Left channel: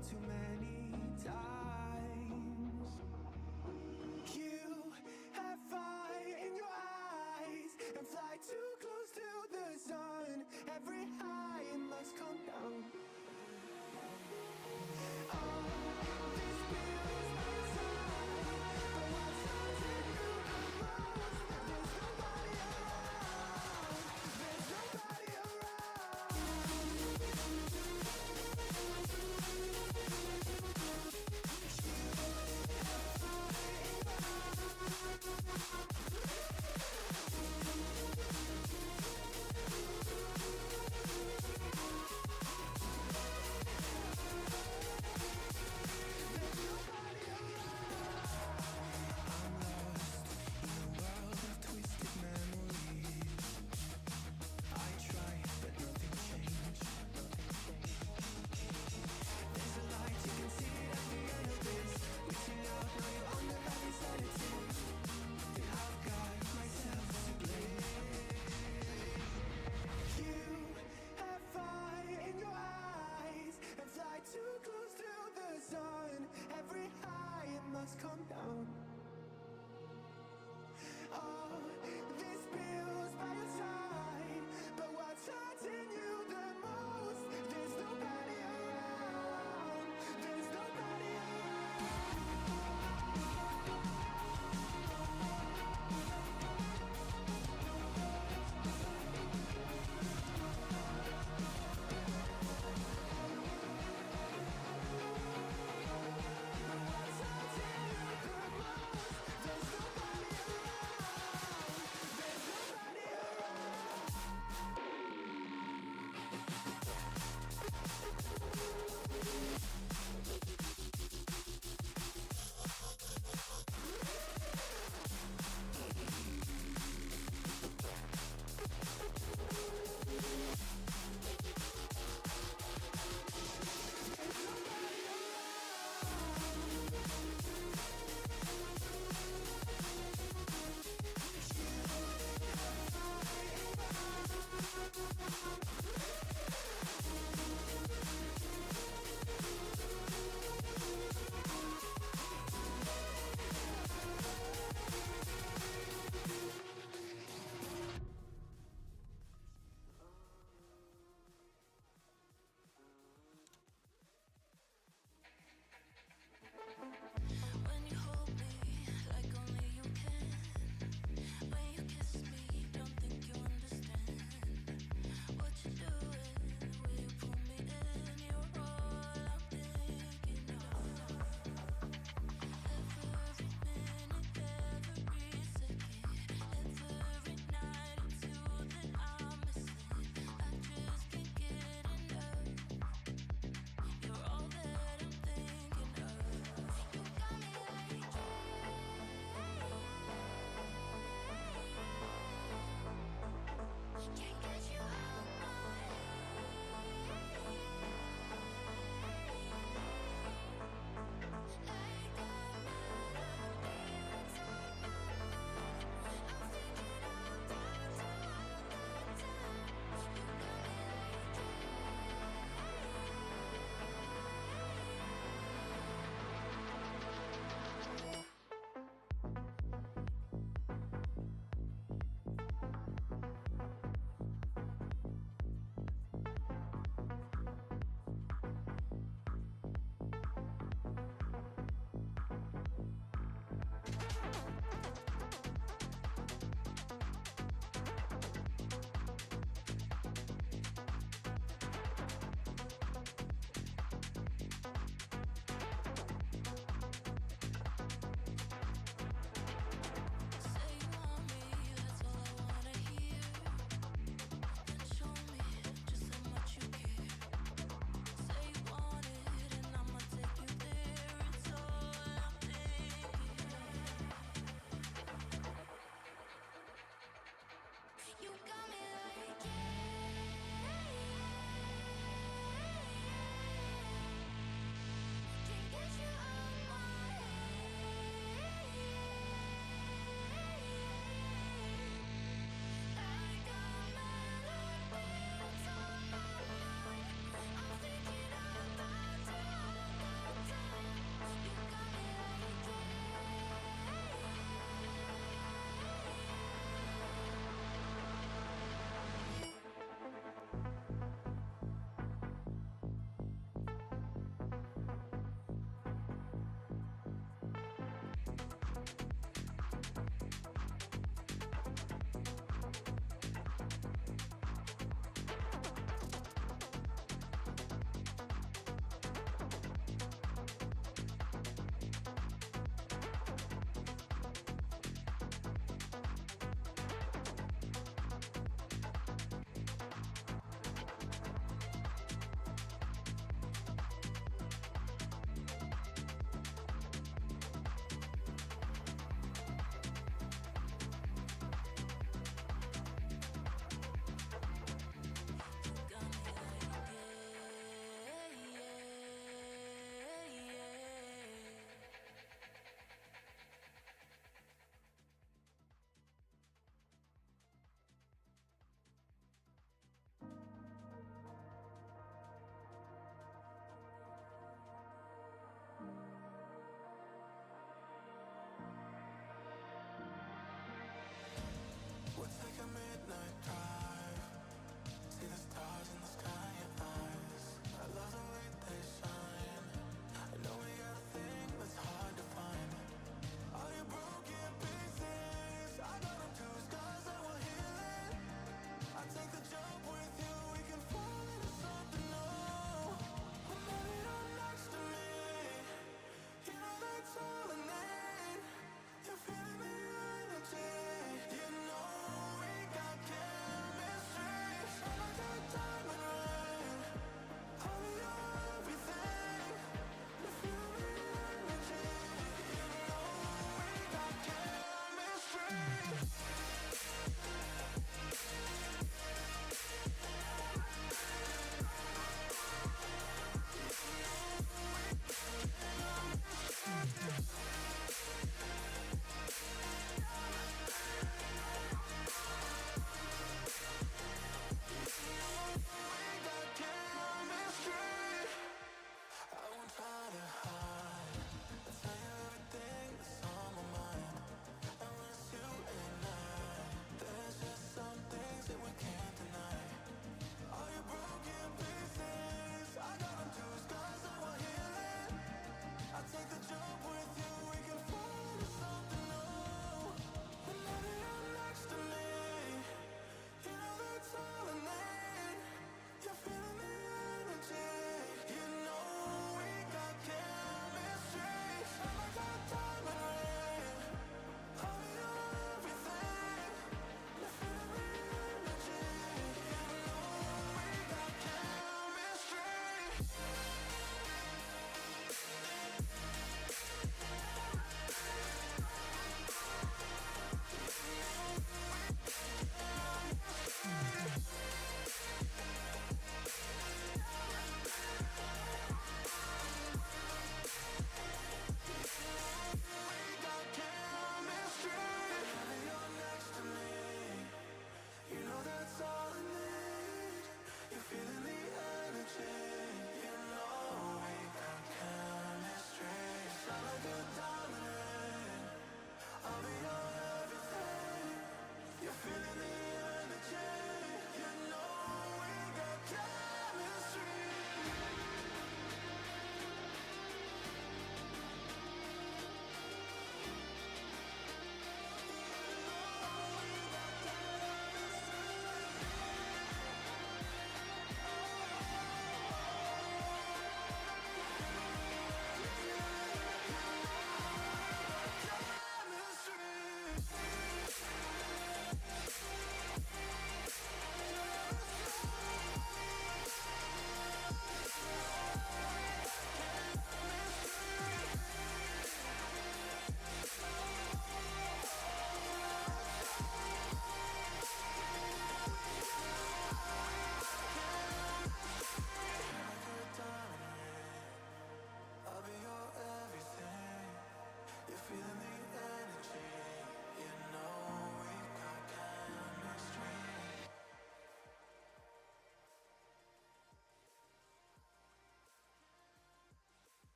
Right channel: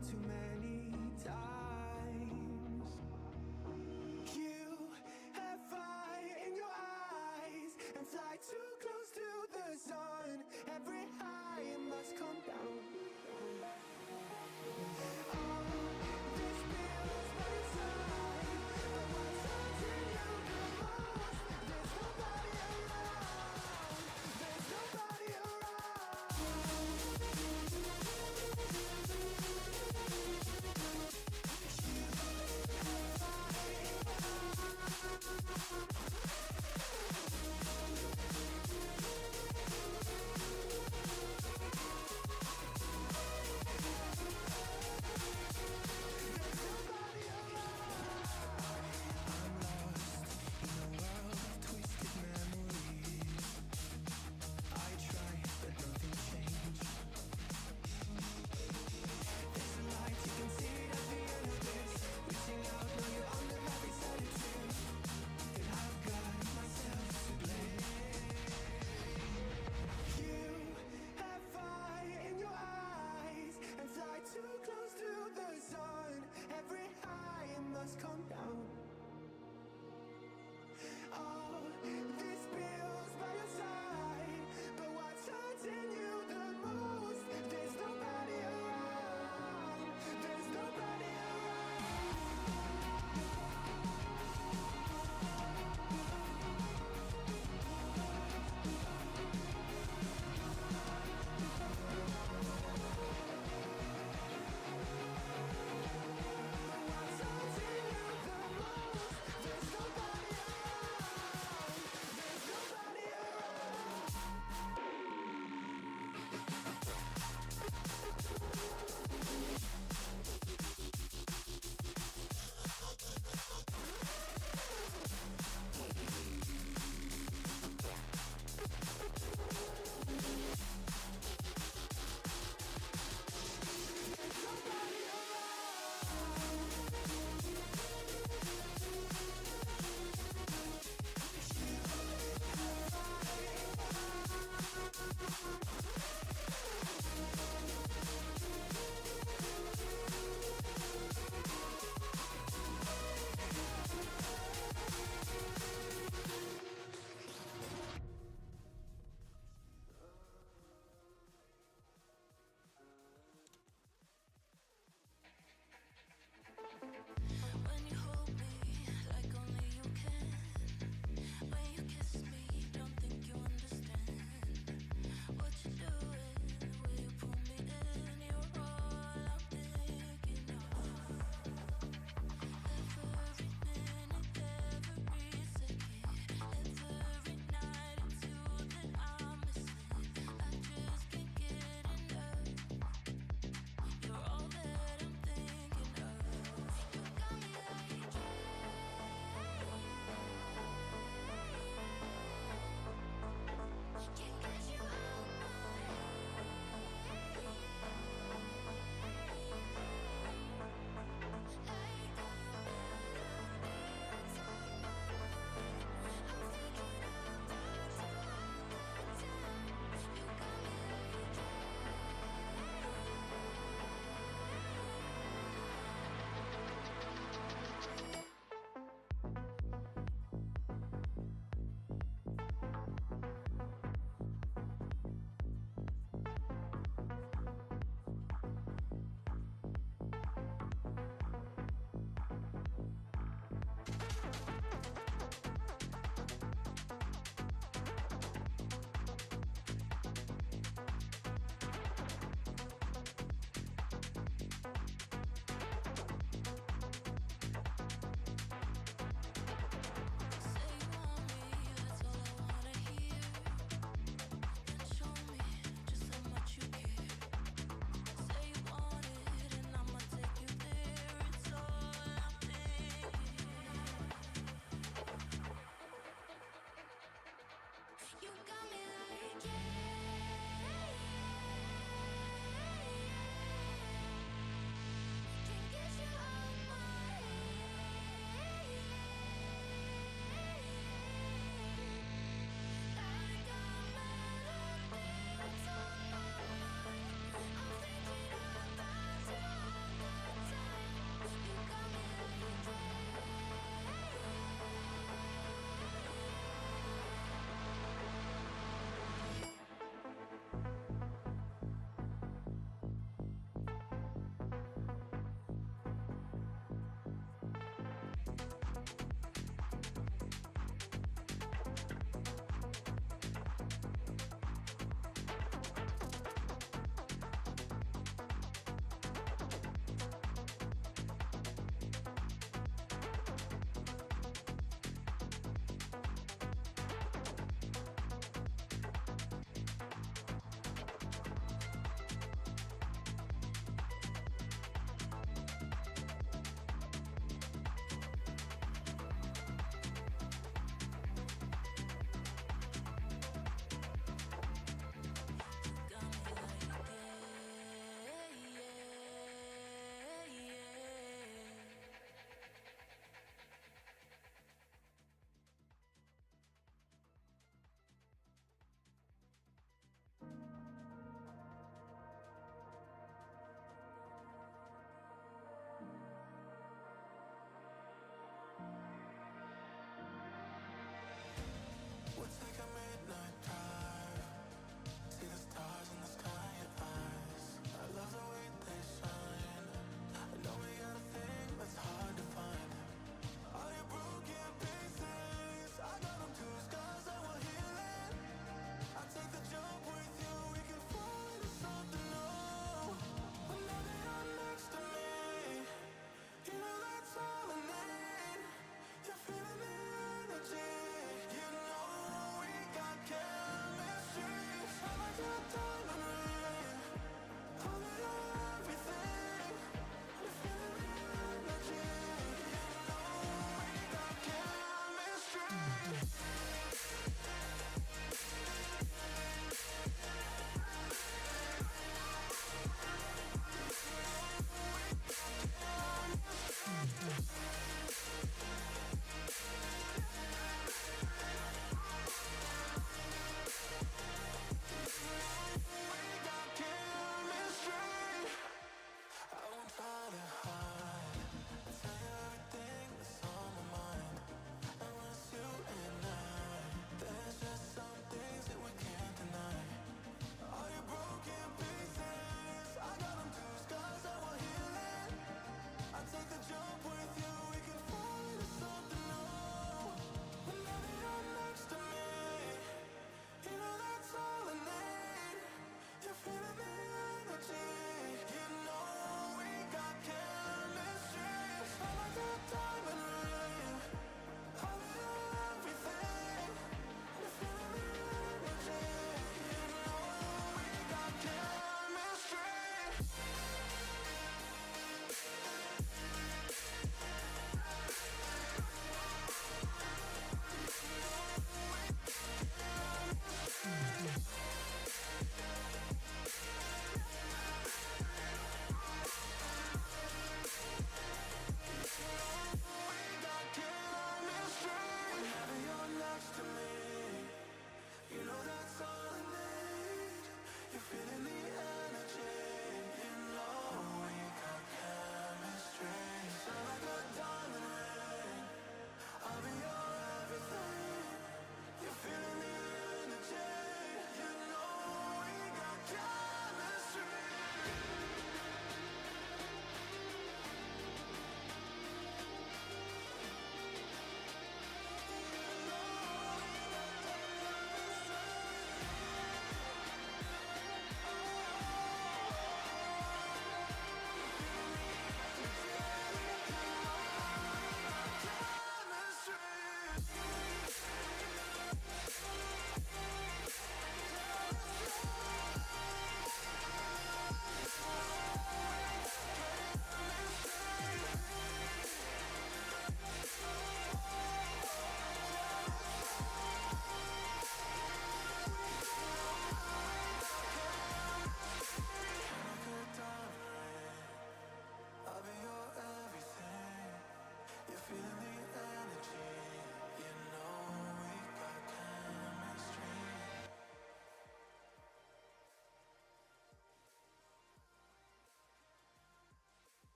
down too many times. You have fire in your eyes and fly too close to the sun. Every high must come down. This feels by your side, but what's haunting you the most? There's nobody around. There's nobody around.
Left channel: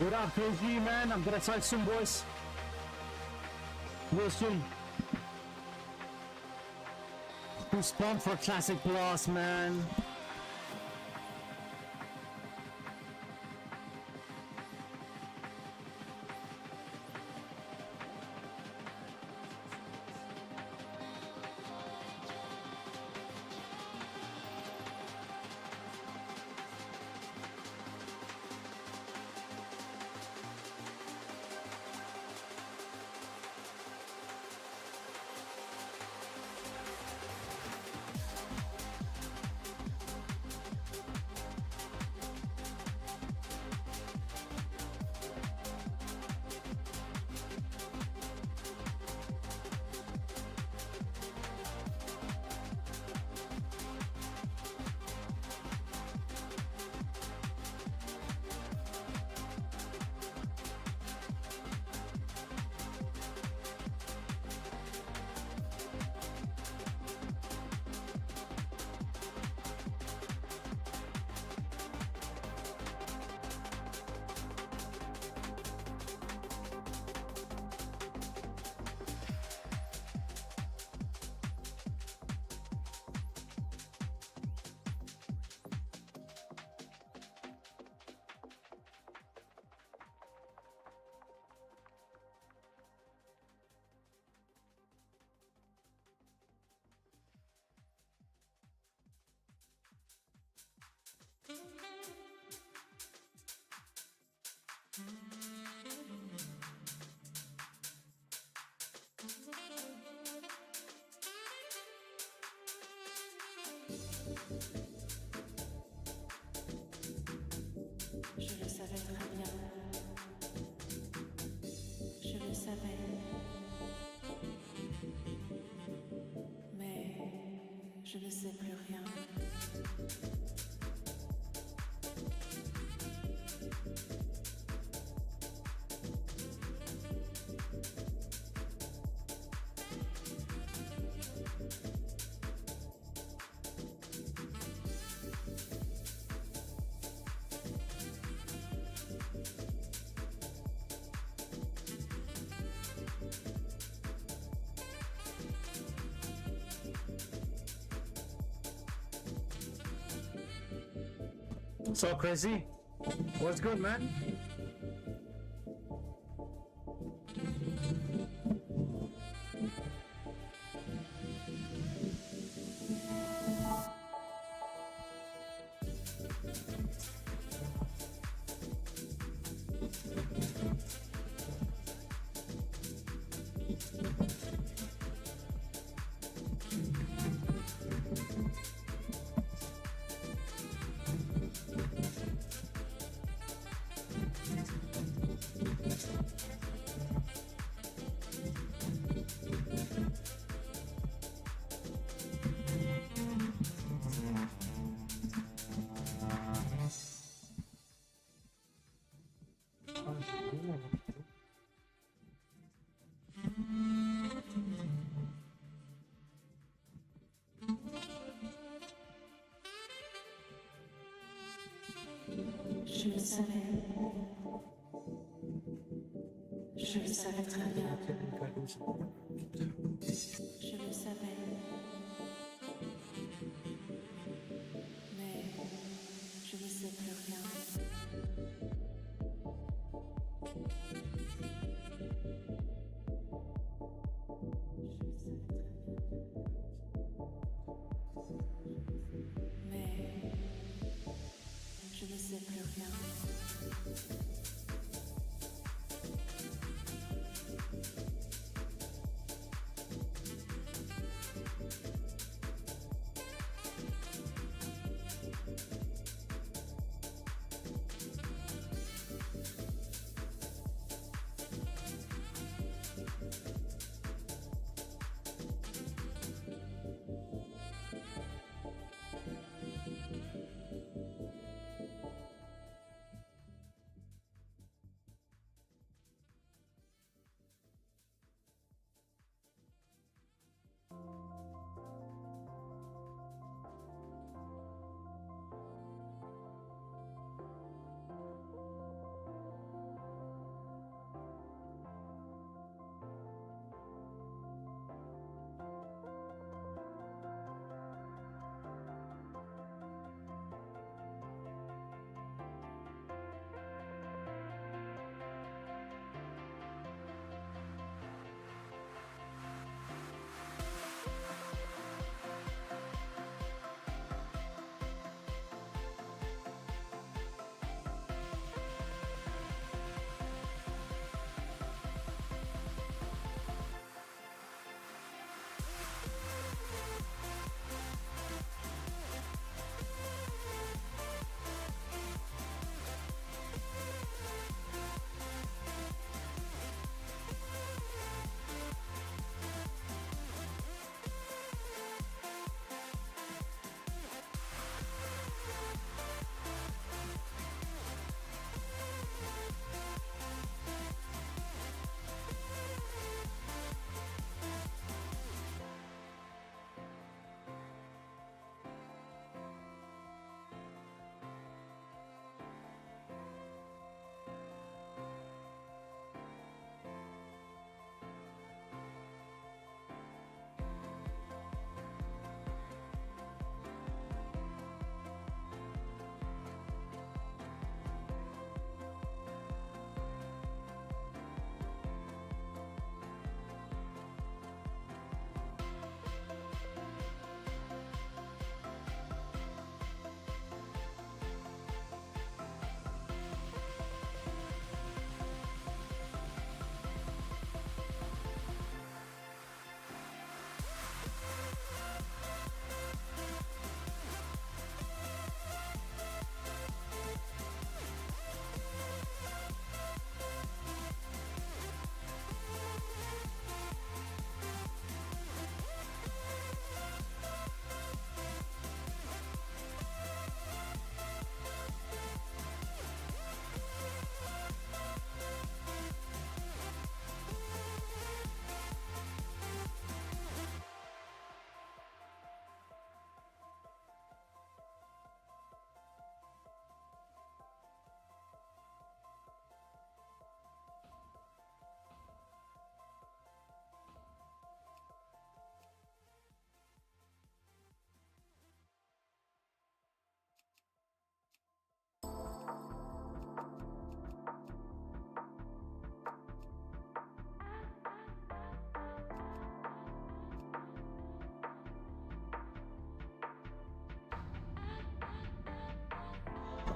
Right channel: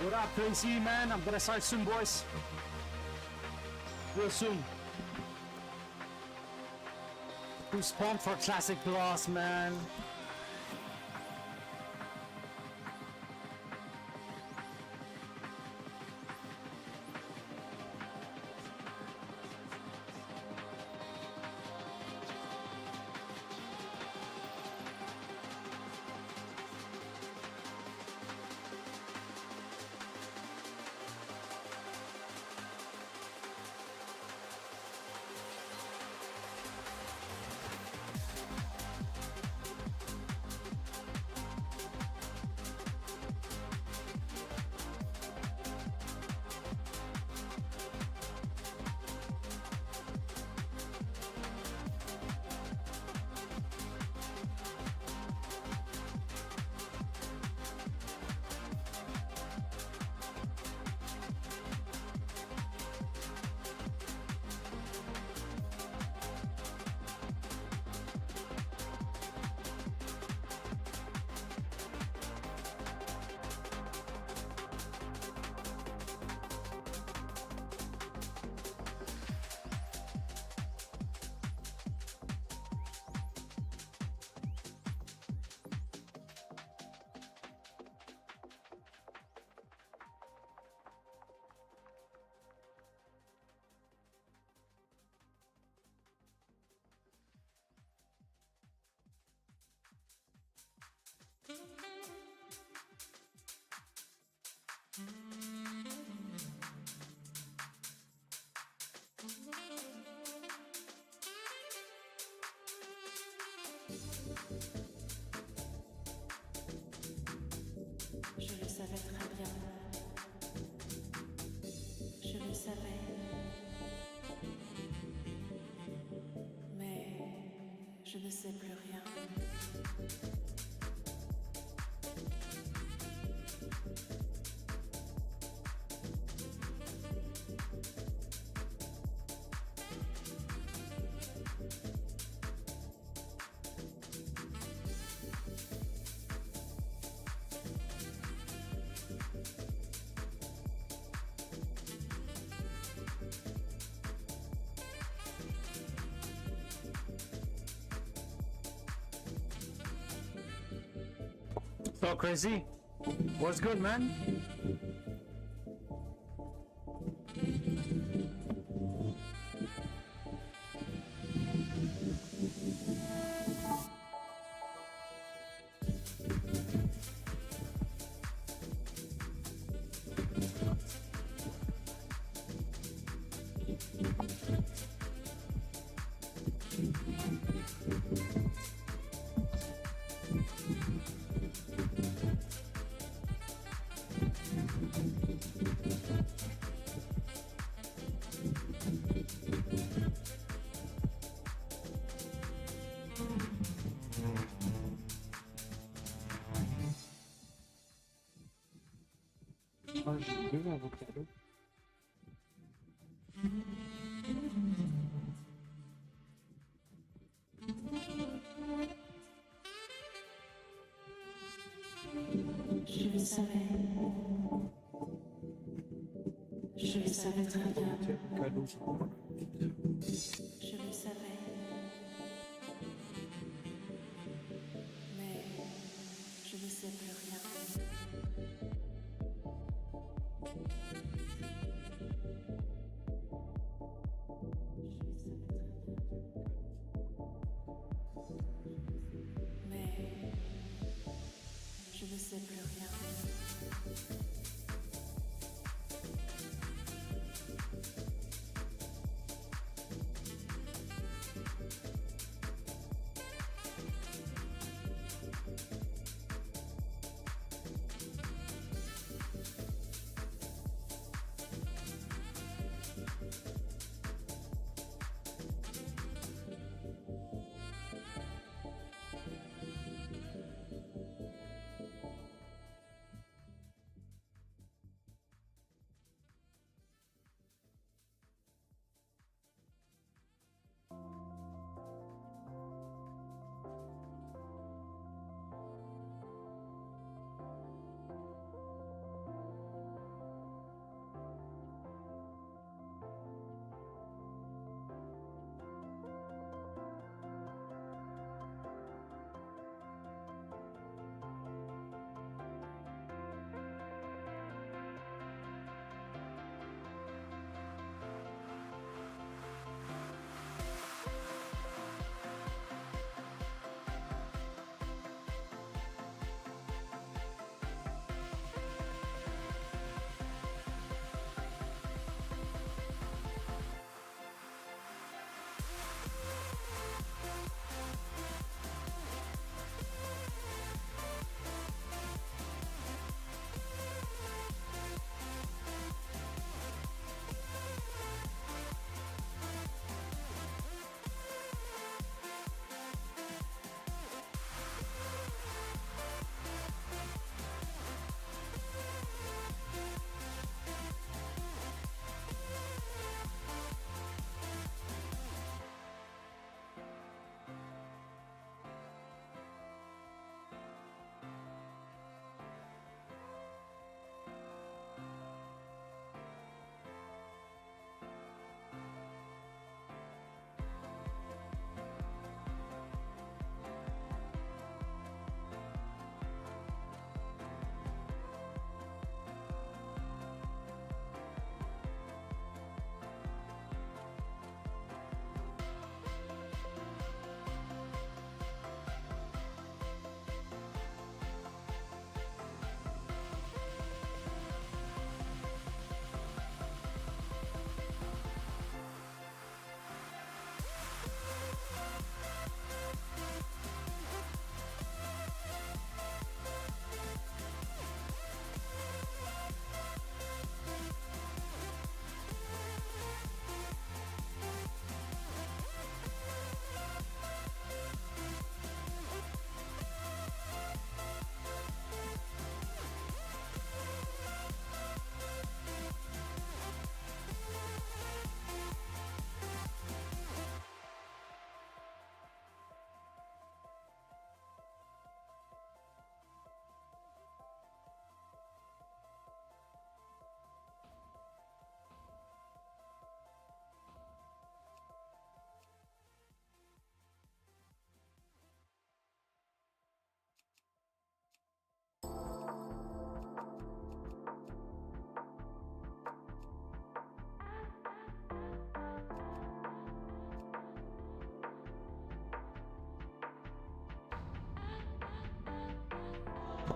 What up, Crazy, man? I'm gonna start soon, boys. Real soon. Who's pumped for Classic Plus, man? Je le savais très bien. Je le savais. Mais je ne sais plus rien. So Crazy, what's good, man? Je le savais. Je le savais très bien. Je le savais. Mais je ne sais plus rien. Mais je ne sais plus rien.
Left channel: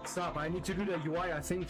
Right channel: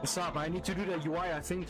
What's up? I need to do the UI, I think.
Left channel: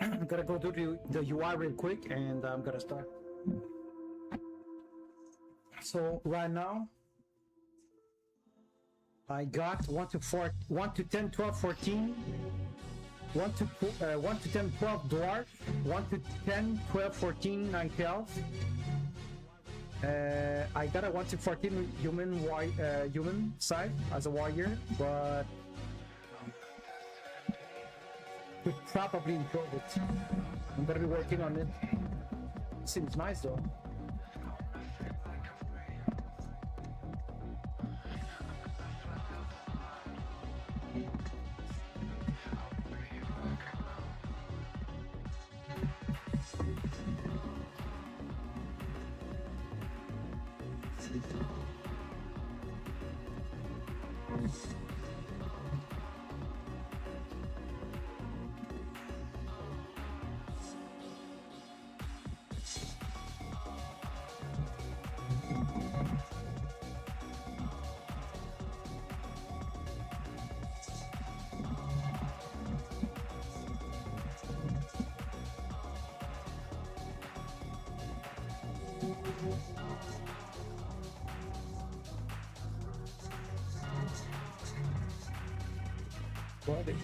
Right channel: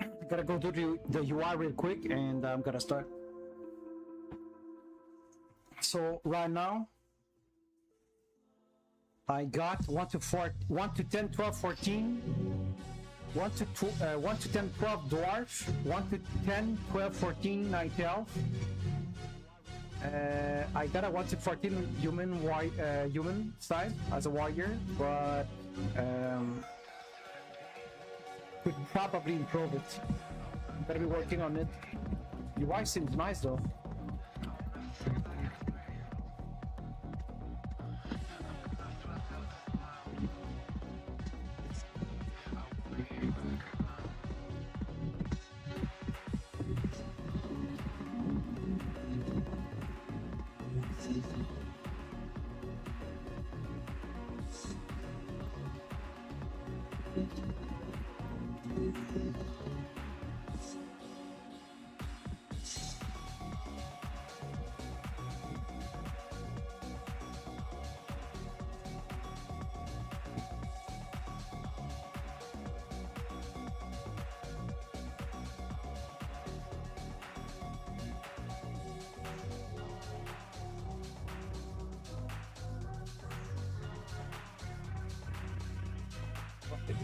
I'm gonna go do the UI real quick and I'm gonna start. So right now I got 1 to 10, 12, 14, 1 to 10, 12 dwarf, 1 to 10, 12, 14, night elf. I got a 1 to 14 human side as a warrior, but could probably improve it. I'm gonna be working on it. UI seems nice though.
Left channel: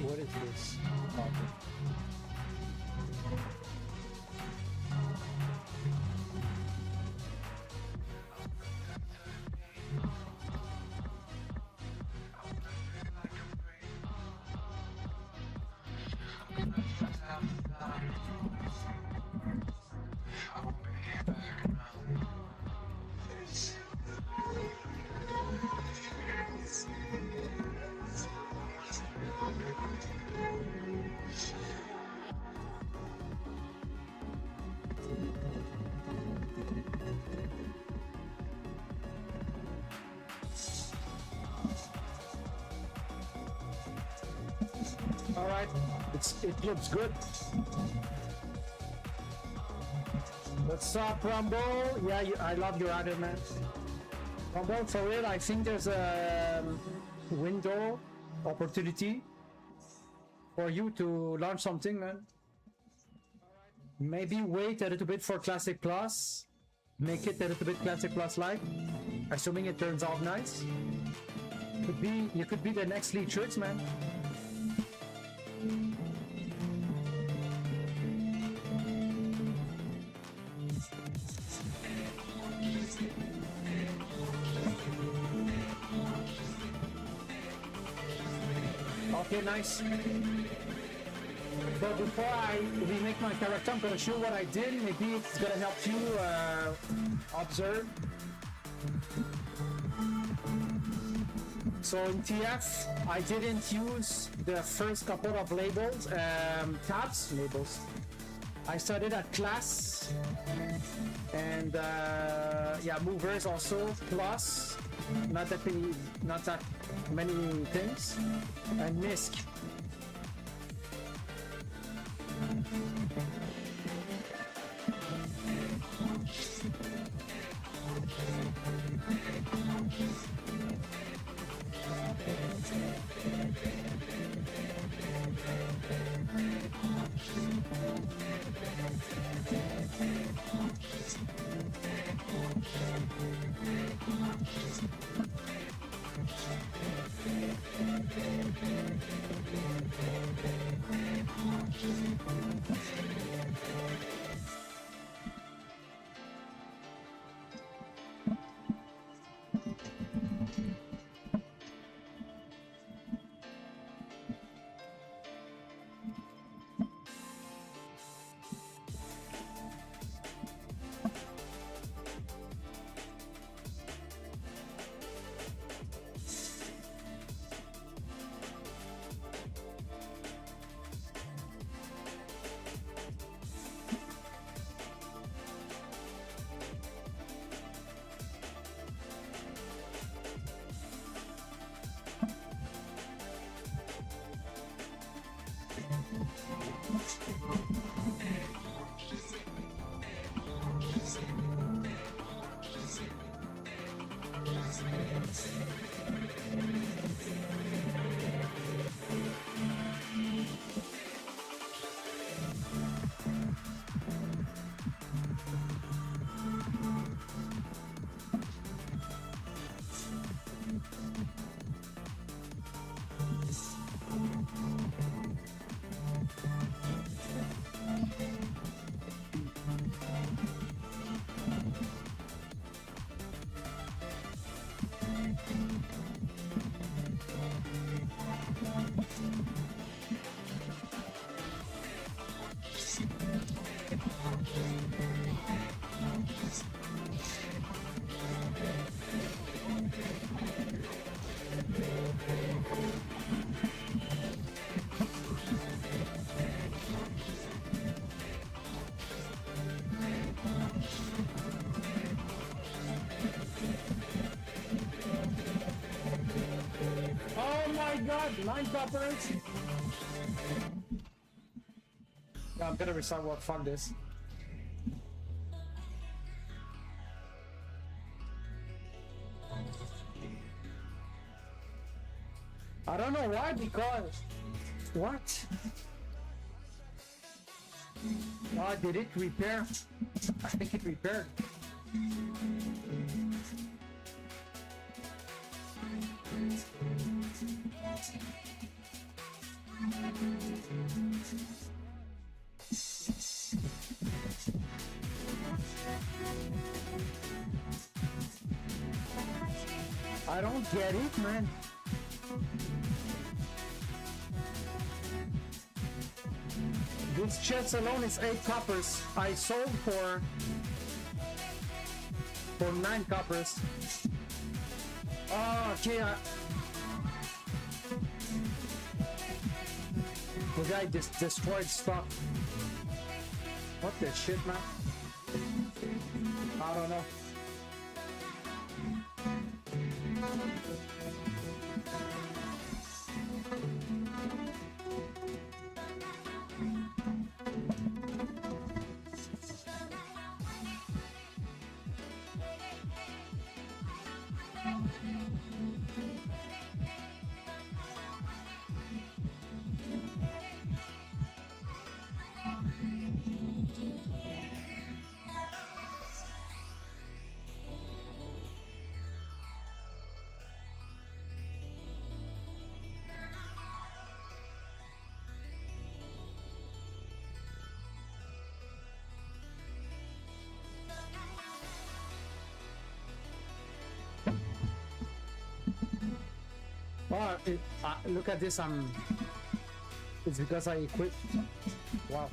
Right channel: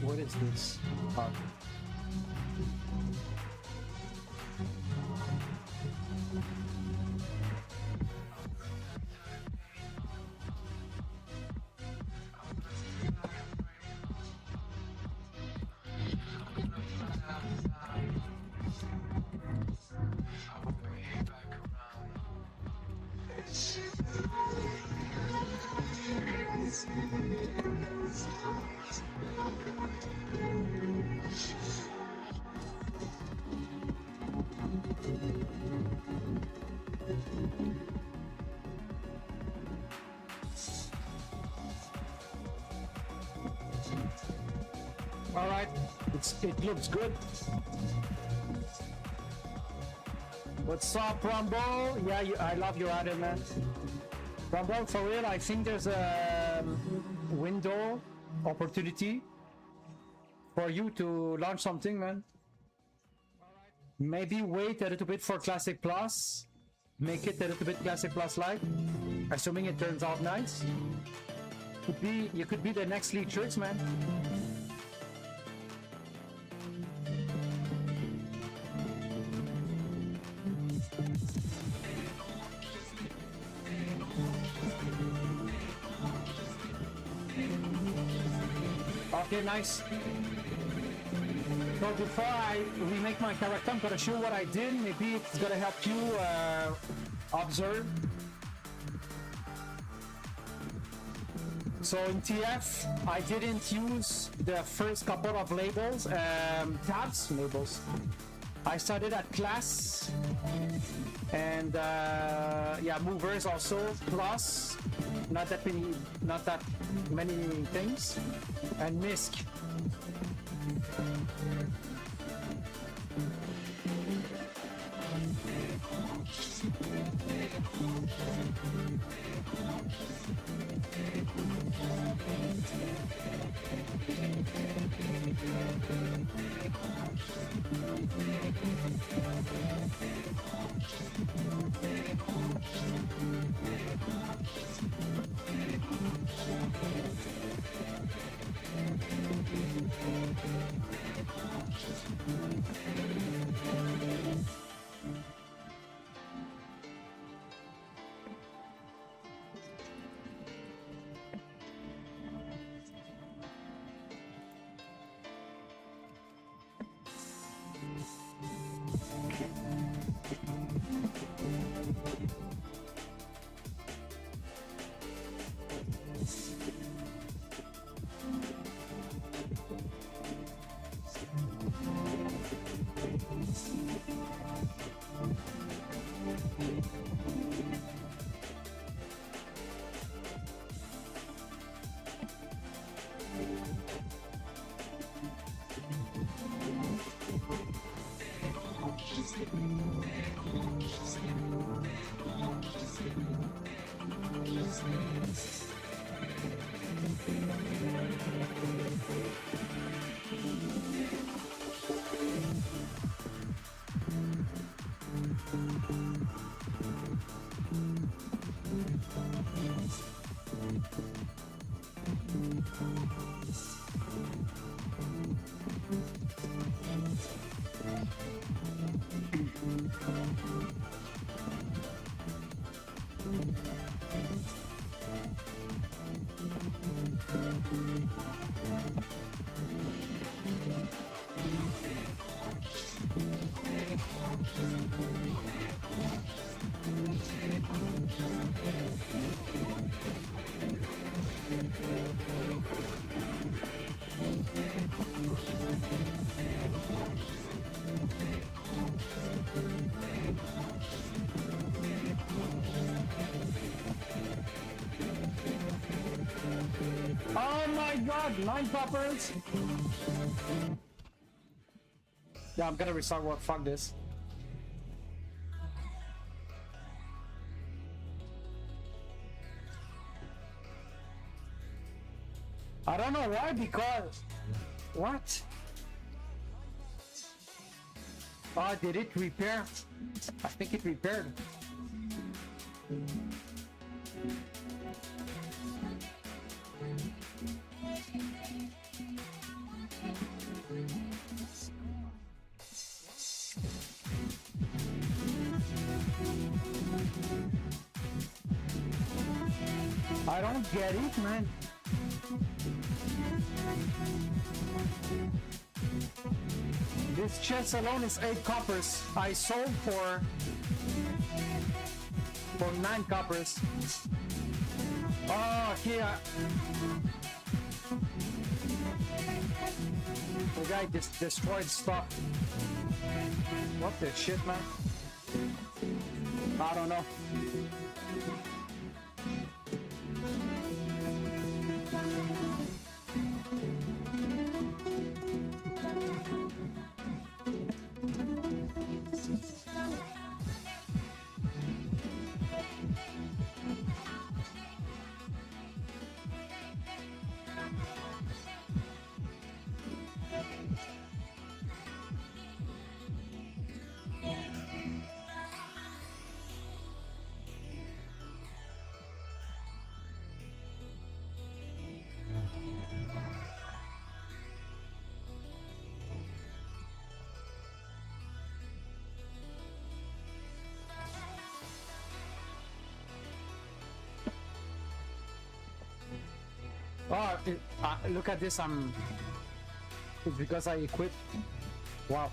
What is this? Okay. All right, it looks good. What's up, Rumble? Yeah, I love your idea, man. Rumble, for real, I think there's a window opportunity for you to launch something, man. Maybe wait a little bit for Classic Plus. Make it a little bit Classic Plus like, assuming it turns out nice. You could be the next Lee Tricks, man. Okay, nice. So before I remake my character, I'm gonna show what I did. Maybe it's gonna help you observe. So in TF, I didn't use the first couple of labels, labels. I started at class and yeah, movers also, plus not that many things, and MISC. Oh my god, 9 poppers! Yeah, I'm gonna restart what, fuck this. I don't know why, because... What? Oh, did it repair? I think it repaired. I don't get it, man. This chest alone is 8 coppers. I sold for 9 coppers. Oh, okay. The guy just destroyed stock. What the shit, man? I don't know. Oh, look at this. It's because I equipped. Wow.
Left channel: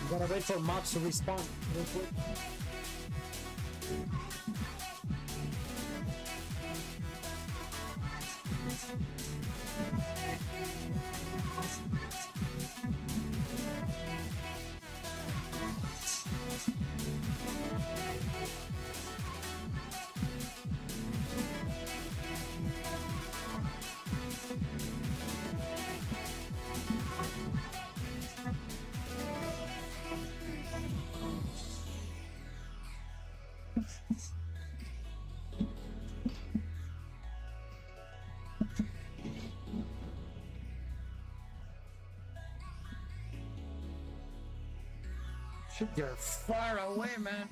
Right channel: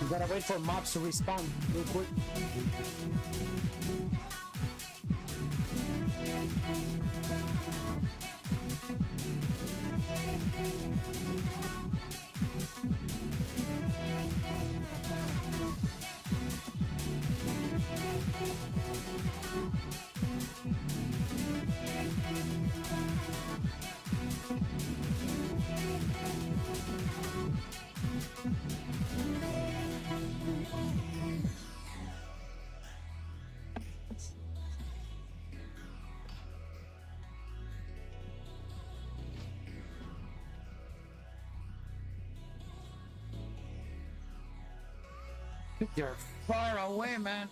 You gotta wait for mobs to respawn real quick. Shit, you're far away, man.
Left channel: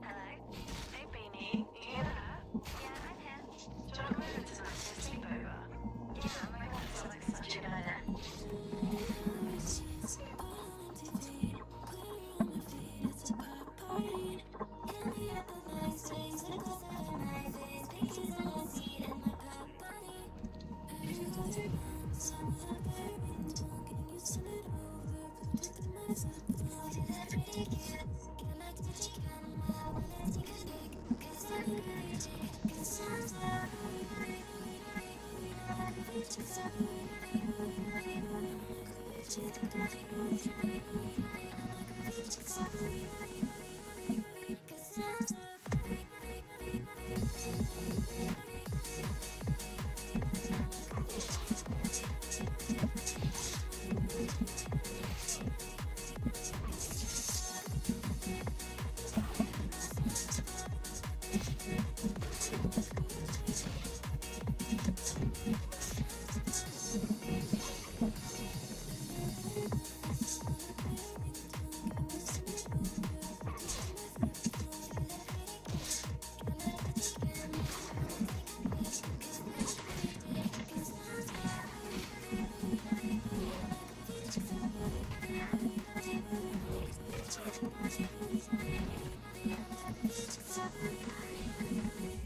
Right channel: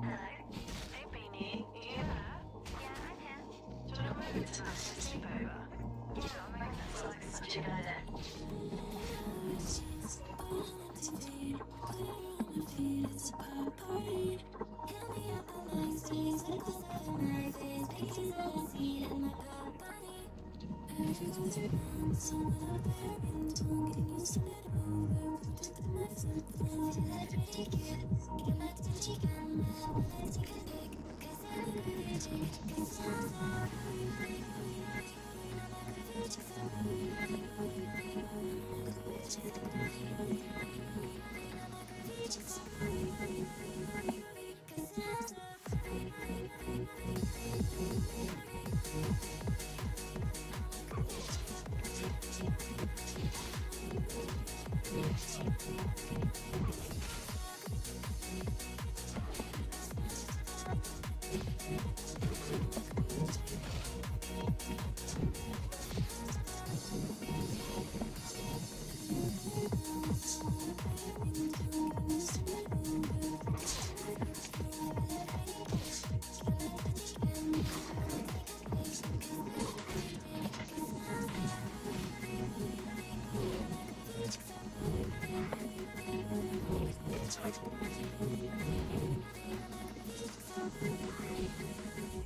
Hello? Hey, Beanie. You there? Yeah, I'm here. Do you want to come over tonight for a sleepover? Yeah, oh my god, that sounds like such a good idea.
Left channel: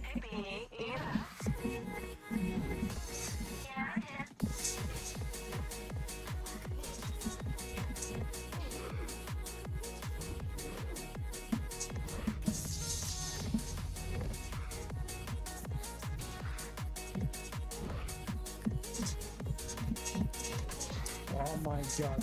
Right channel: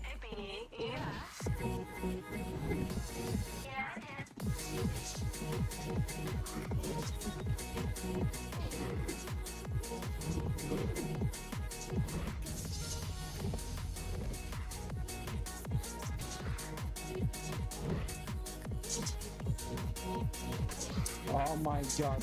Hey, Beanie. You there? Yeah, I'm here. Oh my god.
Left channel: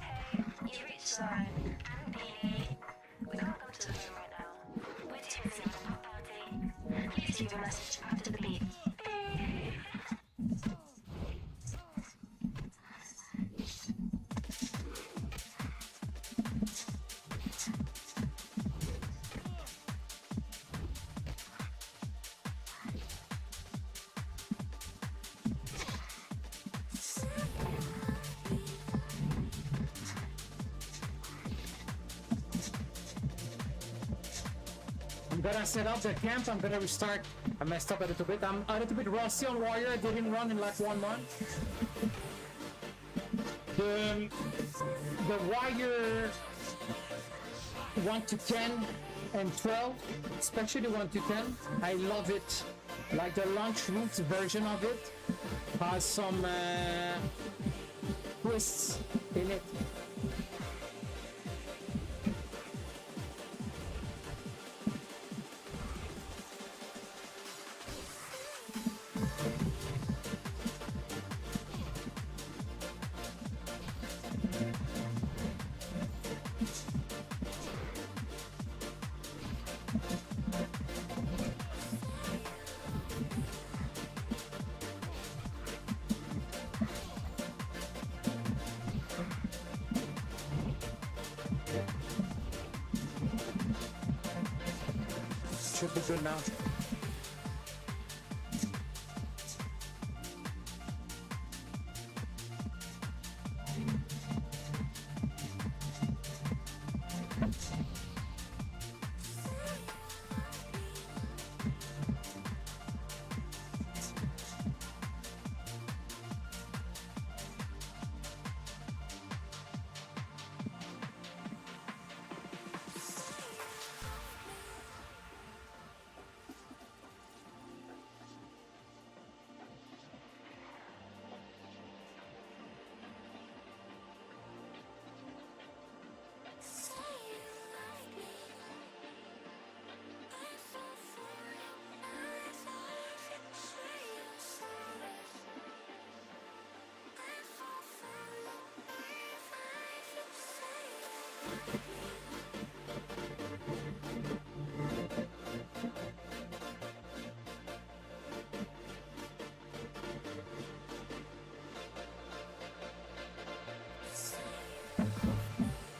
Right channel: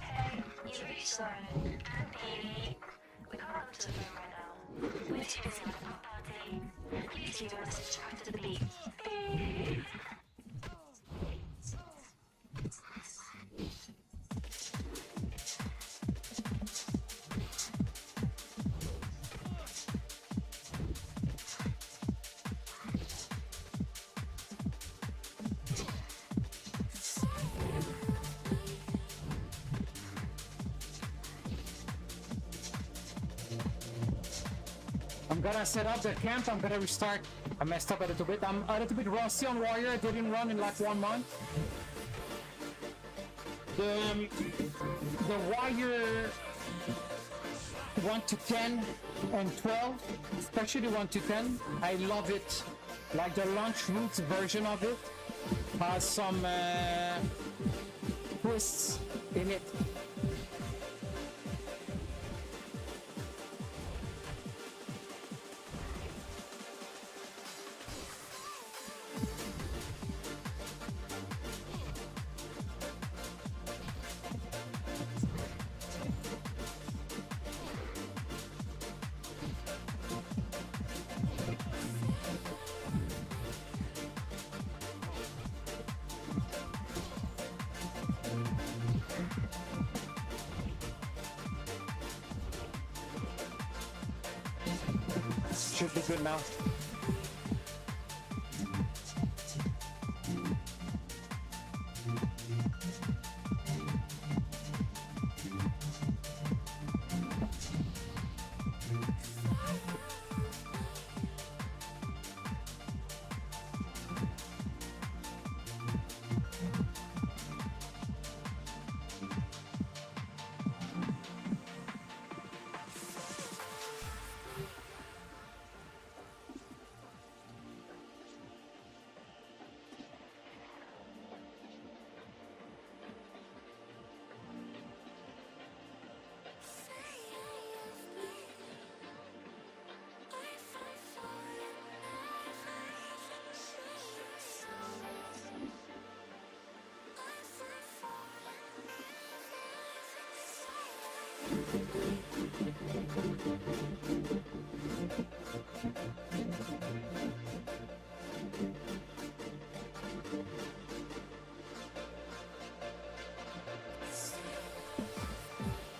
Hey, you've reached Lauren and Beanie. We can't come to the phone right now. We're too busy having a pop party. Please leave a message after the beep. Beep. I'm gonna set up the camp. I'm gonna restart. I messed up a little bit. I'm a little bit rusty on Warrior. I didn't run in like 1 month. The Warrior 1 to 10 and 12, especially 1 to 10, I love it. Like the launch route version of it has some twists in it. should be good now.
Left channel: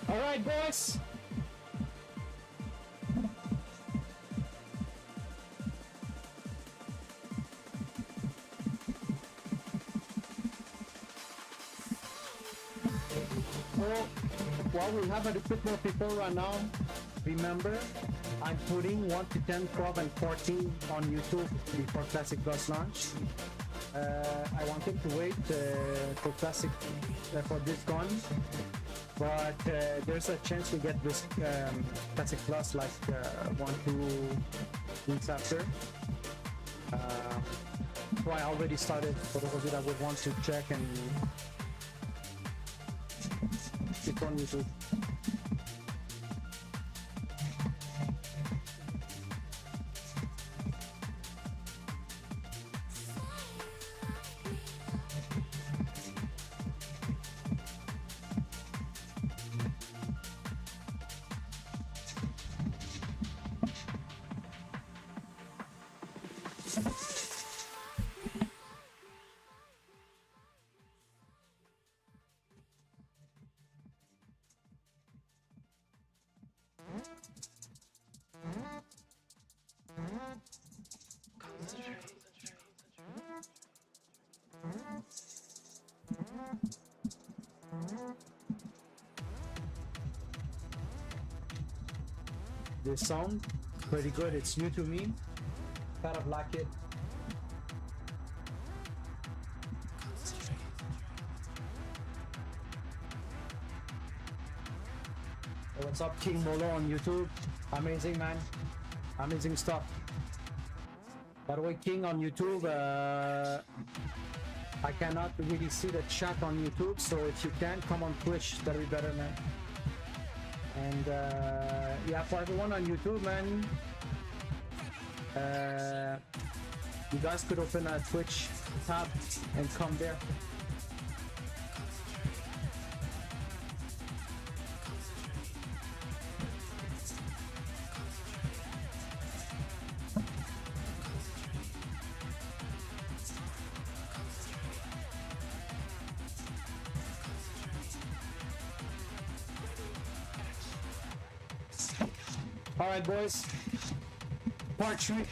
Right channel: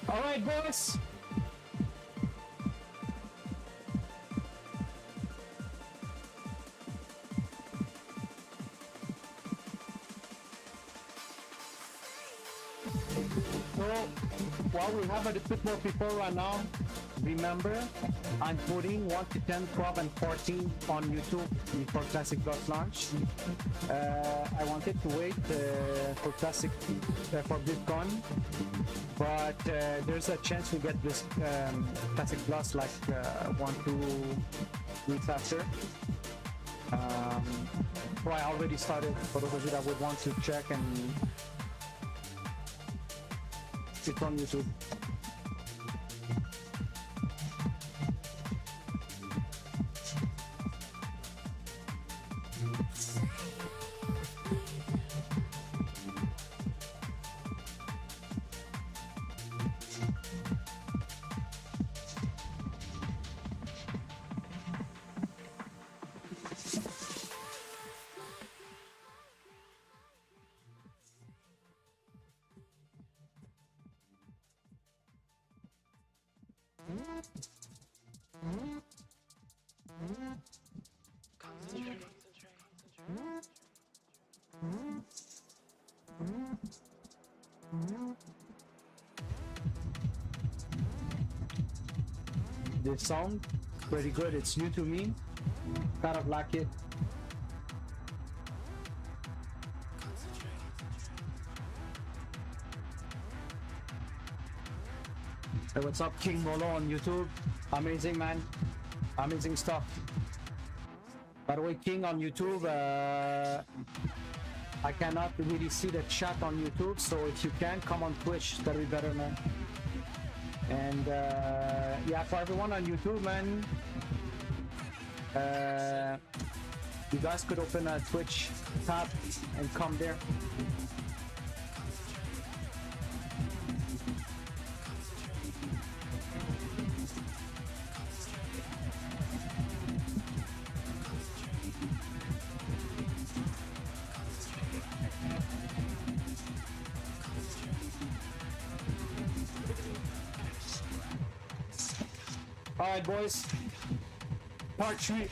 All right, boys. So, while we have a little bit more people right now, remember, I'm putting 1 to 10, 12, and 14 on YouTube before Classic Plus launch. I wanted to wait for Classic for BlizzCon, but there's a chance we get this Classic Plus like 1-2 weeks after. So I already started for those of you that would want to check, and it's on YouTube. This sound pretty good. It's new to me. Kind of like it. Hey, what's up, King Molo on YouTube? Amazing, man. Amazing stuff. By the way, King on YouTube, I cannot really see the chat on YouTube, so if you can, come on Twitch. That'll be better, man. And yeah, for everyone on YouTube, man, you guys could open a Twitch tab and come there. All right, boys. Part 3.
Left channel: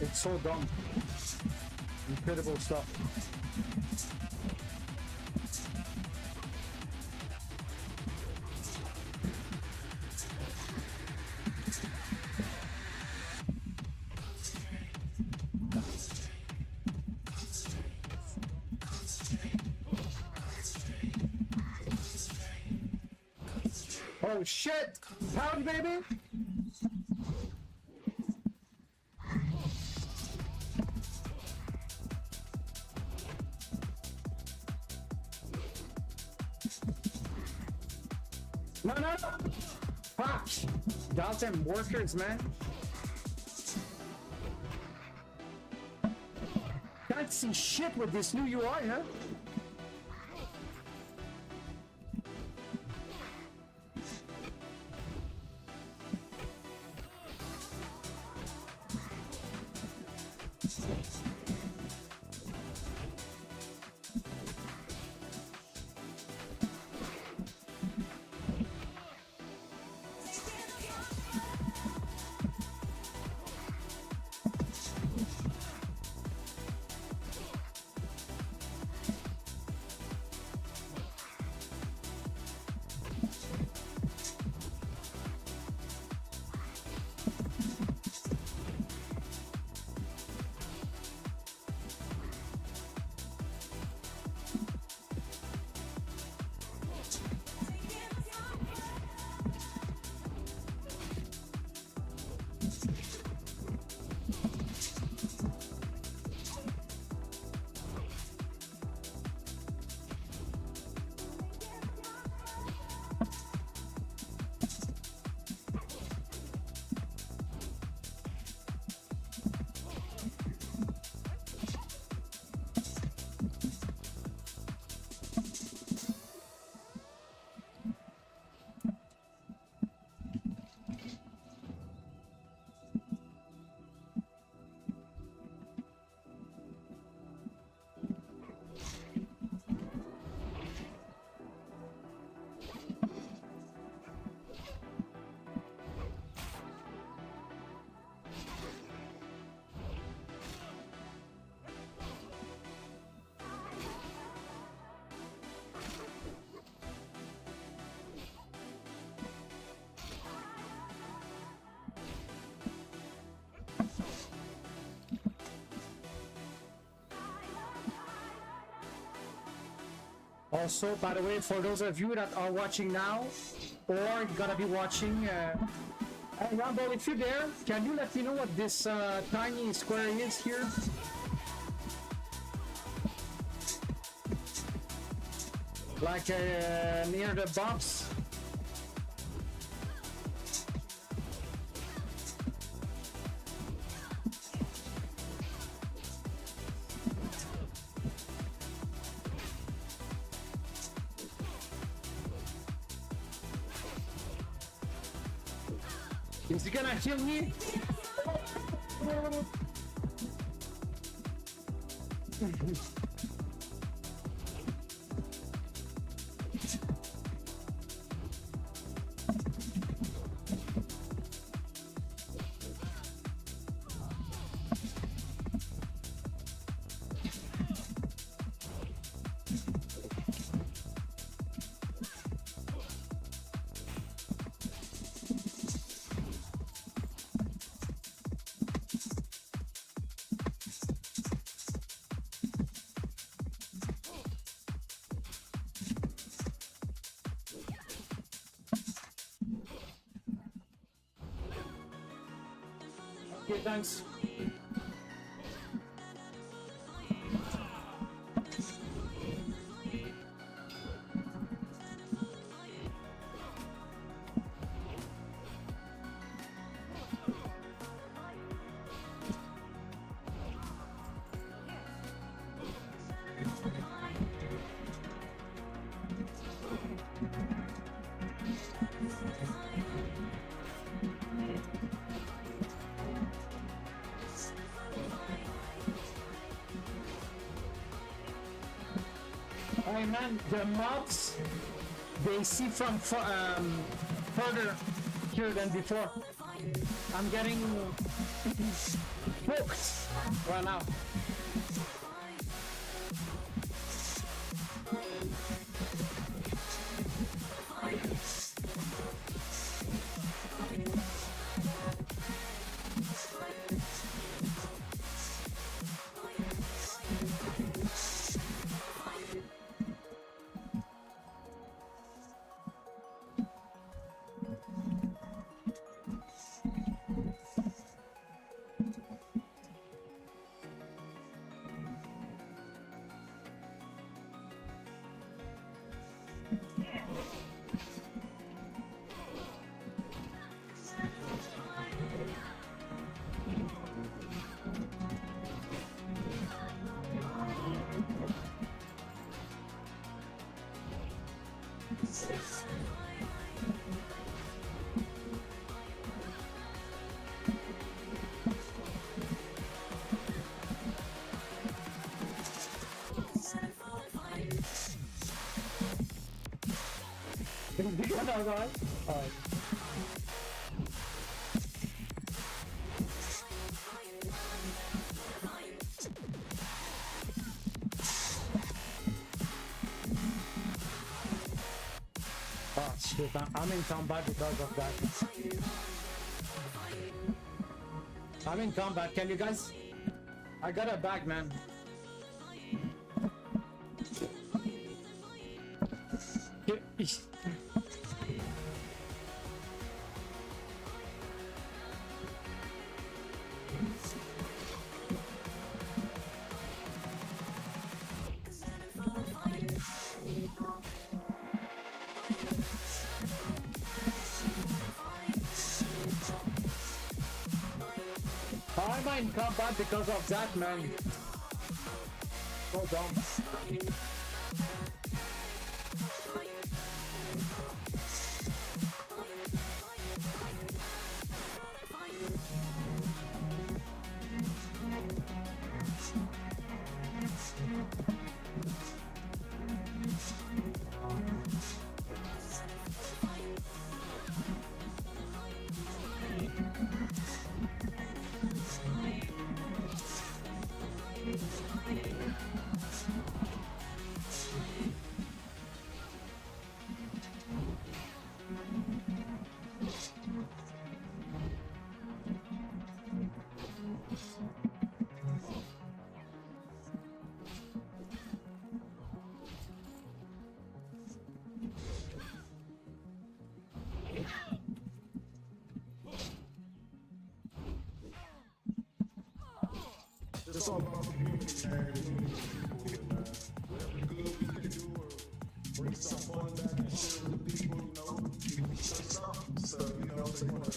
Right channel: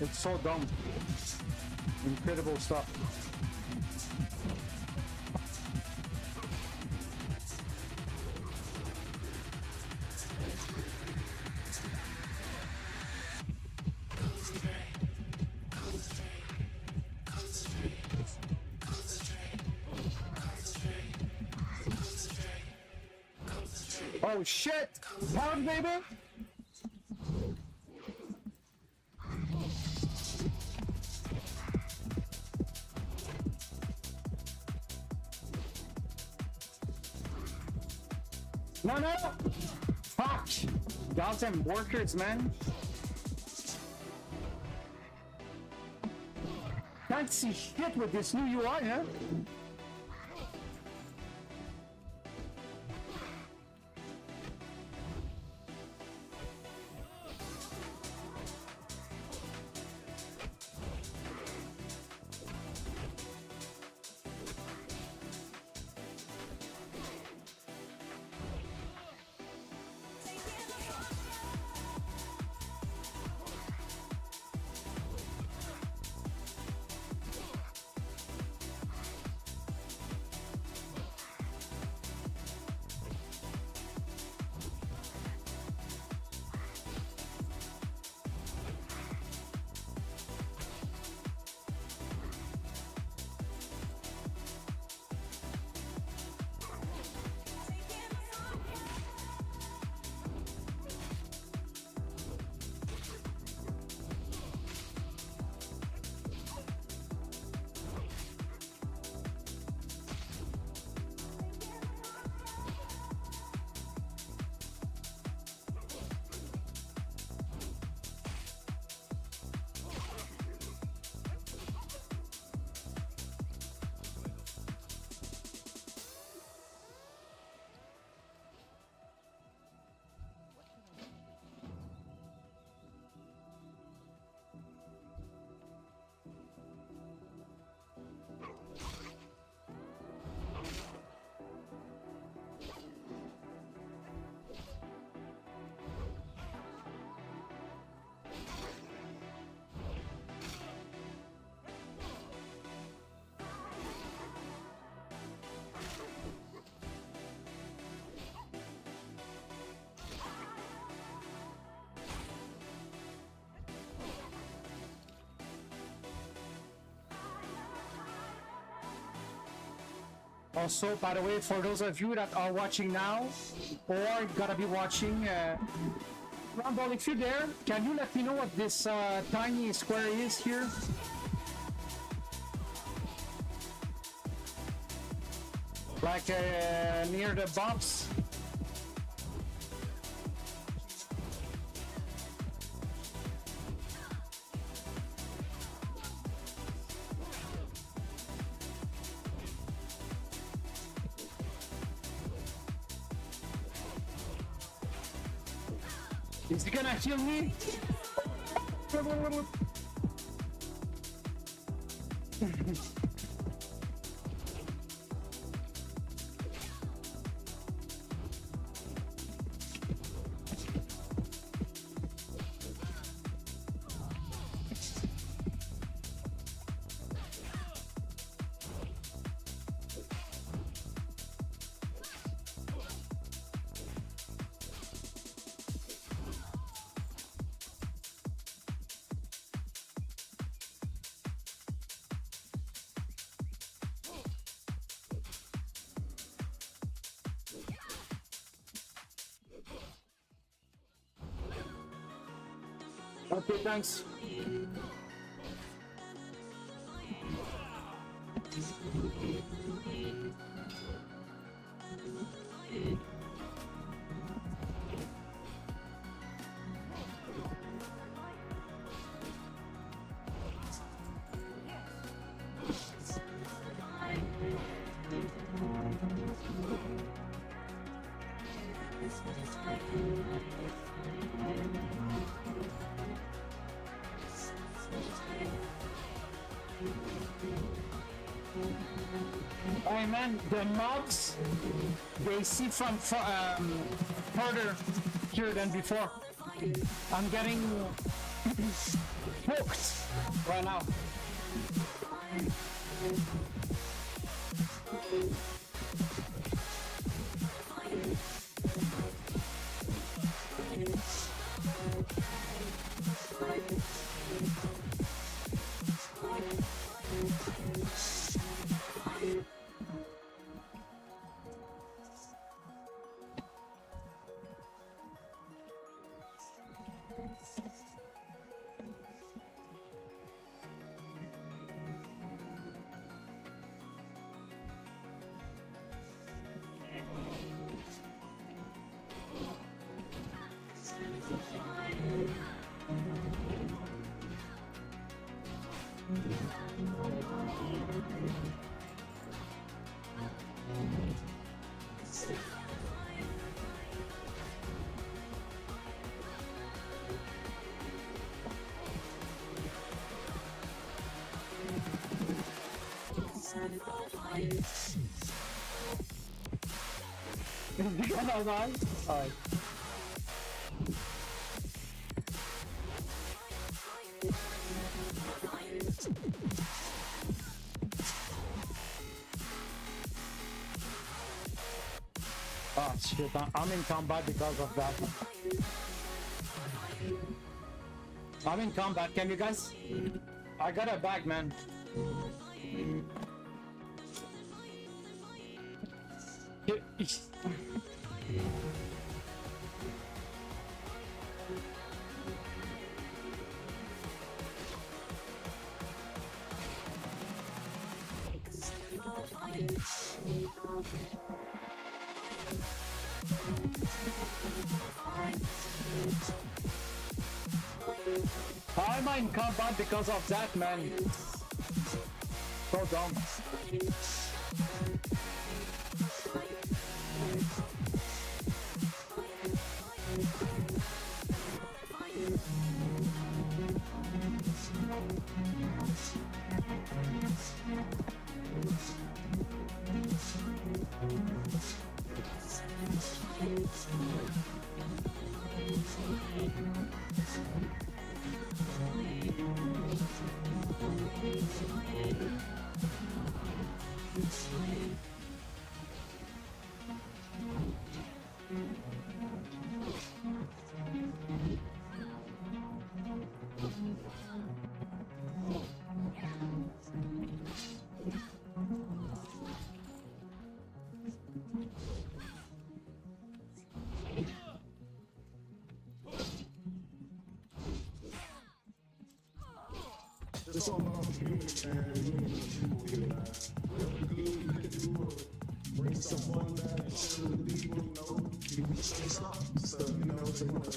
It's so dumb. Incredible stuff. Oh shit! Pound, baby! No, no, no! Fuck! Goddamn workers, man. Can't see shit with this new UI, huh? Also, by the way, for those of you that are watching now, or gonna be watching, Rumble, if you're there, can you let me know what this tiny square is here? Like near the box? Is he gonna kill me? Okay, thanks. Hey man, the mobs, they see from further here than before. I'm getting hooked. Right now. Alright. Oh shit, I'm in combat because of that. I'm in combat, can you guys? I got a bag, man. How am I in combat because of that, man? So dumb. It's all about the community, man. The unity of the people here, man. Whatever good we can do or bring some fun back and share with the people, you know, we share something. So, you know, so you want to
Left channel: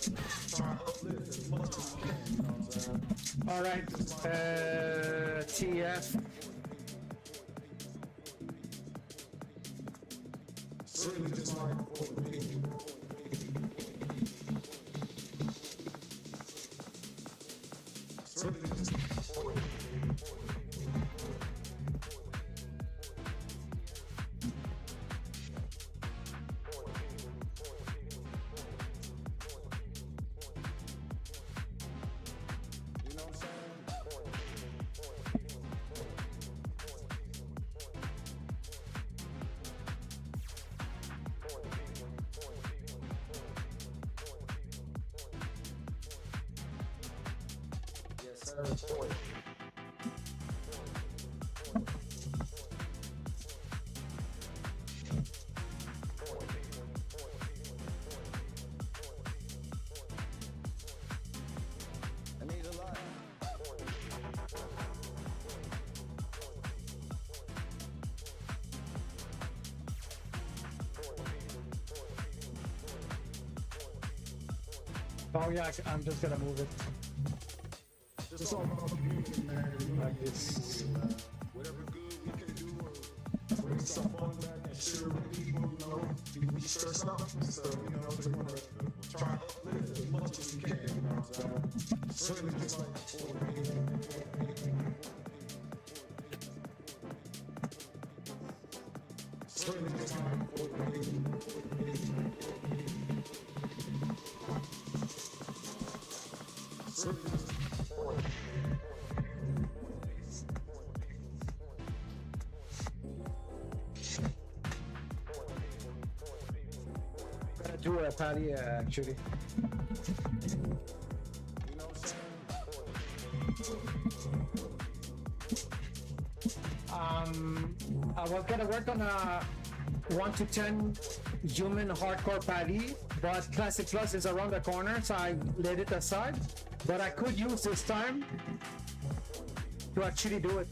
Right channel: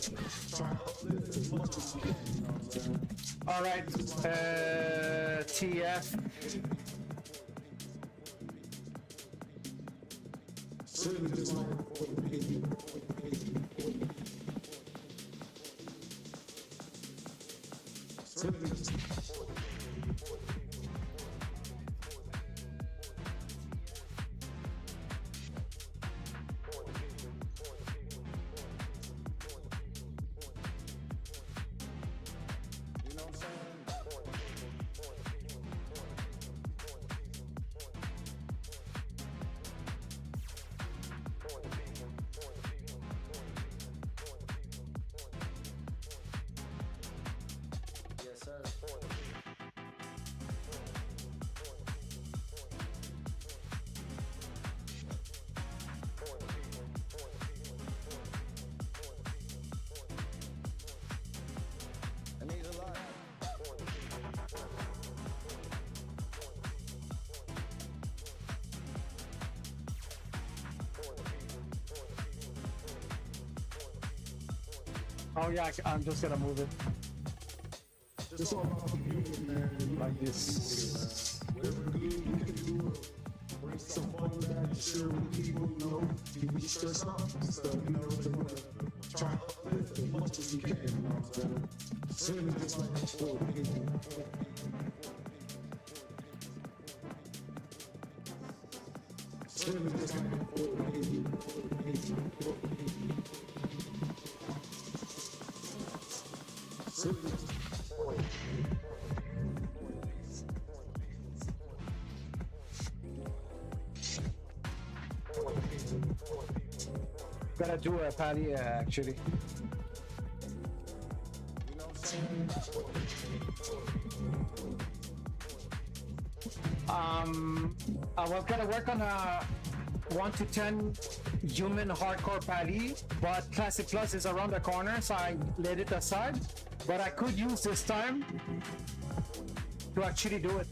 try and uplift as much as we can, you know what I'm saying? All right, TF. It's really just like for the people, It's really just for the You know what I'm saying? Yes, sir. It means a lot. Oh yeah, I'm just gonna move it Just all about the community, man. The unity like of the this. people here, man. Whatever good we can do or bring some fun back and share with the people, you know, we share something. So, you know, so you want to try and uplift as much as we can, you know what I'm saying? It's really just like for the people, for the people, for the people, for the people, for the people. It's really just like for the people, for the people, for the people, for the people. It's really just for the people, for the people. Gotta do a pally actually. You know what I'm saying? I was gonna work on a 1 to 10 human hardcore pally, but Classic Plus is around the corner, so I laid it aside. But I could use this time to actually do it.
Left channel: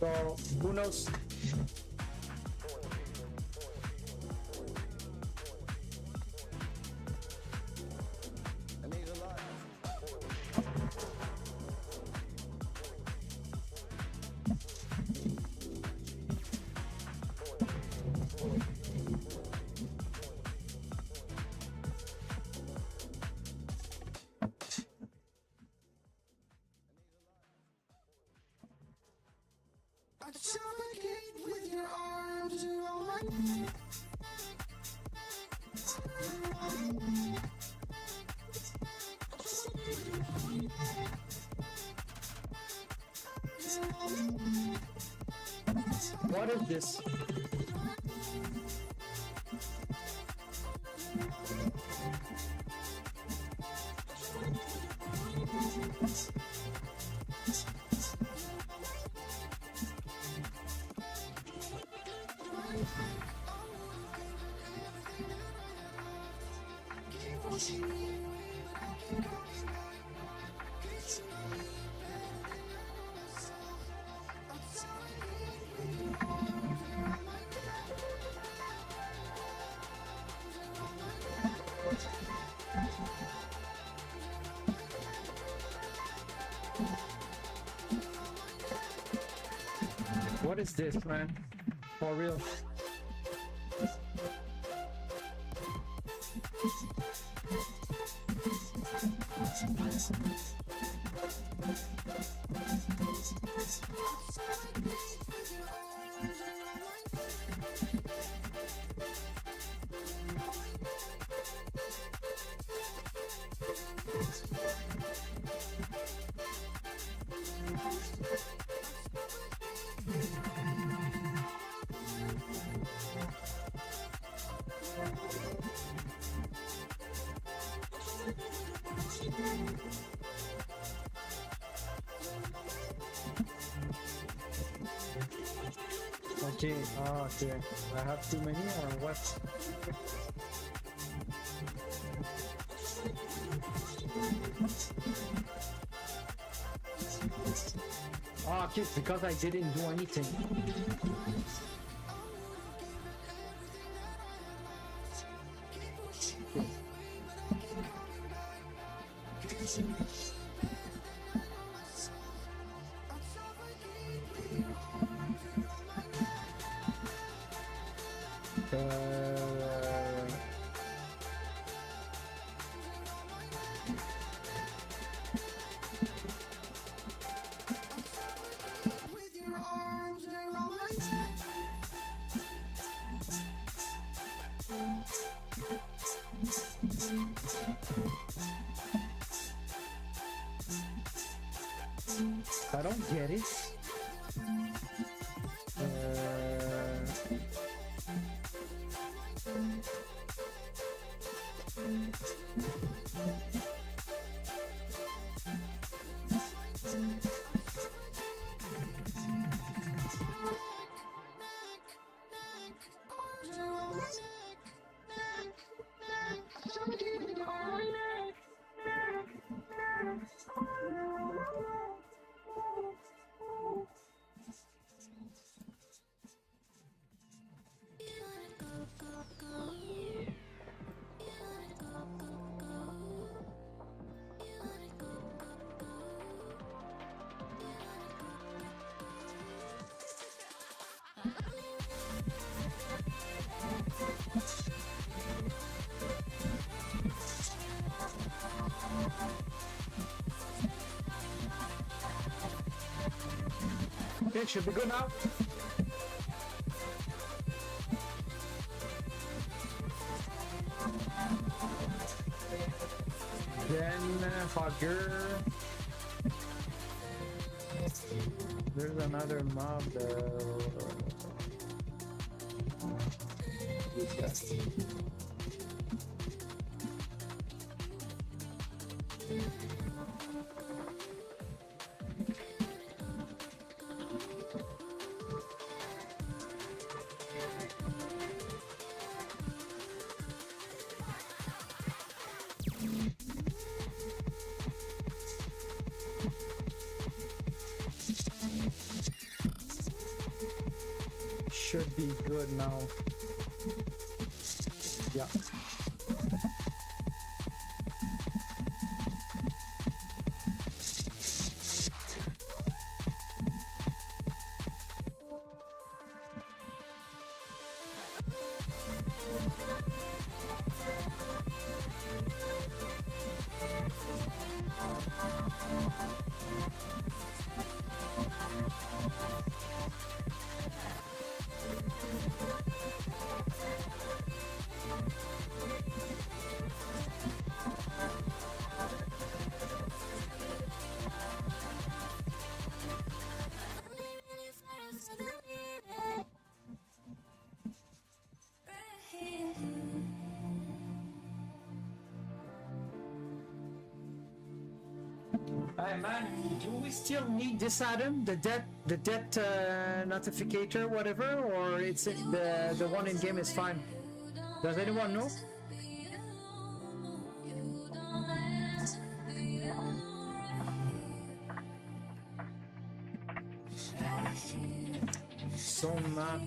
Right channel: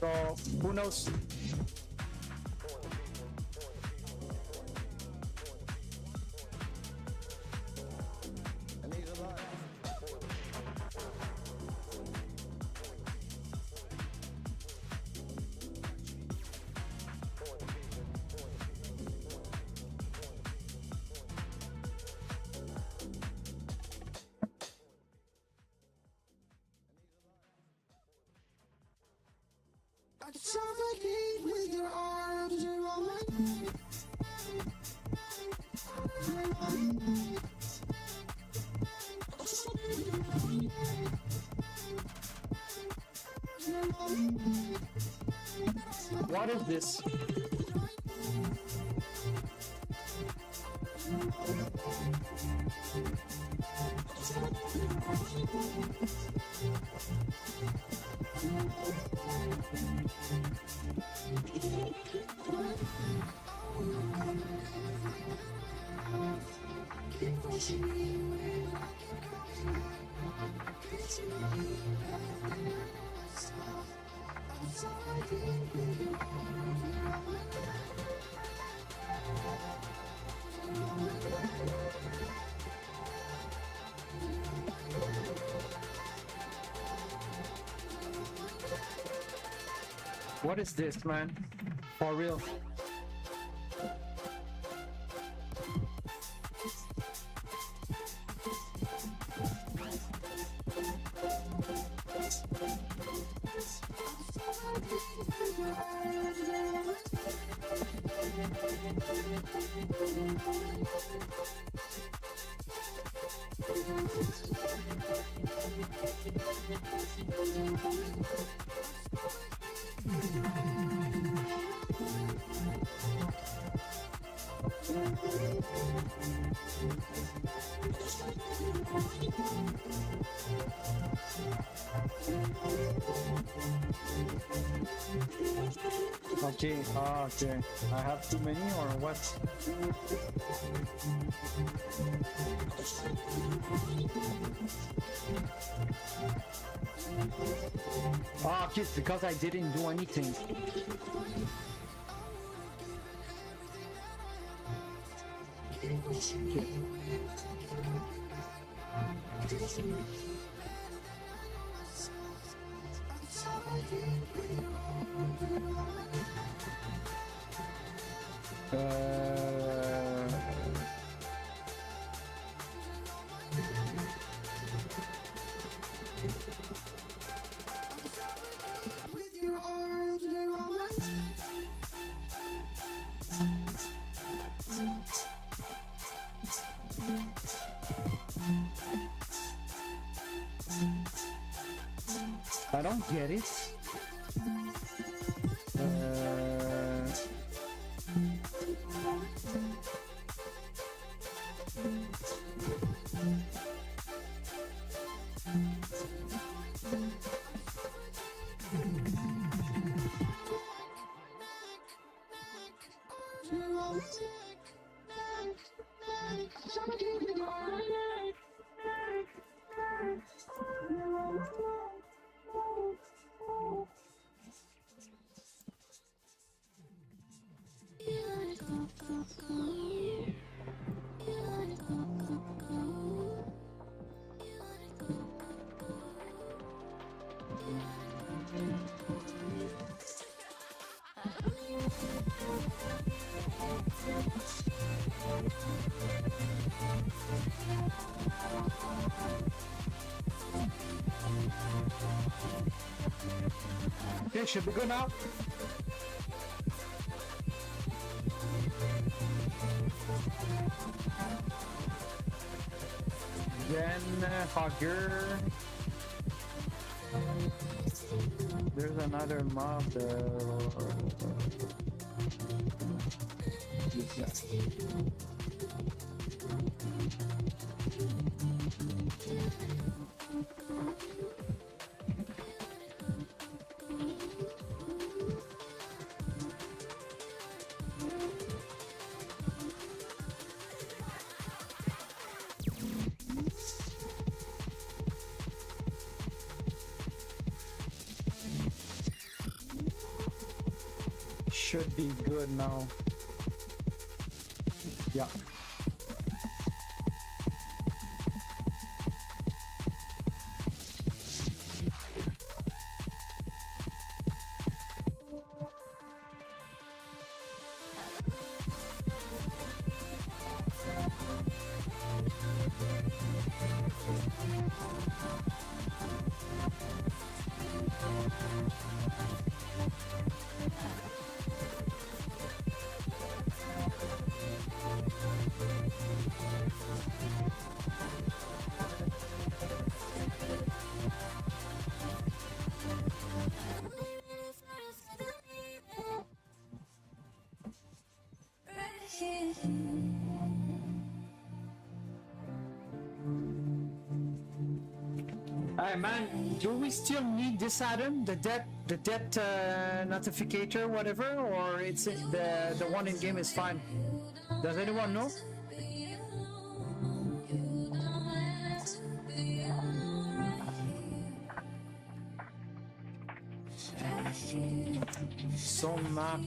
So who knows? It needs a lot. I suffocate with your arms around my neck. What is this? Keep pushing me away, but I'll keep coming back. 'Cause you know me better than I know myself. I'm suffocating with your arms around my neck. Around my neck. What is this, man? For real? Okay, okay. I have too many or what? Ah, okay, because I didn't do anything. Okay. With your arms around my neck. I don't get it. Okay, should be good now. Then Hogger. There's another mob. This guy. should be good now. Yeah. Hey man, do we still need this item, the debt notificator, whatever, or it's the one in game is fine? Does anyone know? So map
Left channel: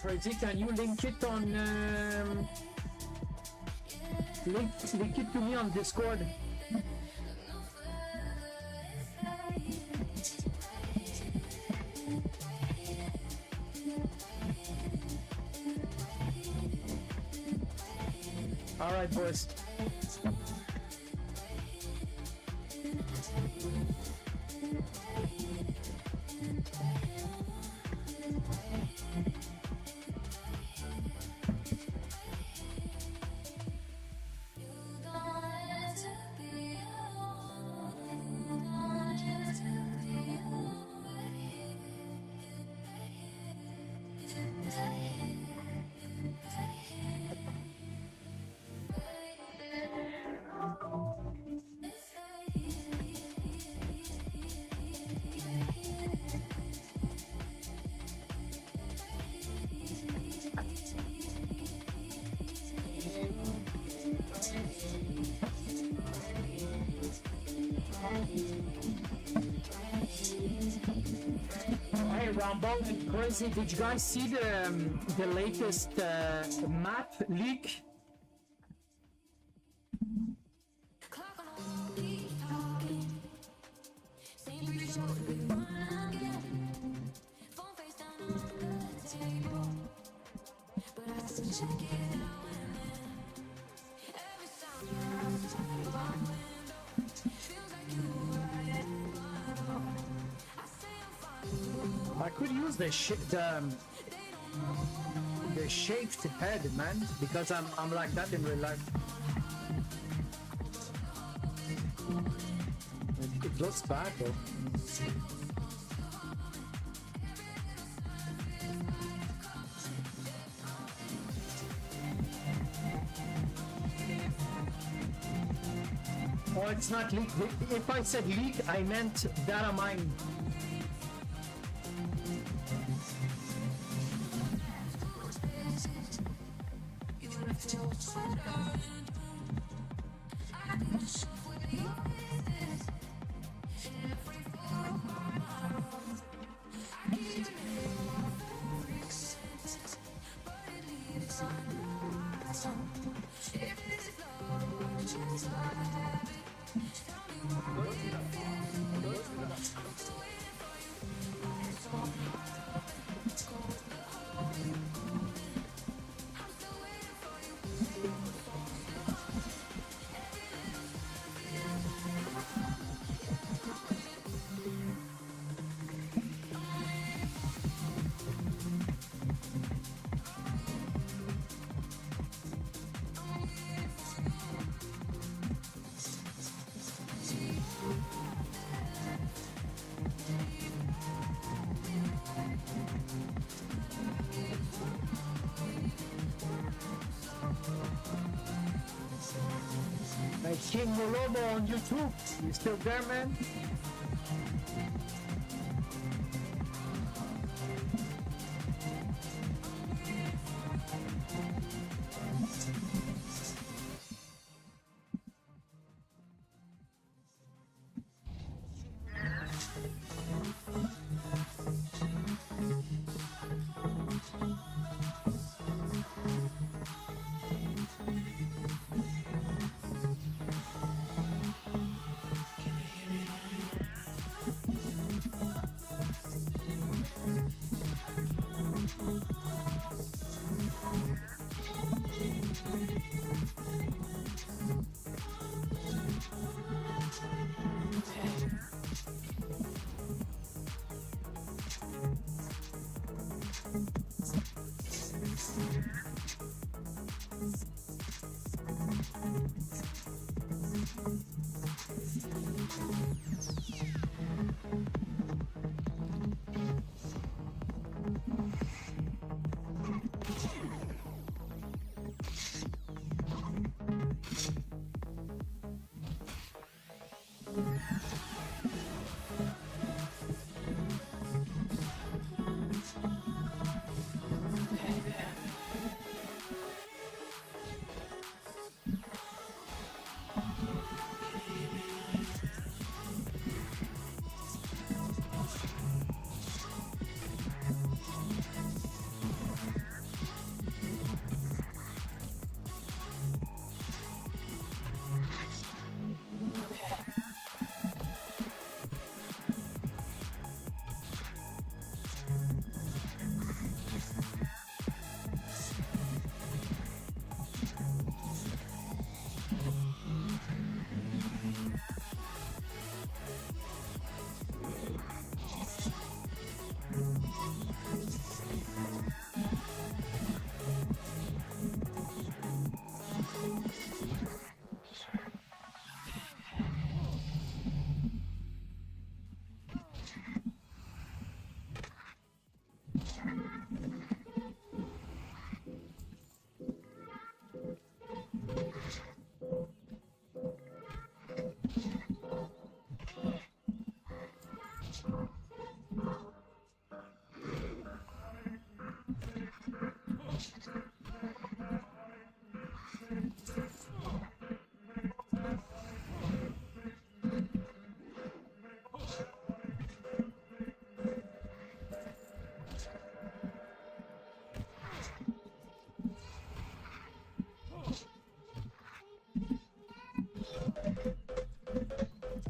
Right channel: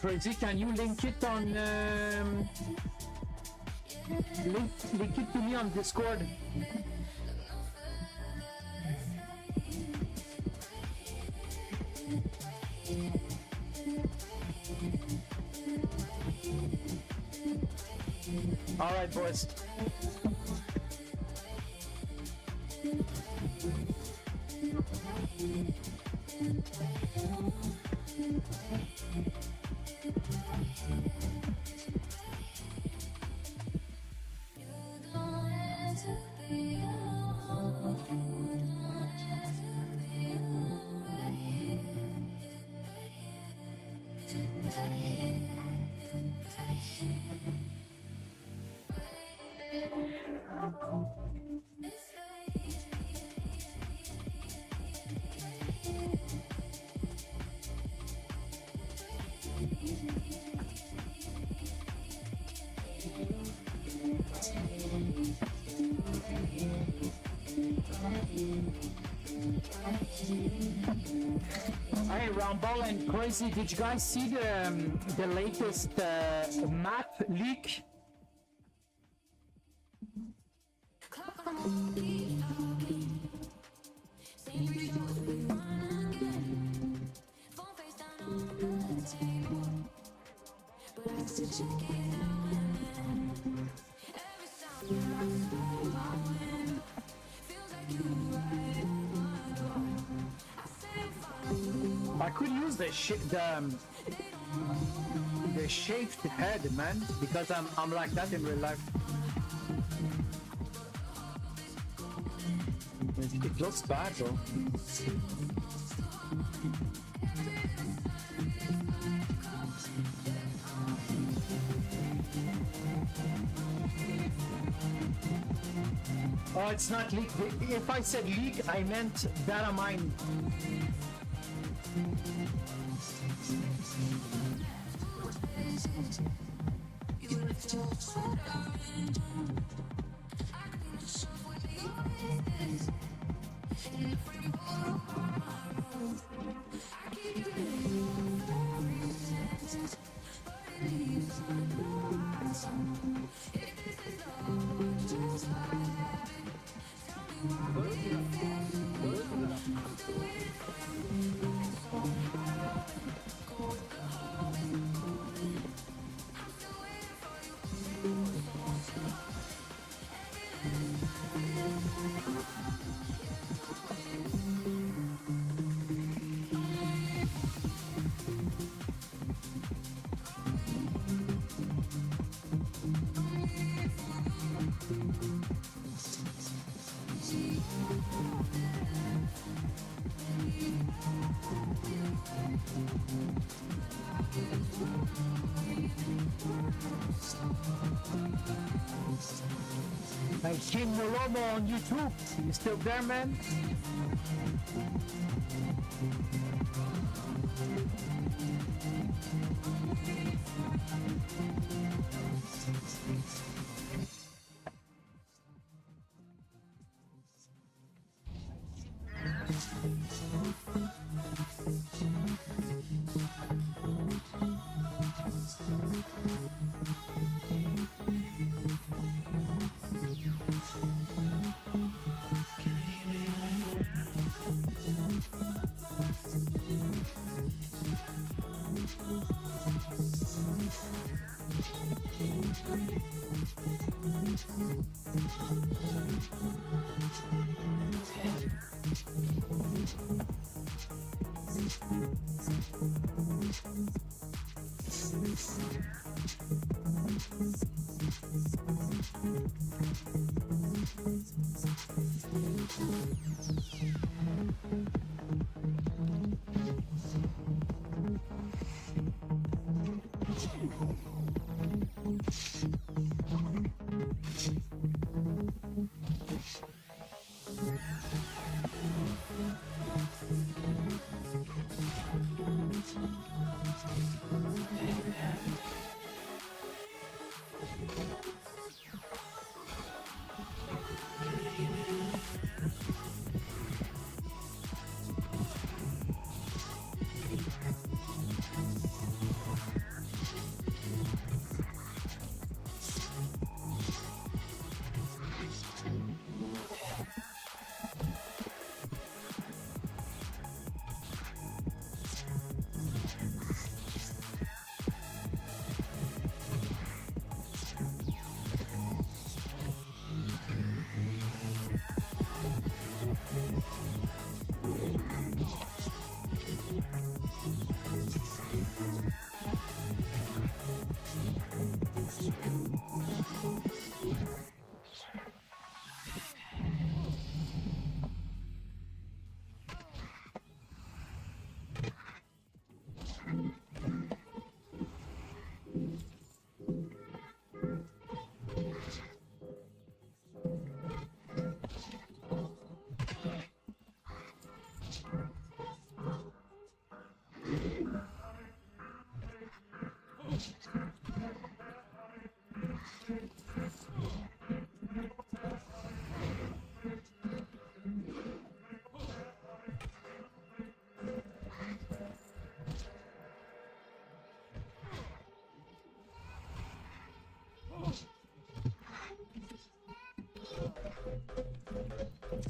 Crazy, can you link it on link it to me on Discord? All right, boys. Hey, Rumble and Crazy, did you guys see the latest map leak? I could use the shaved head, man, because I'm like that in real life. It looks bad though. Oh, it's not leak. If I said leak, I meant data mine. My King Molomo on YouTube. You still there, man?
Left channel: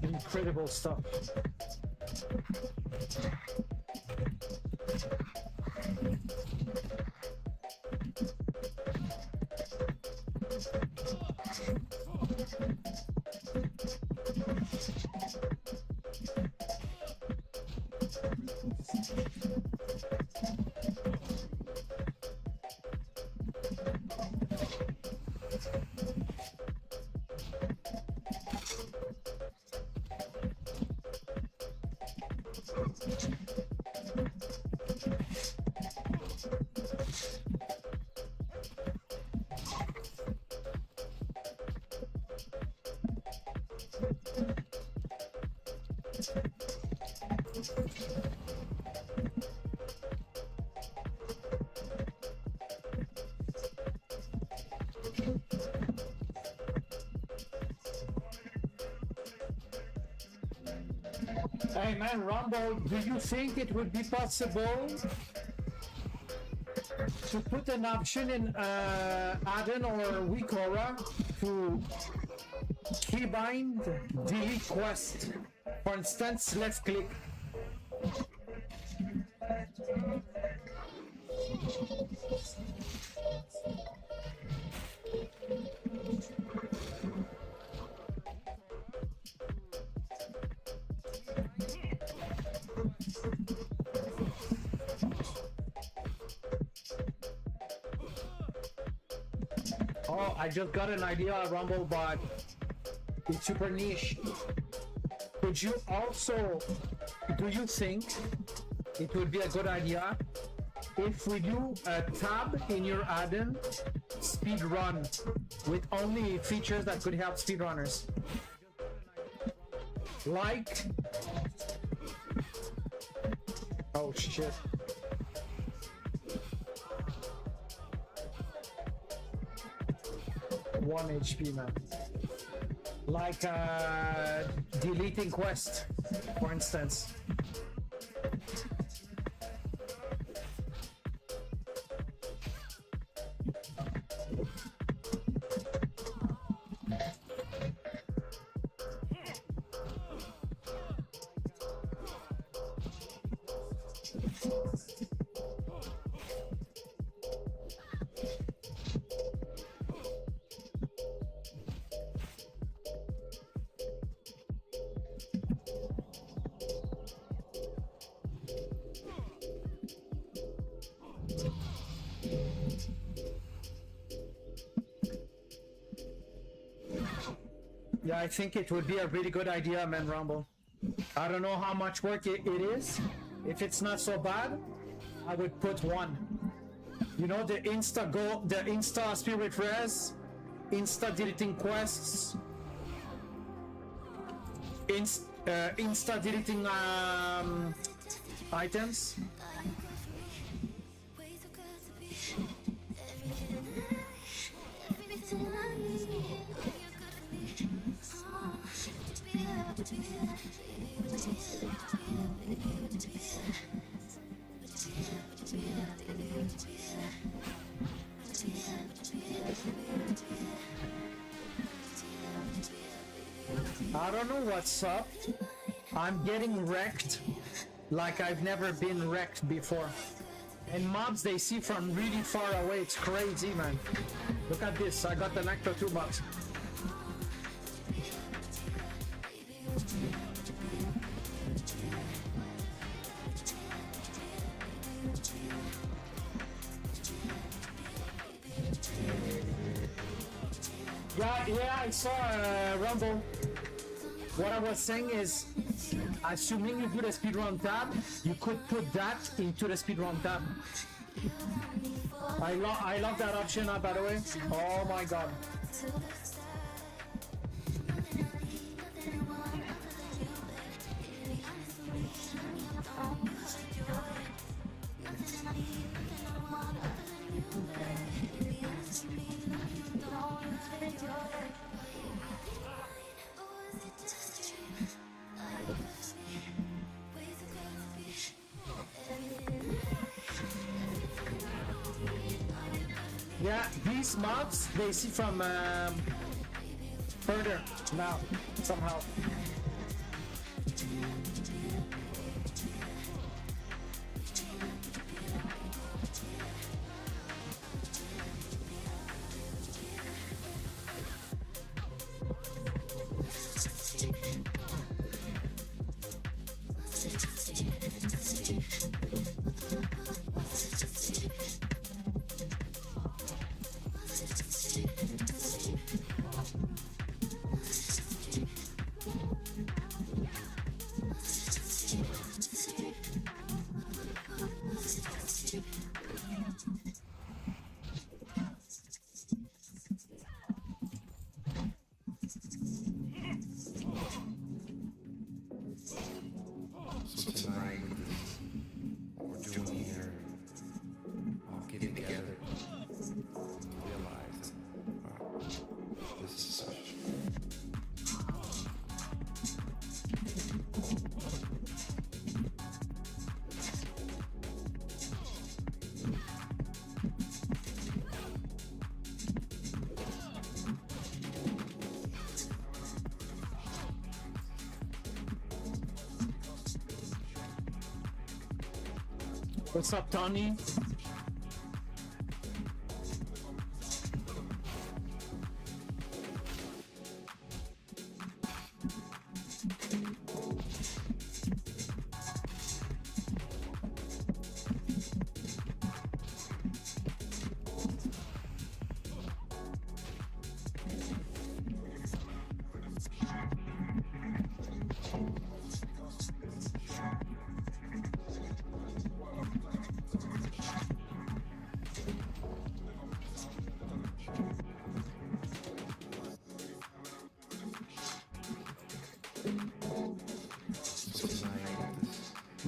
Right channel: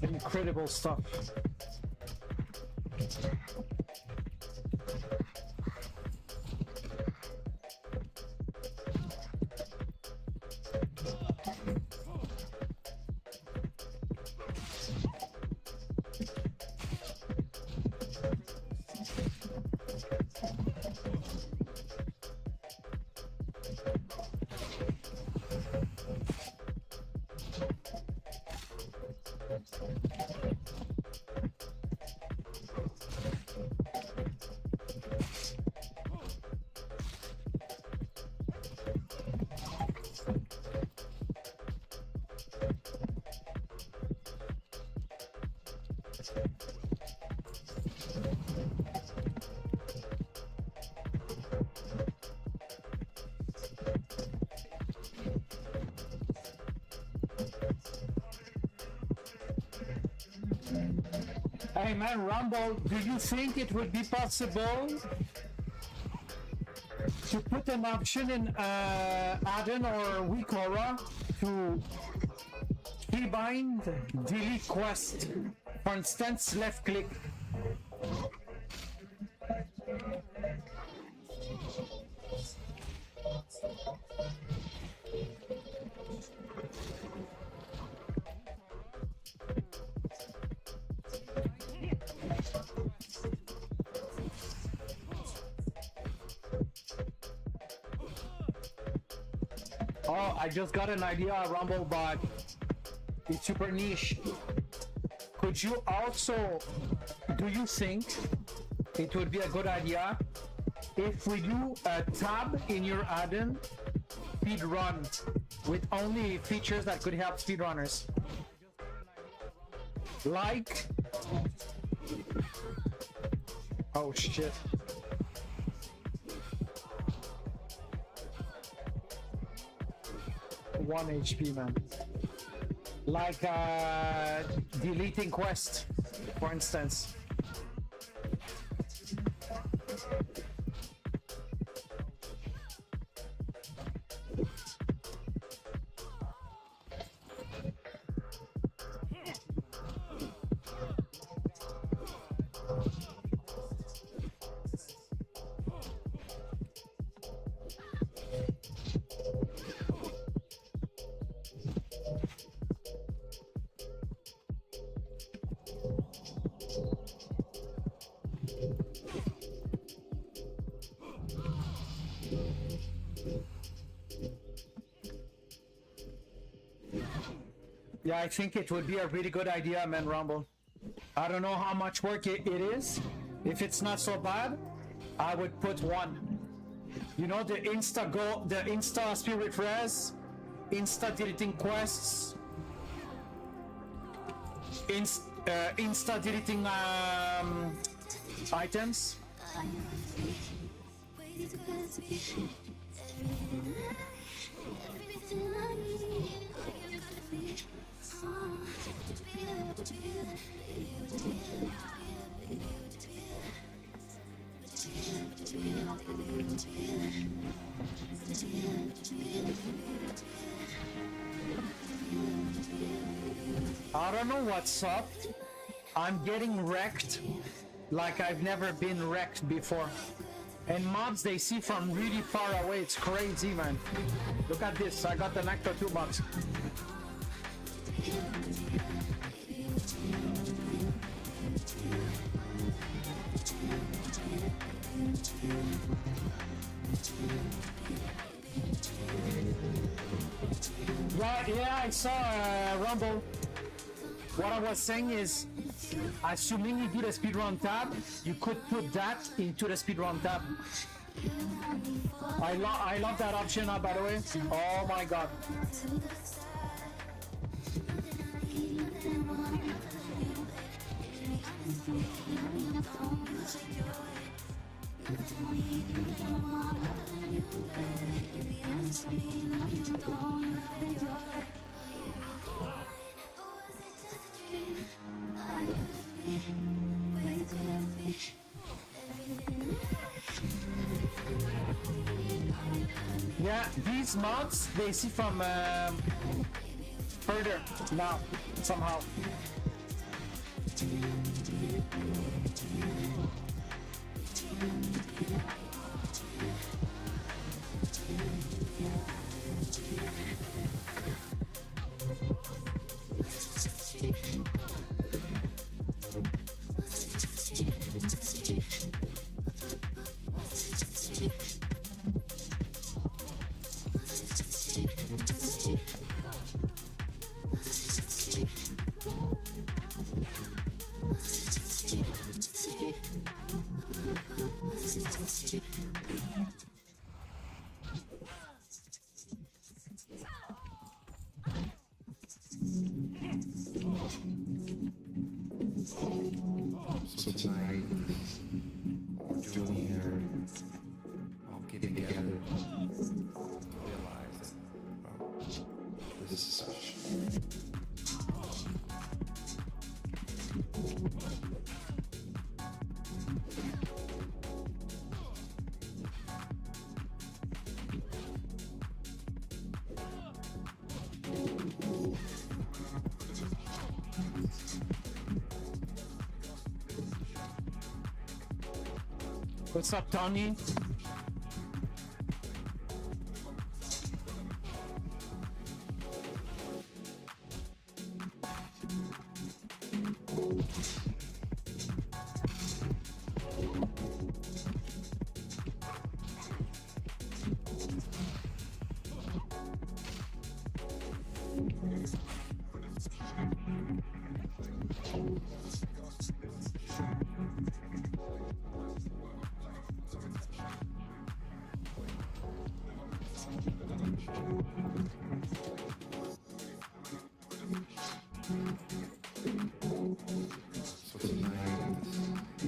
Incredible stuff. Hey man, Rumble, do you think it would be possible to put an option in add-on or Wikora to keybind delete quest? For instance, left click. Oh, I just got an idea, Rumble, but it's super niche. Could you also, do you think it would be a good idea if we do a tab in your add-on, Speedrun, with only features that could help speedrunners. Like... Oh shit. One HP, man. Like deleting quest, for instance. Yeah, I think it would be a really good idea, man, Rumble. I don't know how much work it is. If it's not so bad, I would put one. You know, the Insta Spirit Res, Insta deleting quests, Insta deleting items. I don't know what's up. I'm getting wrecked like I've never been wrecked before. And mobs they see from really far away. It's crazy, man. Look at this. I got the Nectar 2 box. Yeah, I saw Rumble. What I was saying is, assuming you do the speedrun tab, you could put that into the speedrun tab. I love that option, by the way. Oh my god. Yeah, these mods they see from further now, somehow. So tonight, with this, what we're doing here, all get together, realize that, wow, this is such. What's up, Tony?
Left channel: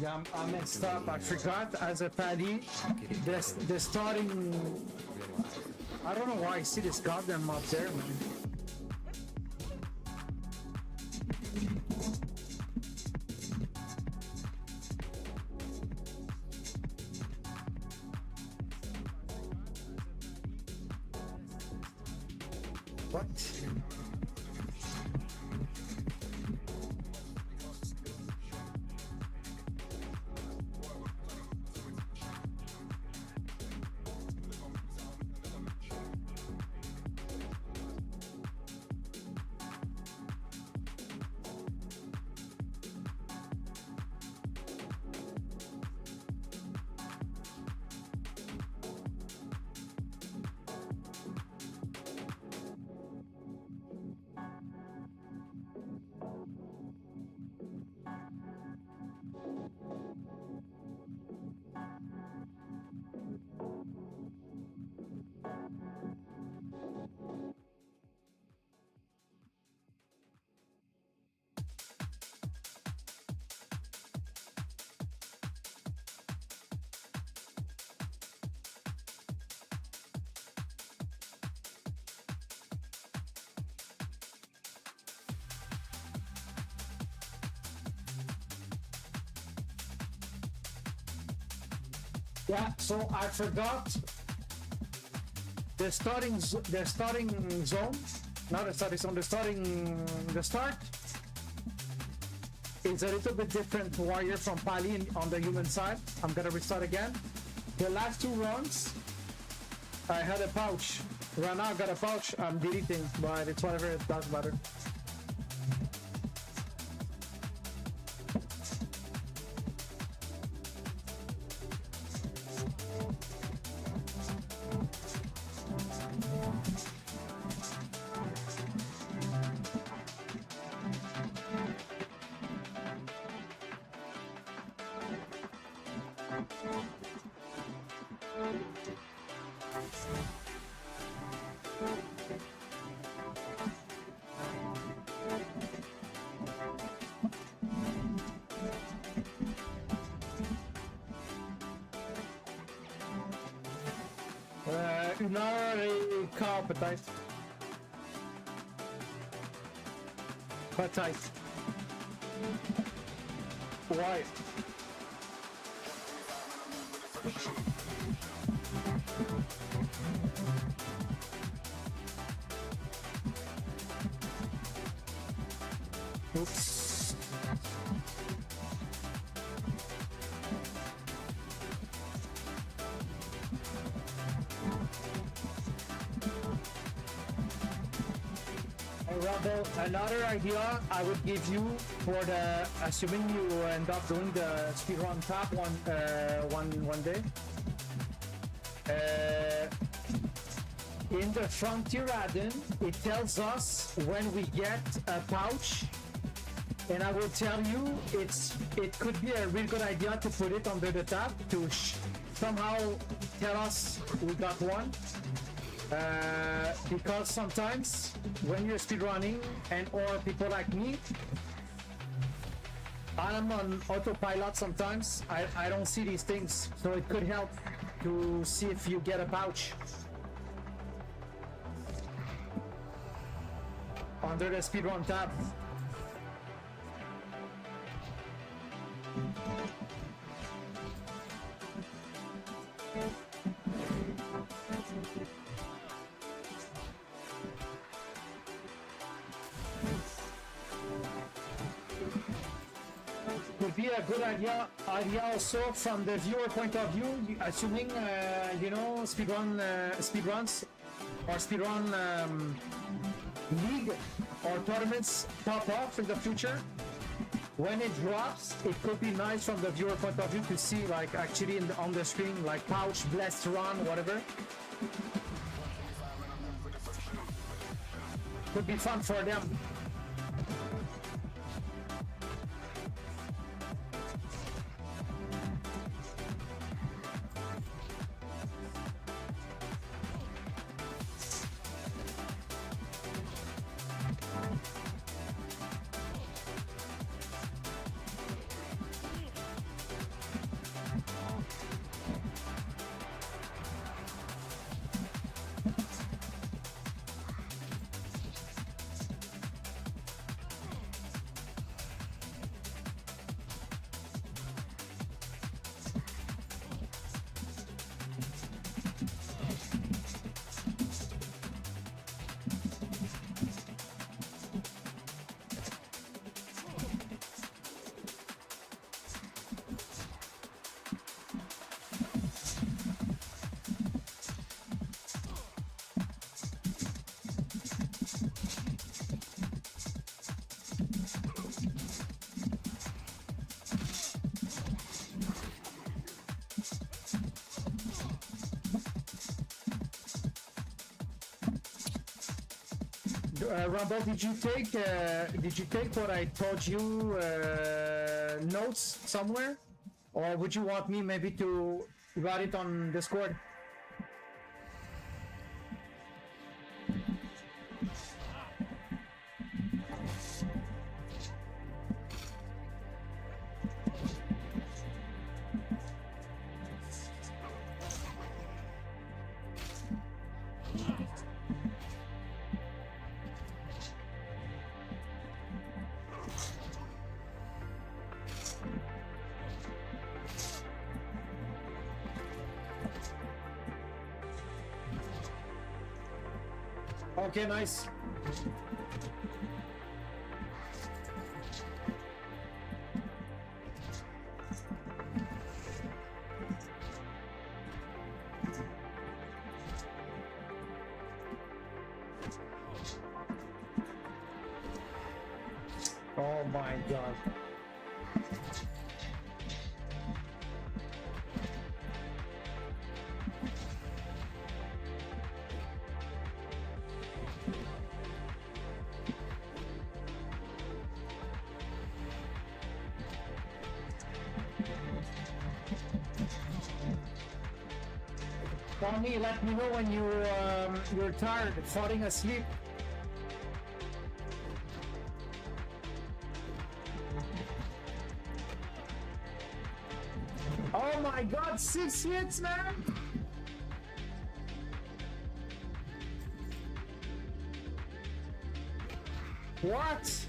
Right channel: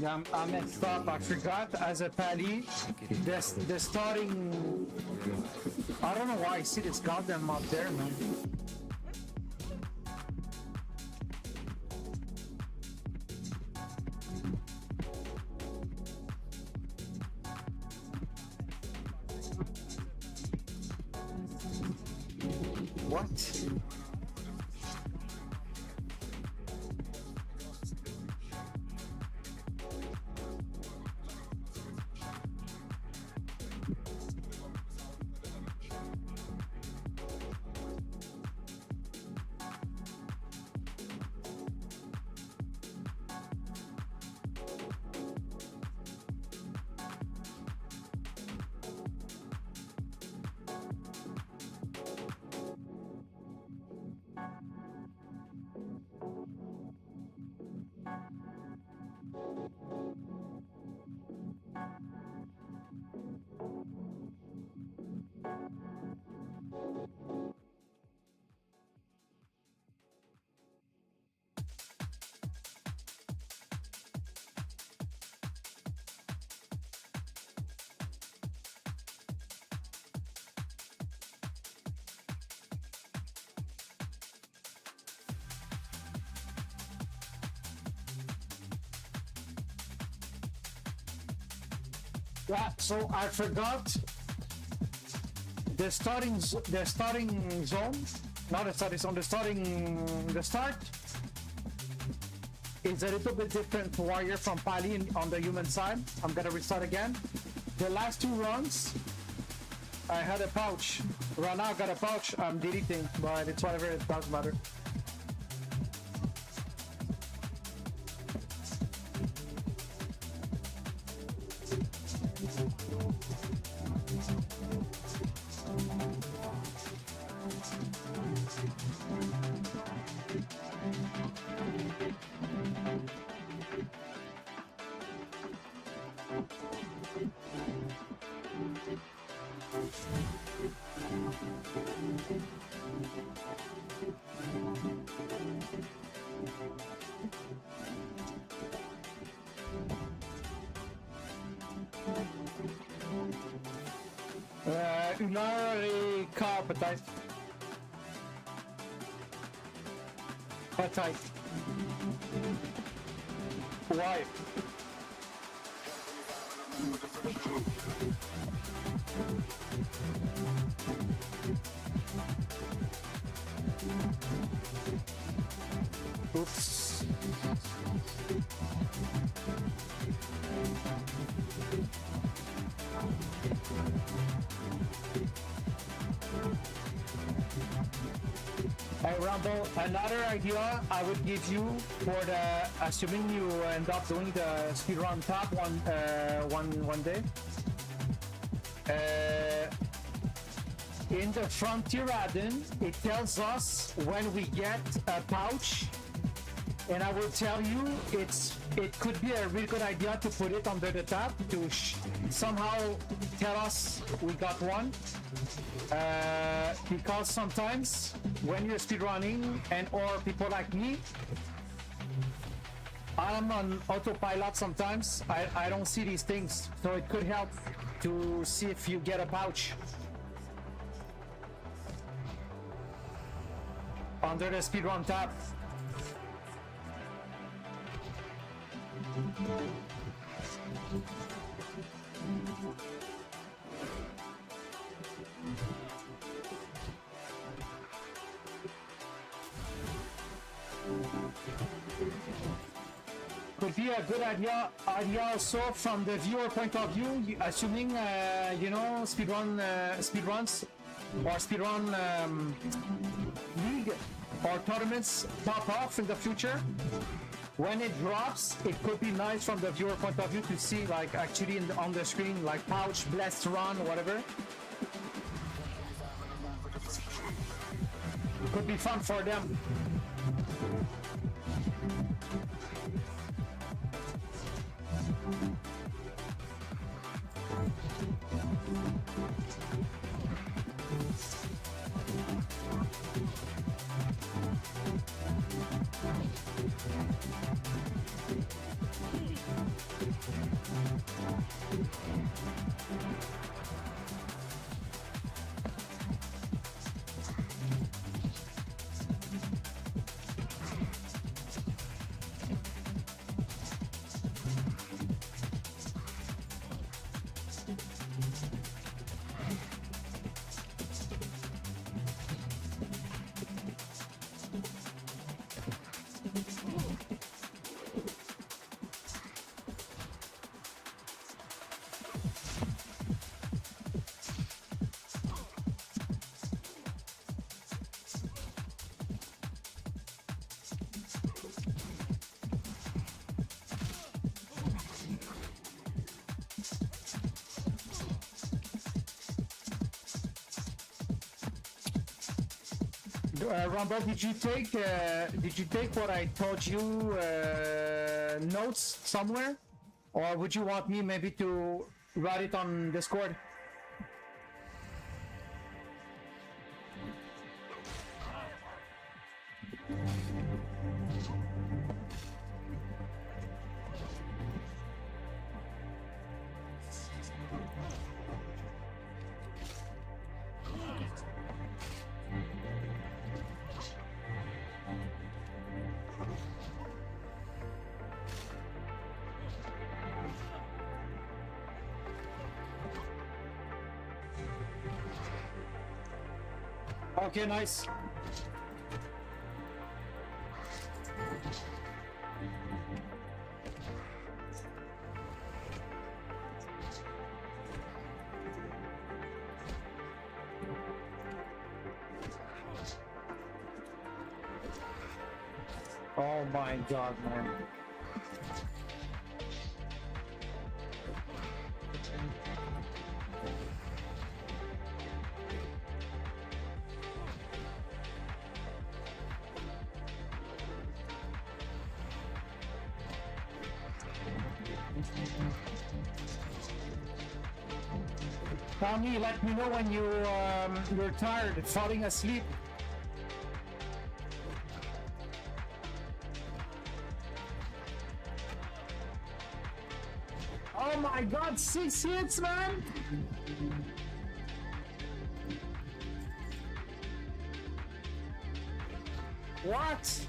Yeah, I messed up. I forgot as a pally. The starting. I don't know why I see this goddamn map there, man. What? Yeah, so I forgot the starting zone, not the starting zone, the start is a little bit different warrior from Pali on the human side. I'm gonna restart again. The last two runs, I had a pouch. Right now I got a pouch, I'm deleting, but it's whatever, it doesn't matter. Une heure et quart peut-être. Peut-être. Ouais. Oops. Hey Rumble, another idea I would give you for the, assuming you end up doing the speedrun tab one day. In the frontier add-in, it tells us when we get a pouch, and I will tell you it could be a really good idea to put it under the tab to somehow tell us we got one, because sometimes when you're speedrunning and or people like me, I'm on autopilot sometimes. I don't see these things, so it could help to see if you get a pouch under the speedrun tab. Could be a good idea also from the viewer point of view, assuming you know, speedruns or speedrun league or tournaments pop off in the future. When it drops, it could be nice from the viewer point of view to see, like, actually on the screen, like pouch, blessed run, whatever. It could be fun for them. Rumble, did you take what I told you notes somewhere, or would you want me maybe to write it on Discord? Okay, nice. Oh my god, man. Tommy, let me know when you're tired, falling asleep. Oh my god, 6 hits, man! What?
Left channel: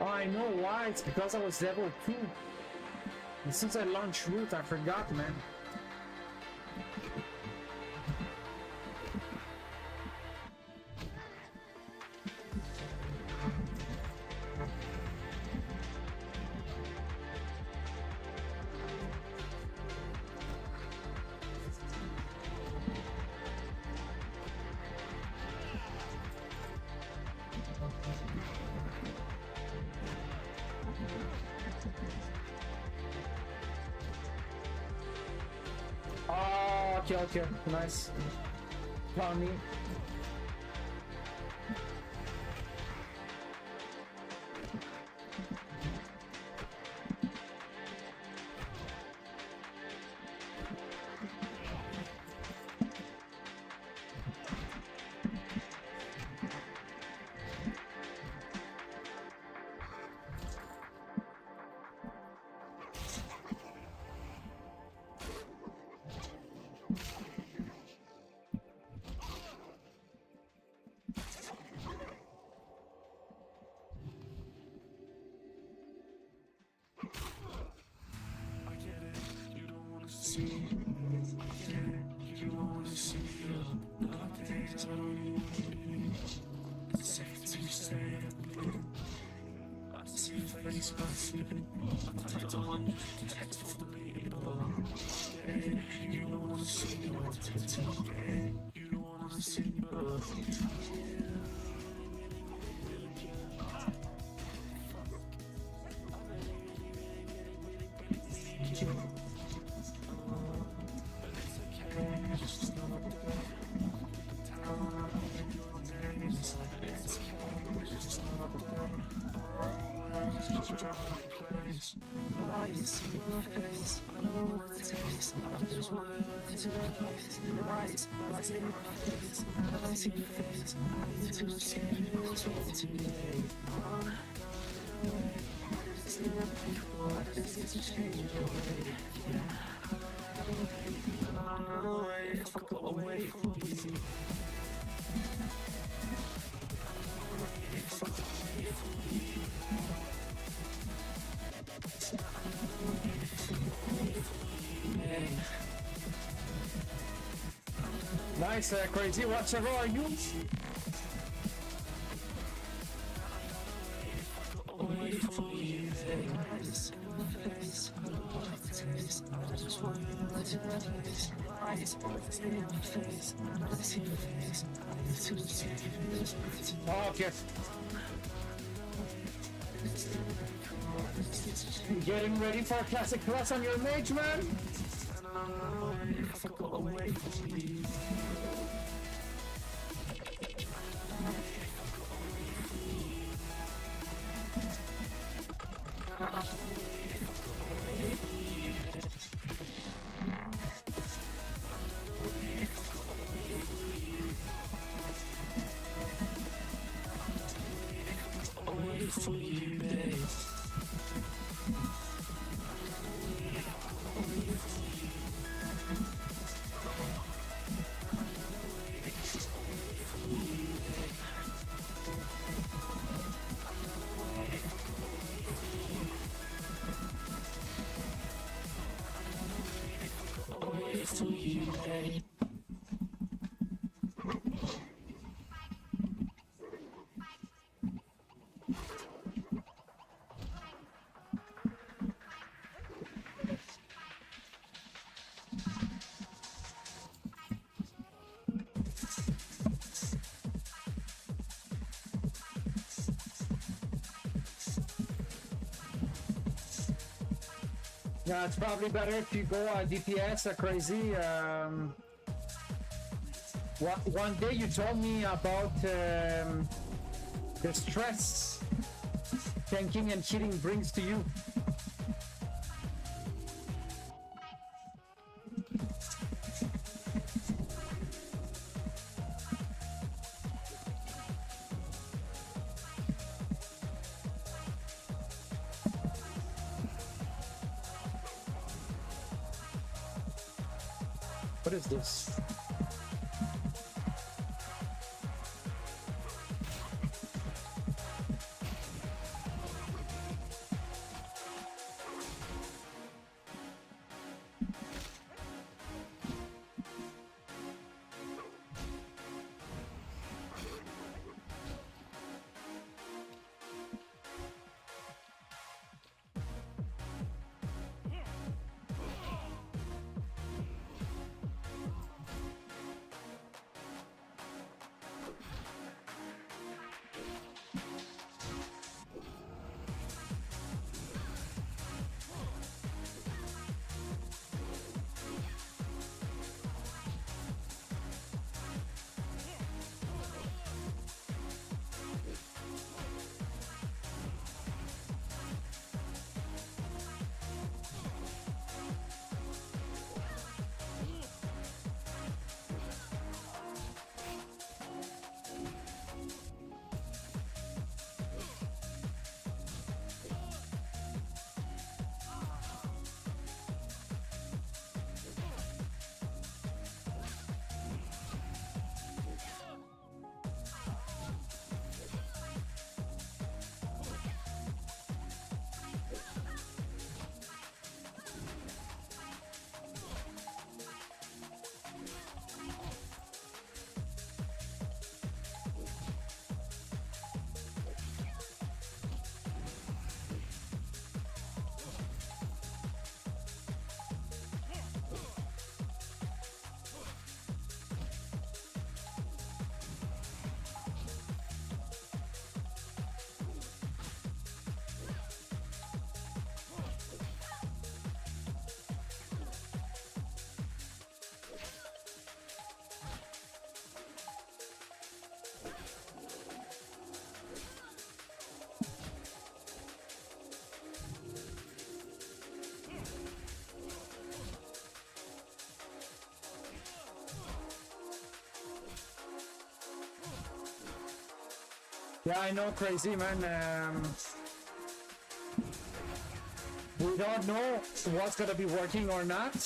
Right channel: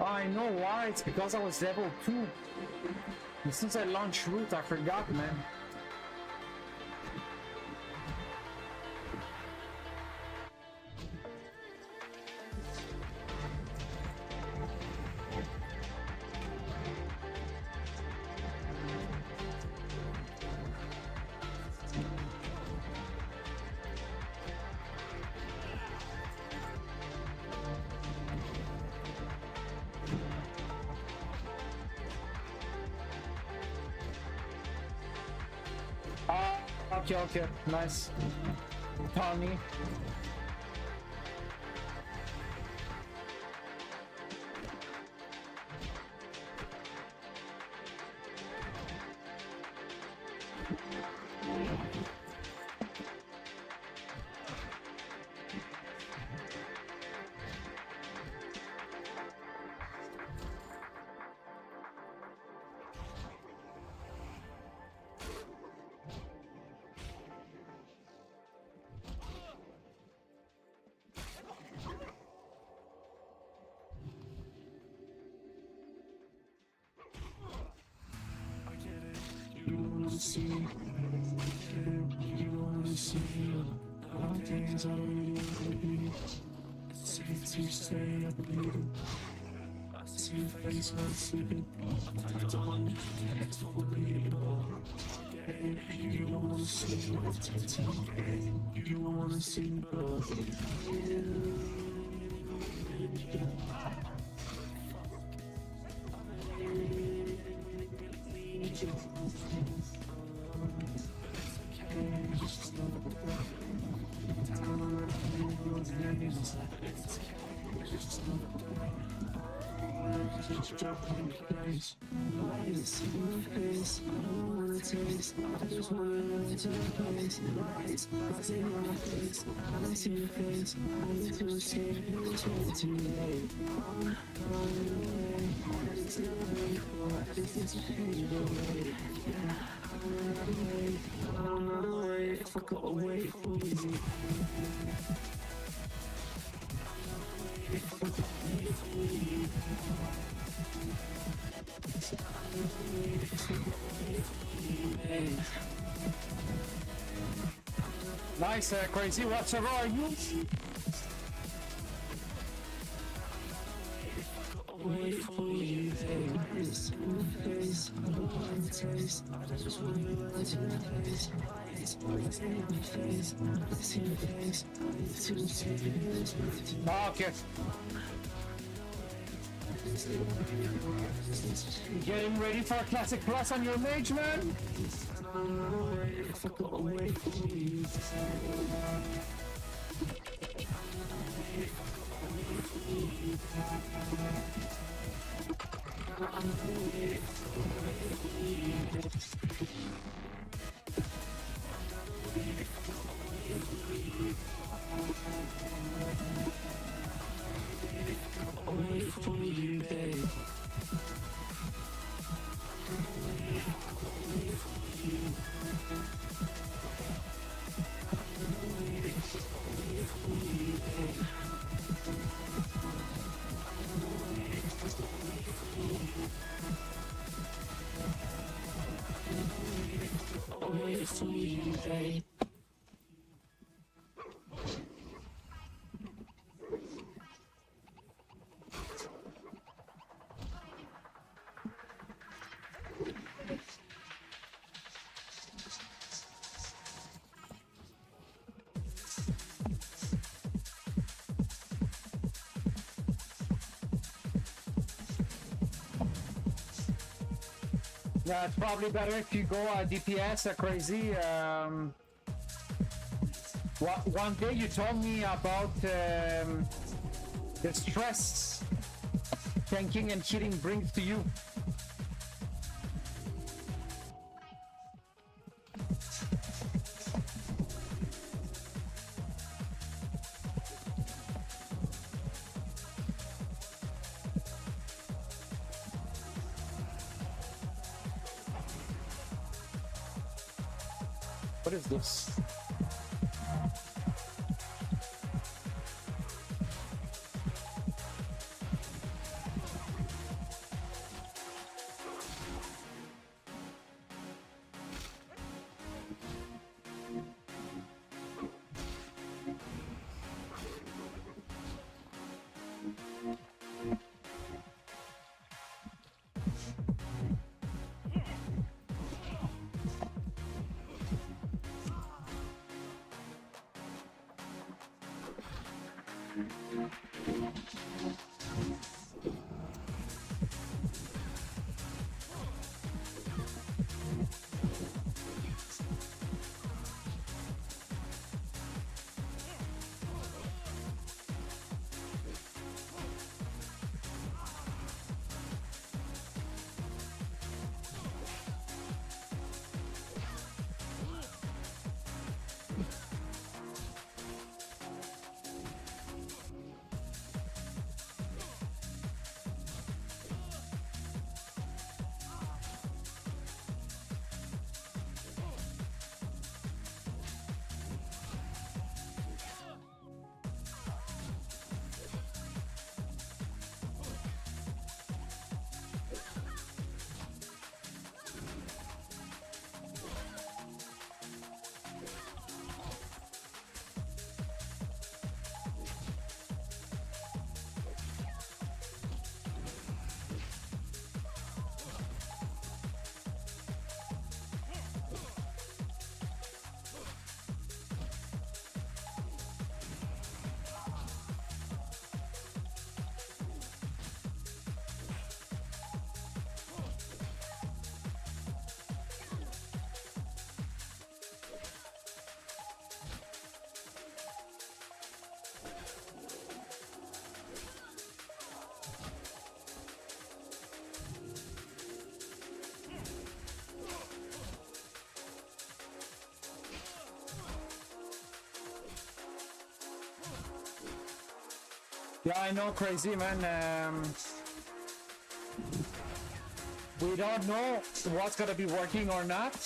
Oh, I know why. It's because I was level 2. And since I launched root, I forgot, man. Okay, nice. Tommy. Nice, Crazy. What server are you? Oh, okay. Getting ready for a classic plus on your mage, man? Yeah, it's probably better if you go DPS crazy. One day you told me about the stress tanking and hitting brings to you. What is this? Yeah, I know, crazy man. We don't know what's gonna be working or not.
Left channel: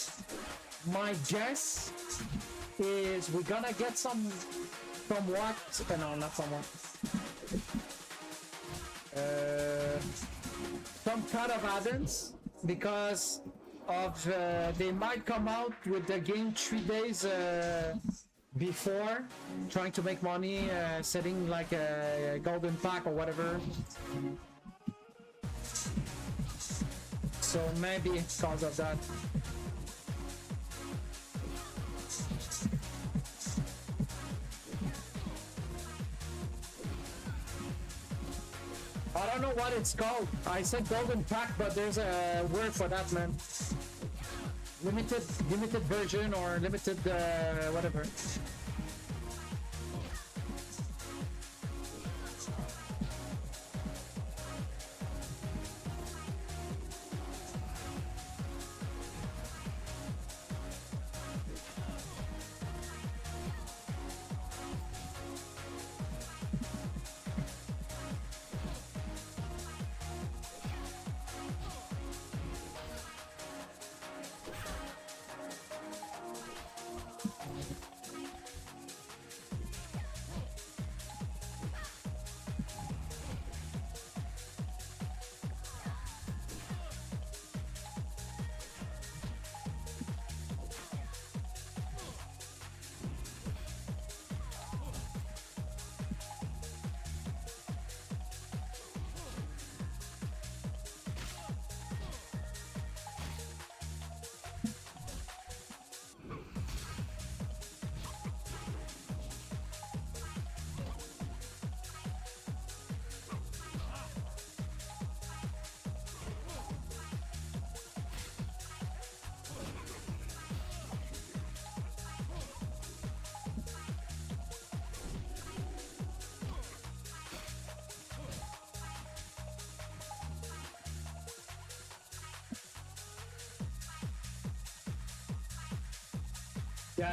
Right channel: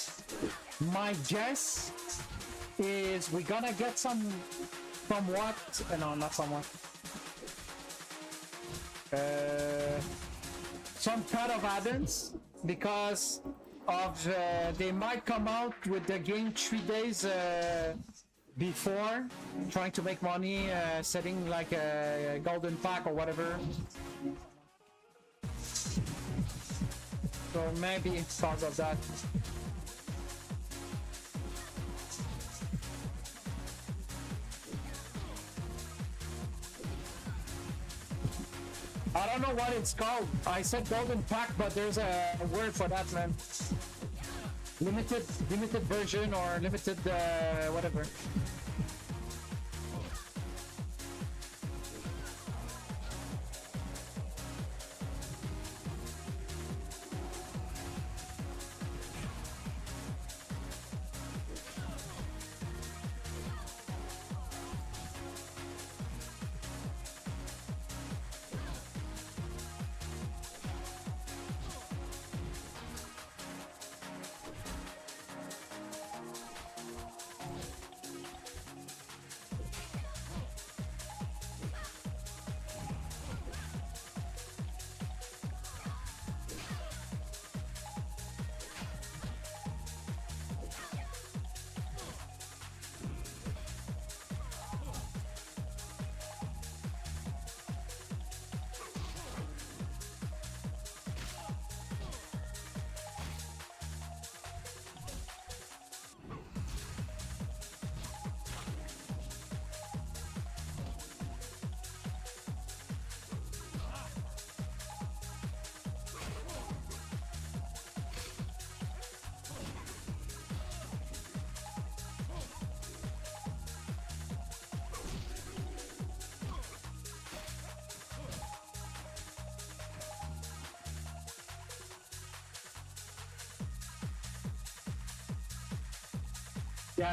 My guess is we're gonna get somewhat, no, not somewhat. Some kind of add-ins because of they might come out with the game 3 days before, trying to make money, setting like a golden pack or whatever. So maybe because of that. I don't know what it's called. I said golden pack, but there's a word for that, man. Limited version or limited whatever.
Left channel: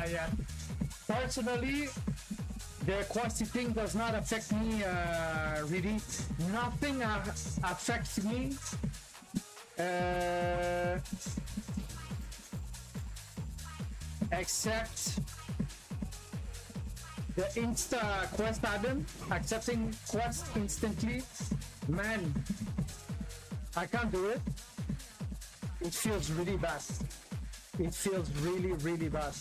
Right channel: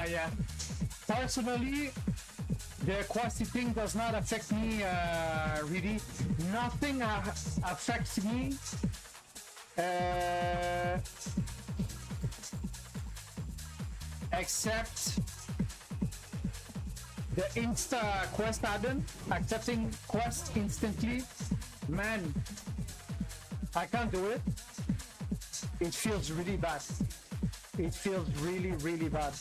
Yeah. Personally, the quality thing does not affect me really. Nothing affects me. Except the Insta quest add-on, accepting quest instantly. Man, I can't do it. It feels really bad. It feels really, really bad.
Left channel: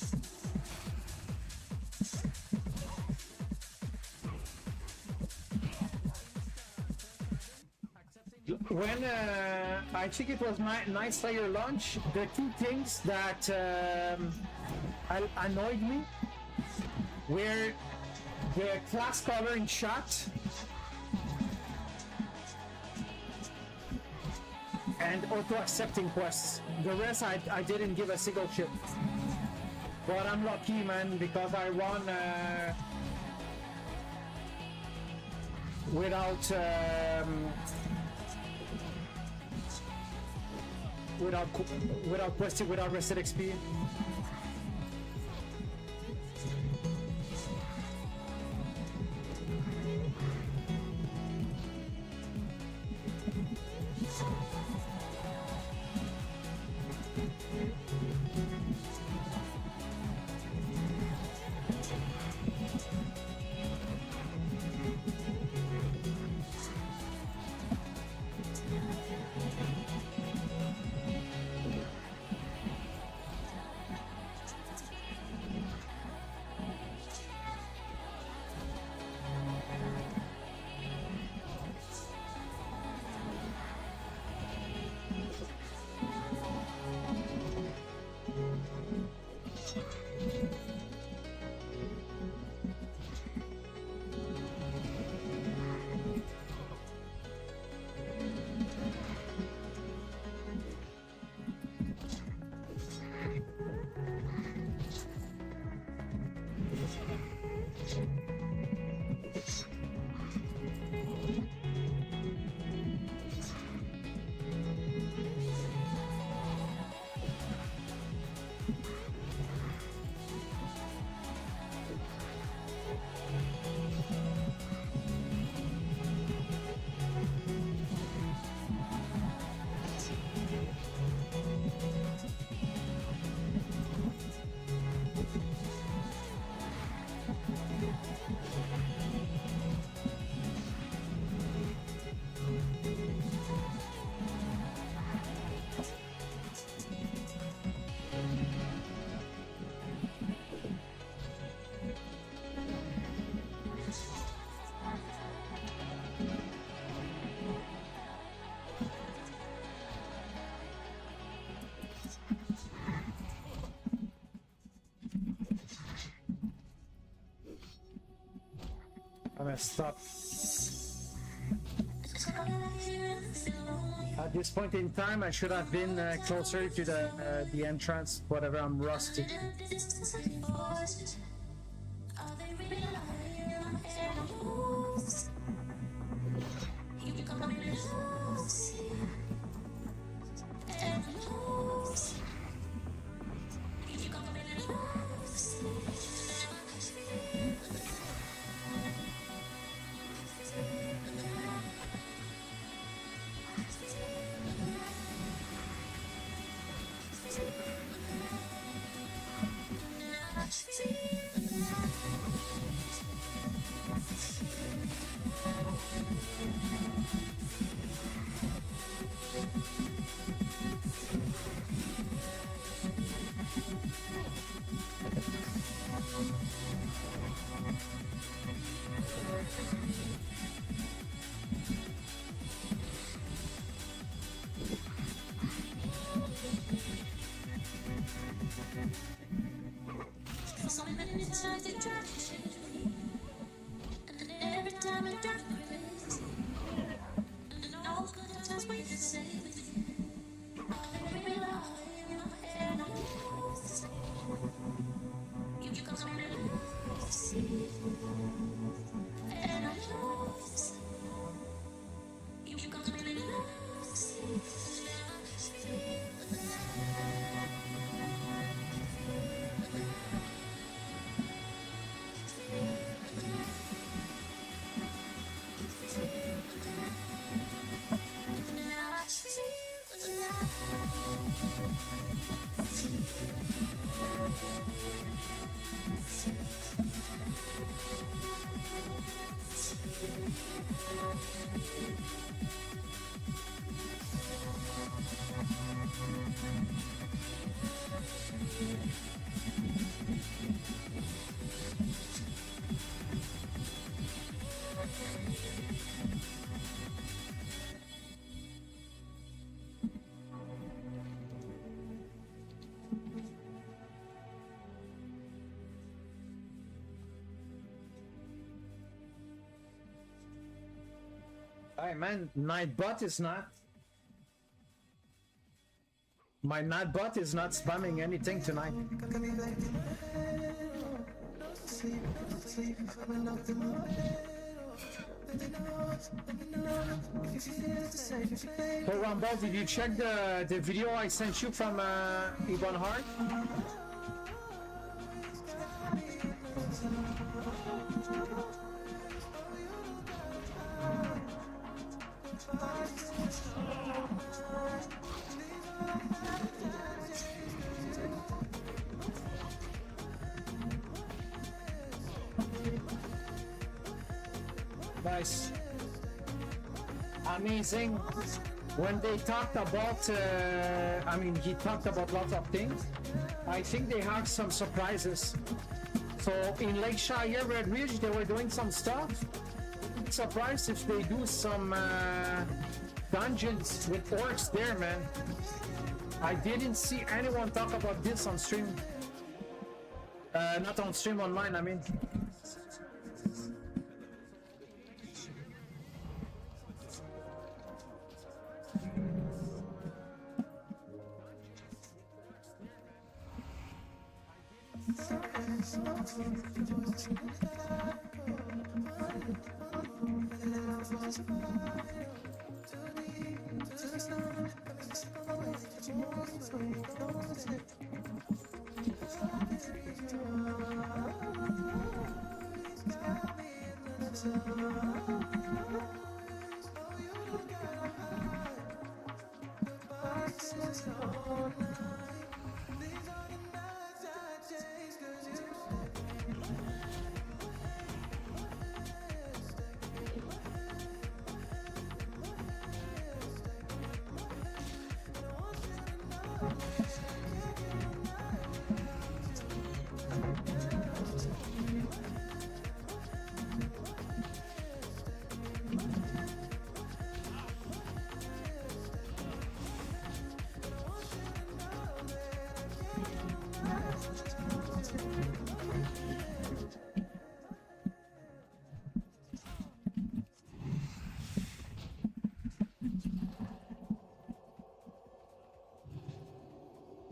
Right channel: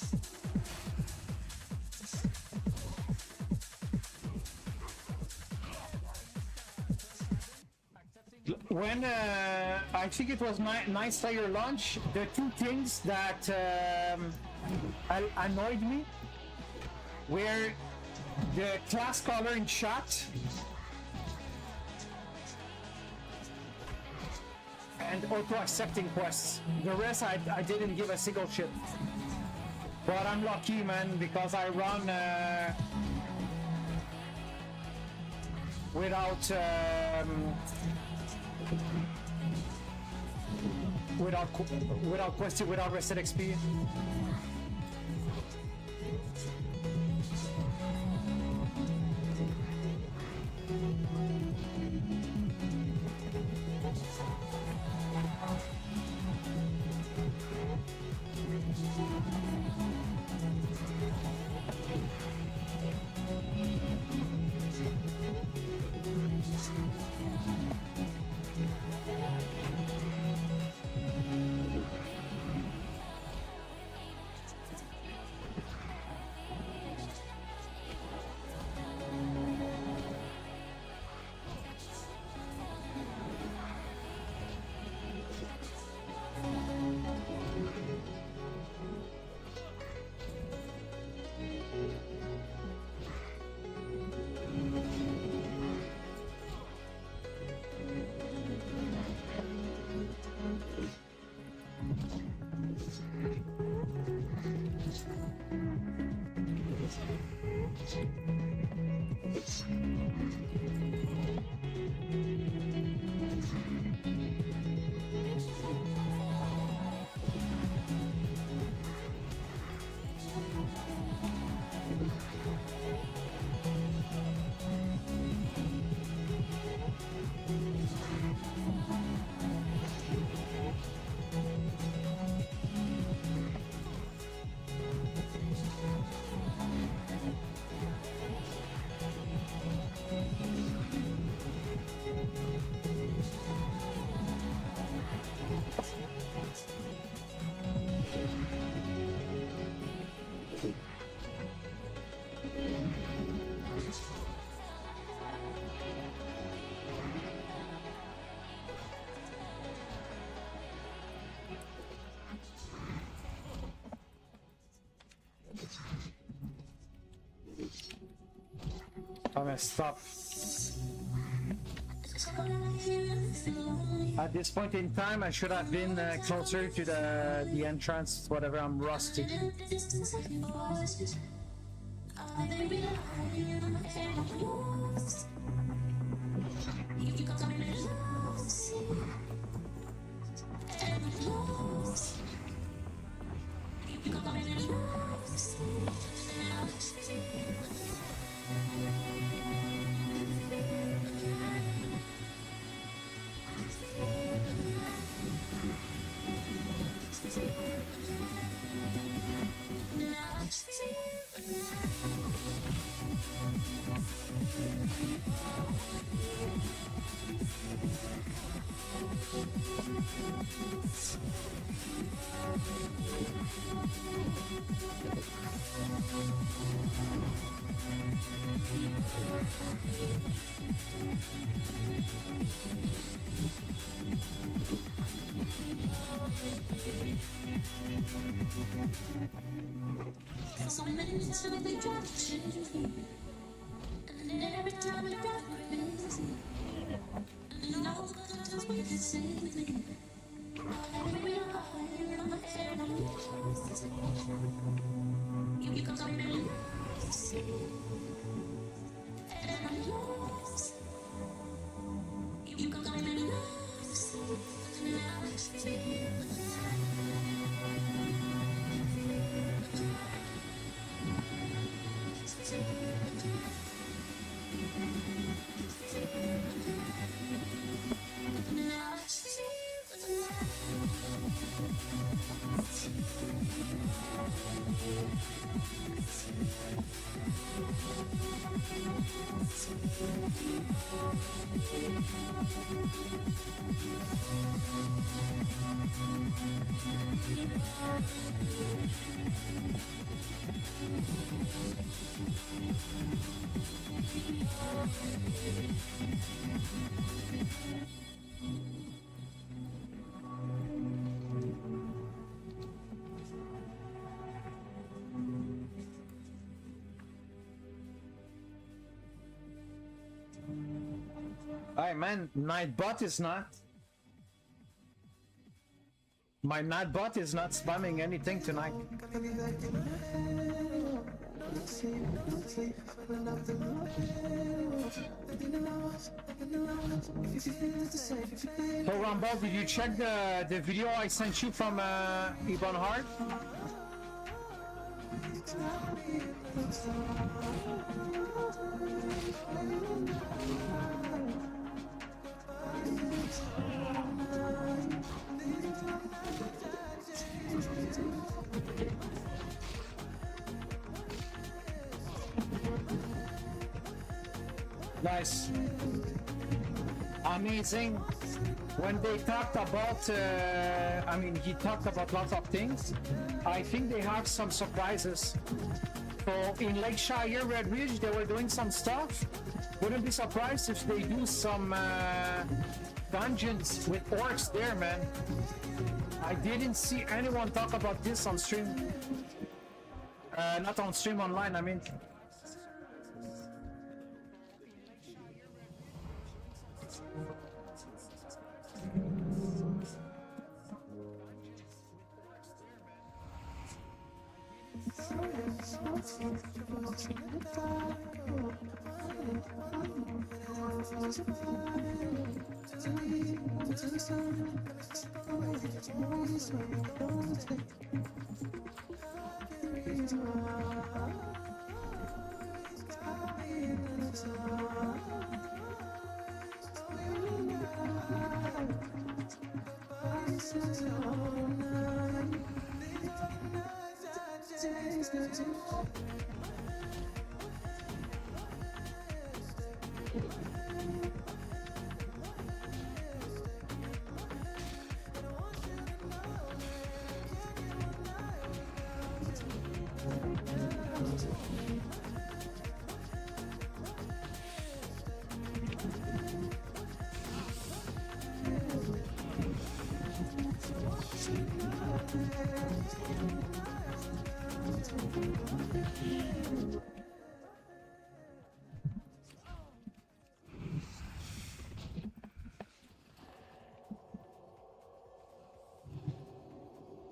When I think it was Night Slayer launch, the two things that annoyed me were the class color in chat and auto accepting quests. The rest I didn't give a single shit. But I'm lucky, man, because I run without questing, without rested XP. I'm gonna stop. At this point in time, I should have been closer to the entrance. Whatever, I'm rusty. Alright, man, Nightbot is not. My Nightbot is not spamming anything tonight. So Rumble, did you check the video I sent you from Ibn Hart? Nice. Amazing. When they talked about, I mean, he talked about lots of things. I think they have some surprises. So in Lakeshire, Red Ridge, they were doing some stuff. Wouldn't be surprised if they do some dungeons with orcs there, man. I didn't see anyone talk about this on stream. Not on stream, online, I mean.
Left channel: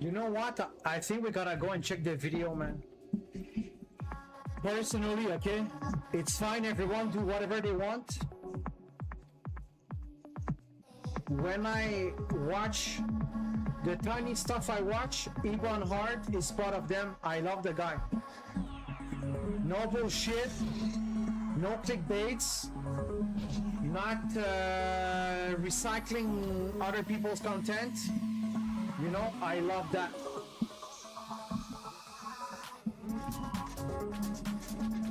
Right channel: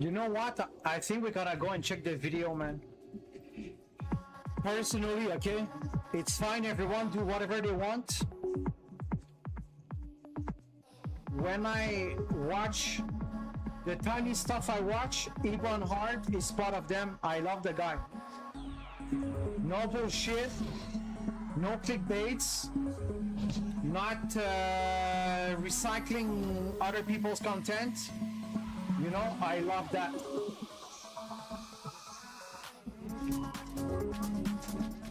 You know what? I think we gotta go and check the video, man. Personally, okay? It's fine, everyone do whatever they want. When I watch the tiny stuff I watch, Ebon Hart is part of them. I love the guy. No bullshit, no clickbaits, not recycling other people's content. You know, I love that.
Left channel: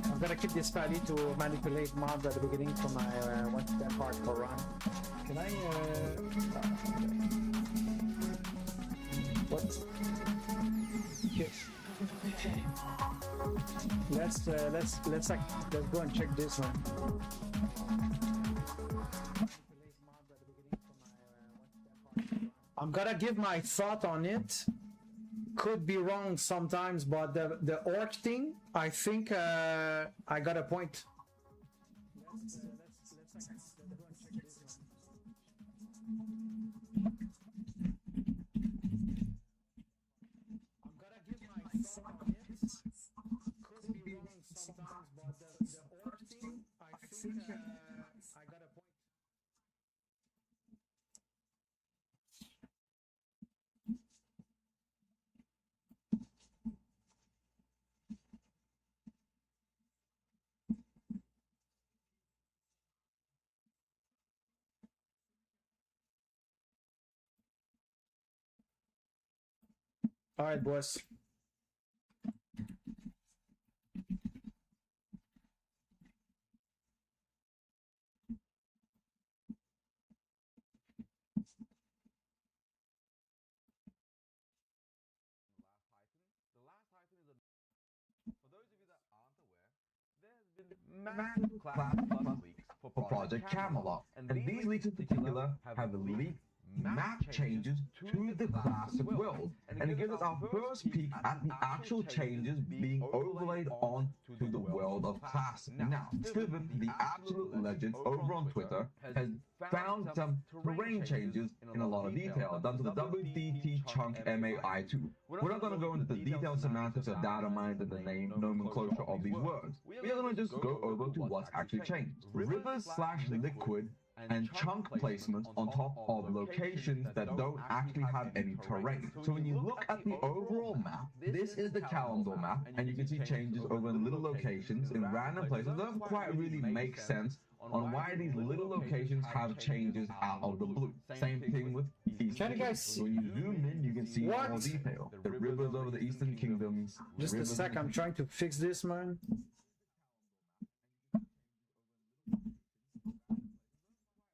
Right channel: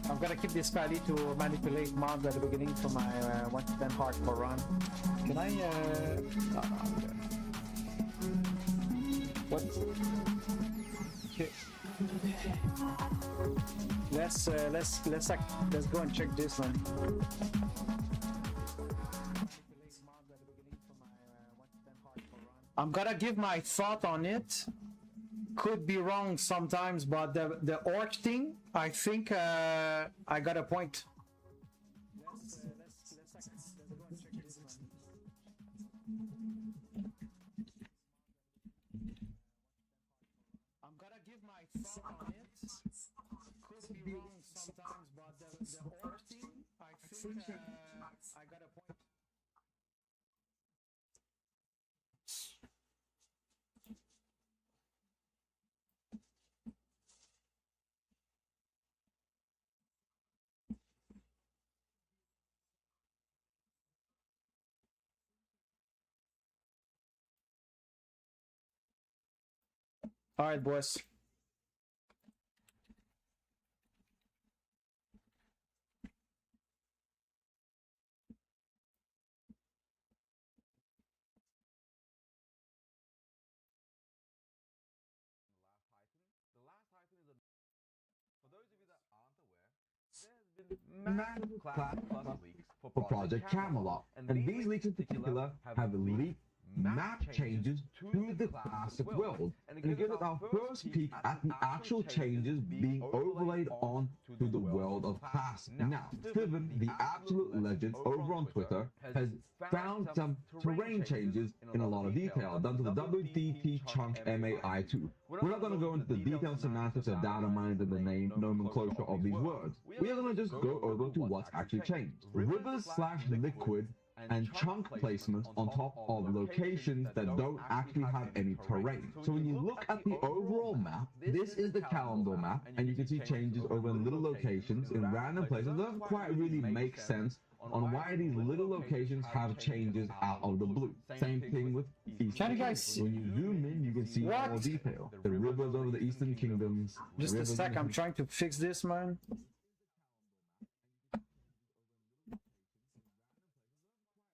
I'm gonna keep this value to manipulate mobs at the beginning for my 1 to 10 hardcore run. Can I no, okay. What? Okay. Let's go and check this one. I'm gonna give my thought on it. Could be wrong sometimes, but the orc thing, I think I got a point. Let's go and check this one. I'm gonna give my thought on it. Could be wrong sometimes, but the orc thing, I think I got a point. All right, boys. Massive class plus leaks for Project Camelot, and these leaks in particular have leaked map changes to the classic world, and it gives us our first peek at the actual changes being overlaid on to the world of class. Now, Steven, the absolute legend over on Twitter, has found some terrain changes in a lot of detail. That's the WDT chunk MAI2. We're not going to go into the detailed semantics or data mining the name nomenclature of these words. We're going to just go over to what's actually changed. Rivers/liquid and chunk placements on top of locations that don't actually have any terrain. So when you look at the overall map, this is the calendar map, and you can see changes over little locations in random places that don't quite really make sense on why these little locations have changes out of the blue. Same thing with Eastern. Can you guys see? When you zoom in, you can see What? more detail. The rivers of the Eastern Kingdoms. Just a sec, I'm trying to fix this, man.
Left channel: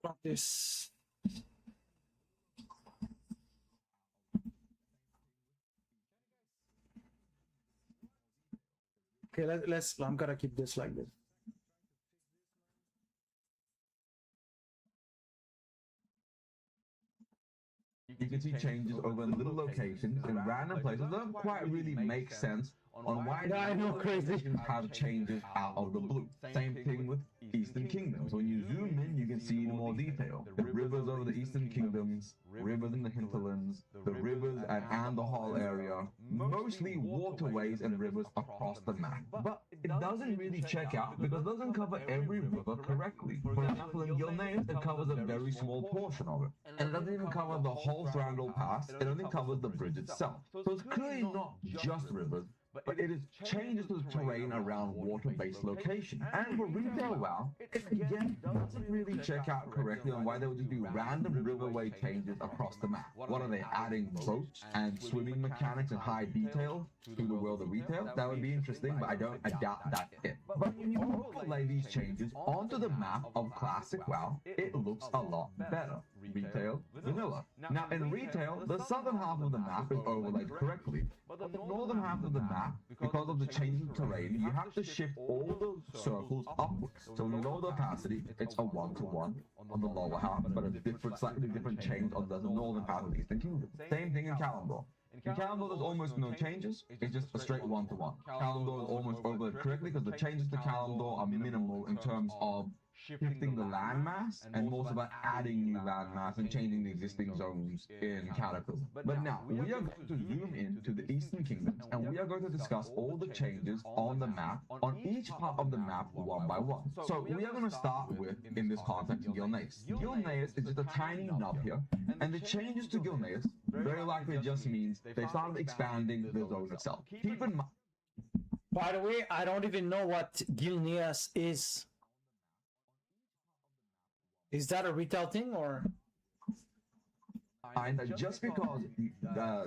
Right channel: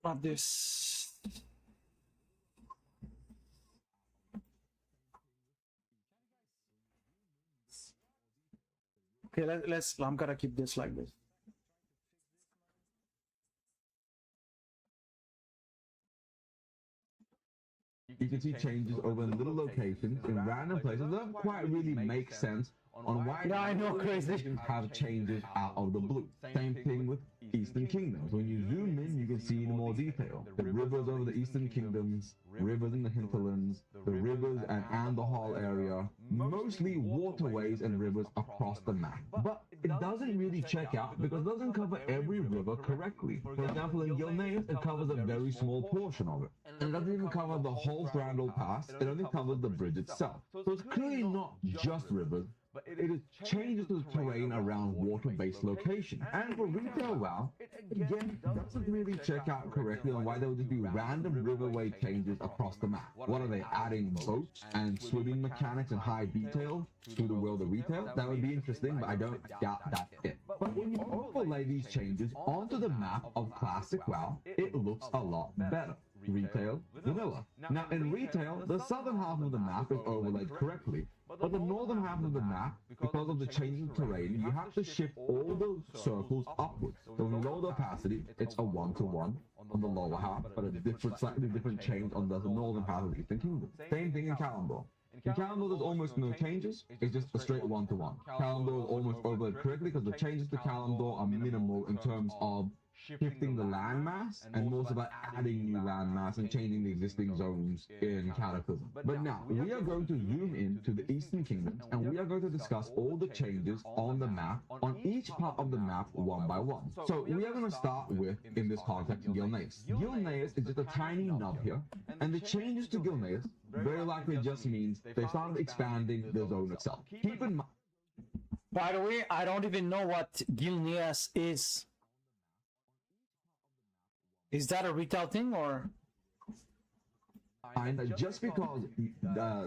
Not this. Okay, let's. I'm gonna keep this like this. You can see changes over little locations in random places that don't quite really make sense on why. Yeah, I know, crazy. Have changes out of the blue. Same thing with Eastern Kingdoms. When you zoom in, you can see more detail. The rivers of the Eastern Kingdoms, rivers in the hinterlands, the rivers and the whole area, mostly waterways and rivers across the map. But it doesn't really check out because it doesn't cover every river correctly. For example, you'll notice it covers a very small portion of it. And it doesn't cover the whole Frontwo pass, it only covers the bridge itself. So it's clearly not just rivers, but it is changes the terrain around water-based locations. And for retail WoW, it again doesn't really check out correctly on why they would do random riverway changes across the map. What are they adding boats and swimming mechanics and high detail to the world of retail? That would be interesting, but I doubt that's it. But when you overlay these changes onto the map of Classic WoW, it looks a lot better. Retail, vanilla. Now in retail, the southern half of the map is overlaid correctly, but the northern half of the map, because of the changing terrain, you have to shift all those circles upwards. So in lower capacity, it's a 1-to-1 on the lower half, but a slightly different change on the northern half of the Eastern Kingdom. Same thing in Calendar. In Calendar, there's almost no changes. It's just a straight one-to-one. Calendar almost over correctly because the changes to Calendar are minimal in terms of shifting the landmass and most about adding new landmass and changing the existing zones in Cataclysm. But now, we are going to zoom into the Eastern Kingdoms and we are going to discuss all the changes on the map, on each part of the map, one by one. So we are going to start with, in this context, Gilneas. Gilneas is just a tiny nub here, and the changes to Gilneas very likely just means they started expanding the zone itself. Keep in mind. By the way, I don't even know what Gilneas is. Is that a retail thing or? Just because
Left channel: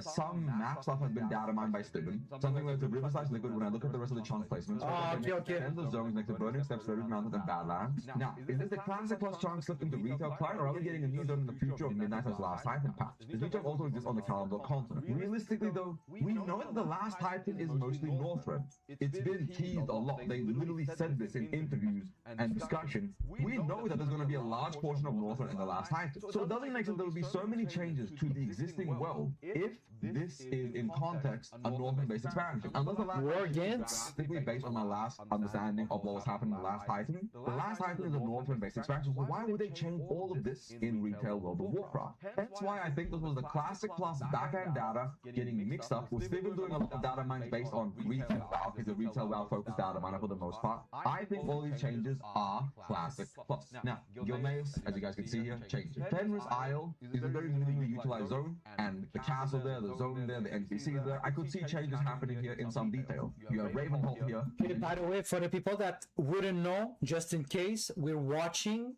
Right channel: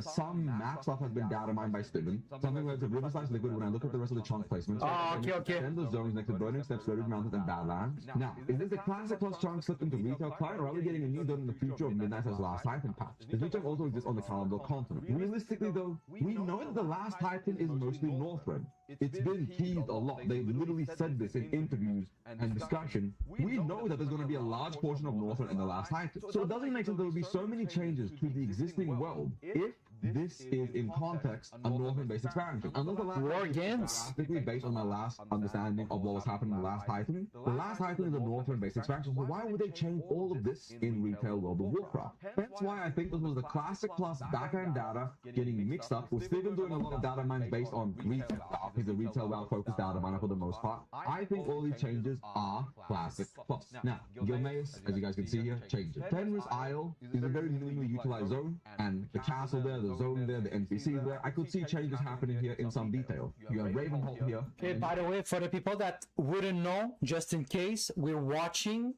some maps have been data mined by Speedrun, something like the Riverside is good when I look at the rest of the chunk placements. Oh, okay. Zones like the Burning Steps, River Mountains, and Badlands. Now, is this the classic plus chunks with the retail client, or are we getting a new zone in the future of Midnight as last hyping patch? The new chunk also exists on the Calendar continent. Realistically though, we know that the last hyping is mostly Northrend. It's been teased a lot. They literally said this in interviews and discussions. We know that there's going to be a large portion of Northrend in the last hyping. So it doesn't make sense there'll be so many changes to the existing world if this is in context a Northern-based expansion. War Games? Based on my last understanding of what was happening in the last Titan, the last Titan is a Northern-based expansion, so why would they change all of this in retail World of Warcraft? Hence why I think this was the classic plus backend data getting mixed up. We're still doing a lot of data mining based on retail route, because the retail route focused data mining for the most part. I think all these changes are classic plus. Now, Gilneas, as you guys can see here, changes. Pen's Isle is a very minimally utilized zone, and the castle there, the zone there, the NPC there, I could see changes happening here in some detail. You have Ravenhall here. Okay, by the way, for the people that wouldn't know, just in case, we're watching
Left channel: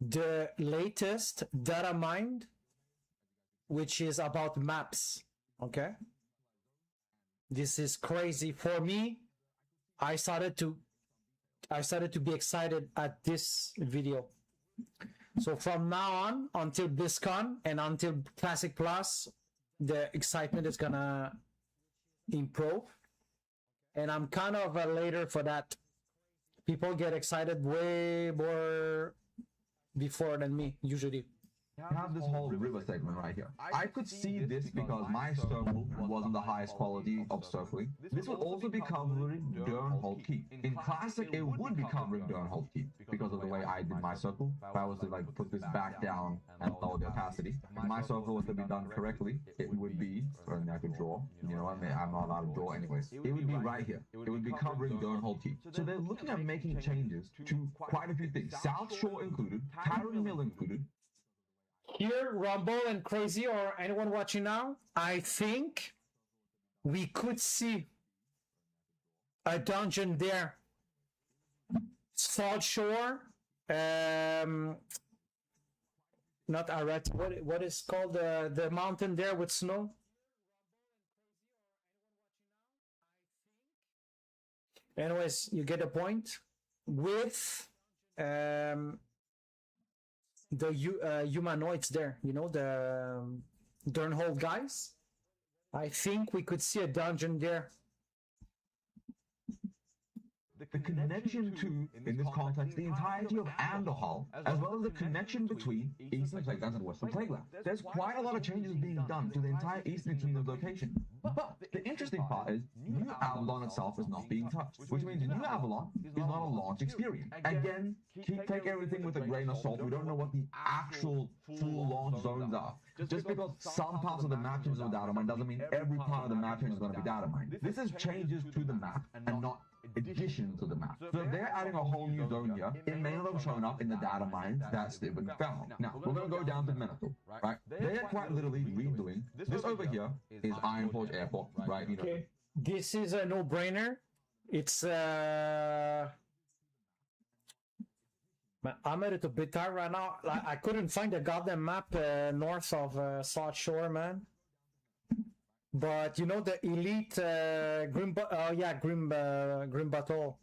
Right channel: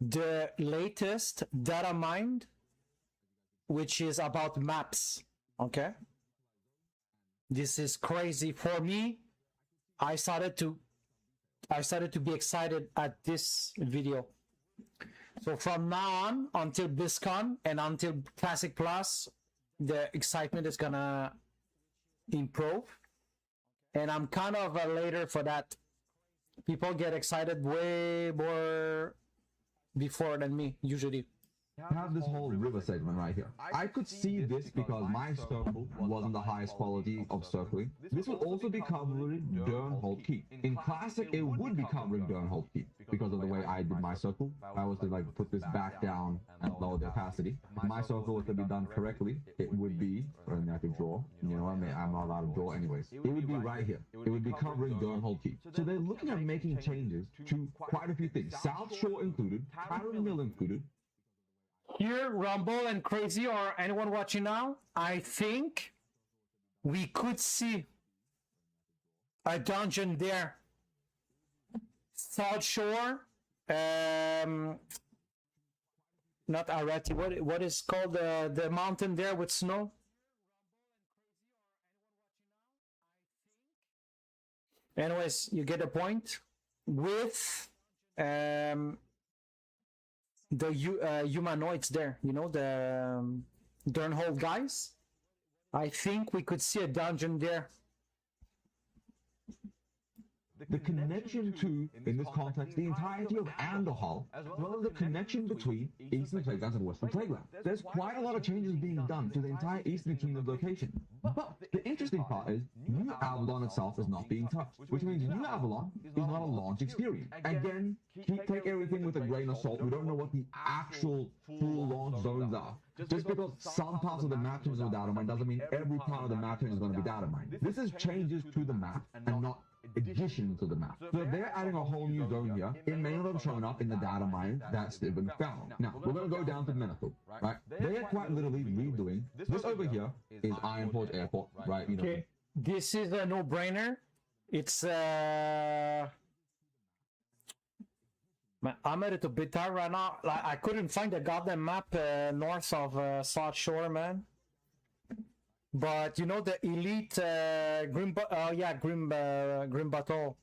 the latest data mined, which is about maps. Okay, this is crazy for me. I started to be excited at this video. So from now on until BlizzCon and until Classic Plus, the excitement is gonna improve. And I'm kind of later for that. People get excited way more before than me, usually. Have this whole river segment right here. I could see this because my circle was the highest quality of circling. This would also be covering Durnhold Keep. In Classic, it would be covering Durnhold Keep because of the way I did my circle. If I was to like put this back down and lower the opacity, if my circle was to be done correctly, it would be, or an epic draw, you know, I'm not allowed to draw anyways. It would be right here. It would be covering Durnhold Keep. So they're looking at making changes to quite a few things. South Shore included, Caramel included. Here, Rumble and Crazy, or anyone watching now, I think we could see a dungeon there. South Shore, not Arati, what is called the mountain there with snow? Anyways, you get the point. With the humanoids there, you know, the Durnhold guys. I think we could see a dungeon there. The connection to, in this context, the entirety of Andahal, as well as the connection between Eastern Playgrounds and Western Playgrounds. There's quite a lot of changes being done to the entire Eastern Kingdom location. But the interesting part is, New Avalon itself is not being touched, which means New Avalon is not a launch experience. Again, take everything with a grain of salt. We don't know what the actual full launch zones are. Just because some parts of the map is data mined doesn't mean every part of the map is going to be data mined. This is changes to the map and not additions to the map. So if they're adding a whole new zone here, it may not have shown up in the data mine that Steven found. Now, we're going to go down to Menacor, right? They're quite literally redoing. This over here is Ironport Airport, right? Okay, this is a no-brainer. It's I'm a little bit tired right now. Like, I couldn't find the goddamn map north of South Shore, man. But you know the elite Grim Battle.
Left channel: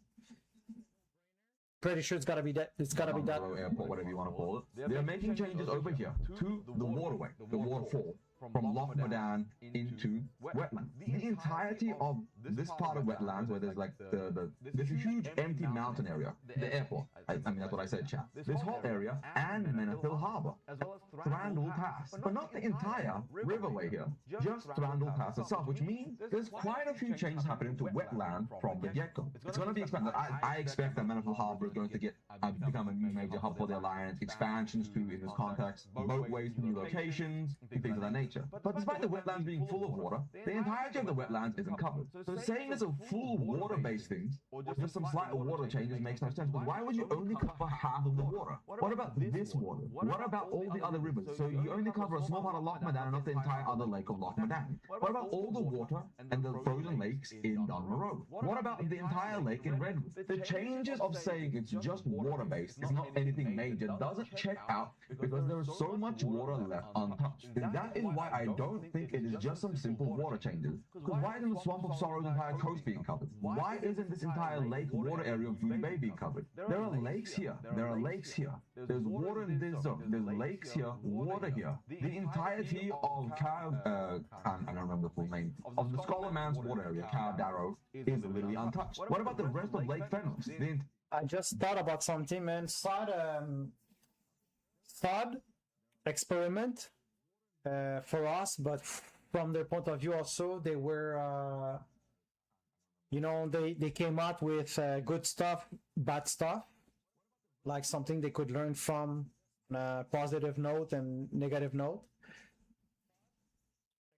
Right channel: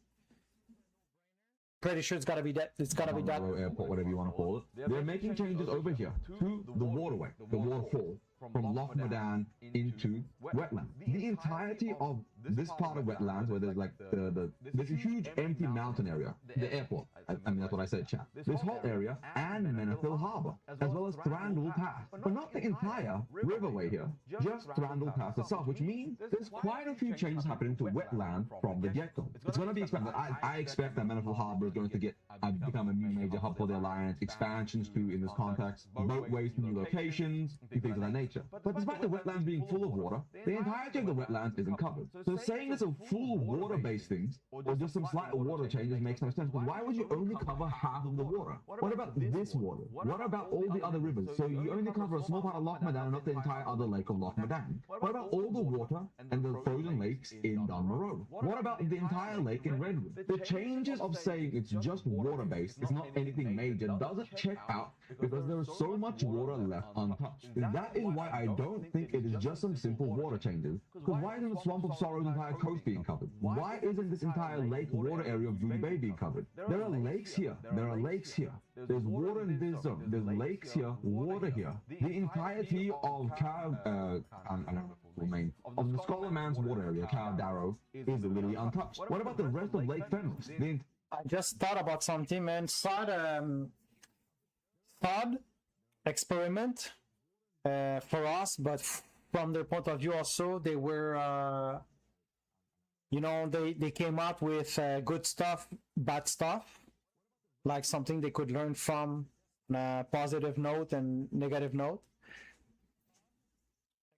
Pretty sure it's gotta be that. It's gotta be that. Whatever you want to call it. They're making changes over here to the waterway, the waterfall. from Lochmadan into wetland. The entirety of this part of wetland, where there's like there's a huge empty mountain area, the airport, and that's what I said, chat. This whole area and Menifil Harbour, as well as Thranduil Pass, but not the entire riverway here, just Thranduil Pass itself, which means there's quite a few changes happening to wetland from the get-go. It's going to be expanded. I expect that Menifil Harbour is going to become a major hub for the Alliance, expansions to, in this context, boatways, new locations, things of that nature. But despite the wetlands being full of water, the entirety of the wetlands isn't covered. So saying it's a full water-based thing, or just some slight water changes makes no sense. Why would you only cover half the water? What about this water? What about all the other rivers? So you only cover a small part of Lochmadan, not the entire other lake of Lochmadan. What about all the water and the frozen lakes in Dharma Road? What about the entire lake in Redwood? The changes of saying it's just water-based is not anything major. Doesn't check out because there's so much water left untouched. And that is why I don't think it's just some simple water changes. Because why isn't the Swamp of Sorrow entire coast being covered? Why isn't this entire lake water area of Doom Bay being covered? There are lakes here. There are lakes here. There's water in this zone. There's lakes here. Water here. The entirety of I don't remember the full name of the Scotland's water area, Cab Darrow, is literally untouched. What about the rest of Lake Fenris? I just thought about something, man. Thought experiment for us, but from their point of view also, they were, they came out with good stuff, bad stuff, like something they could learn from, positive note and negative note.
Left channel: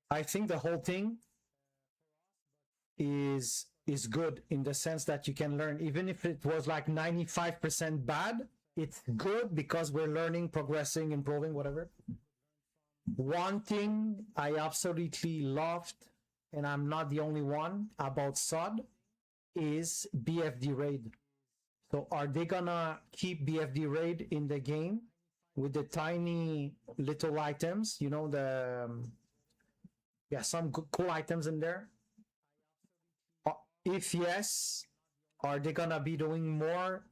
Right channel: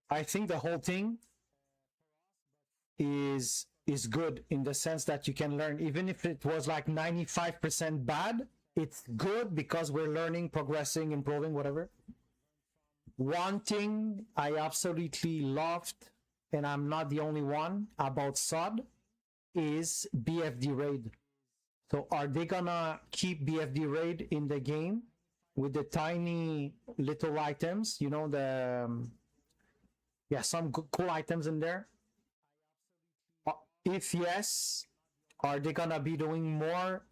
I think the whole thing is good in the sense that you can learn, even if it was like 95% bad, it's good because we're learning, progressing, improving, whatever. One thing I absolutely loved, and I'm not the only one, about SOD is BFD raid. So are they gonna keep BFD raid in the game with the tiny little items, some cool items in there? If yes, are they gonna be doing more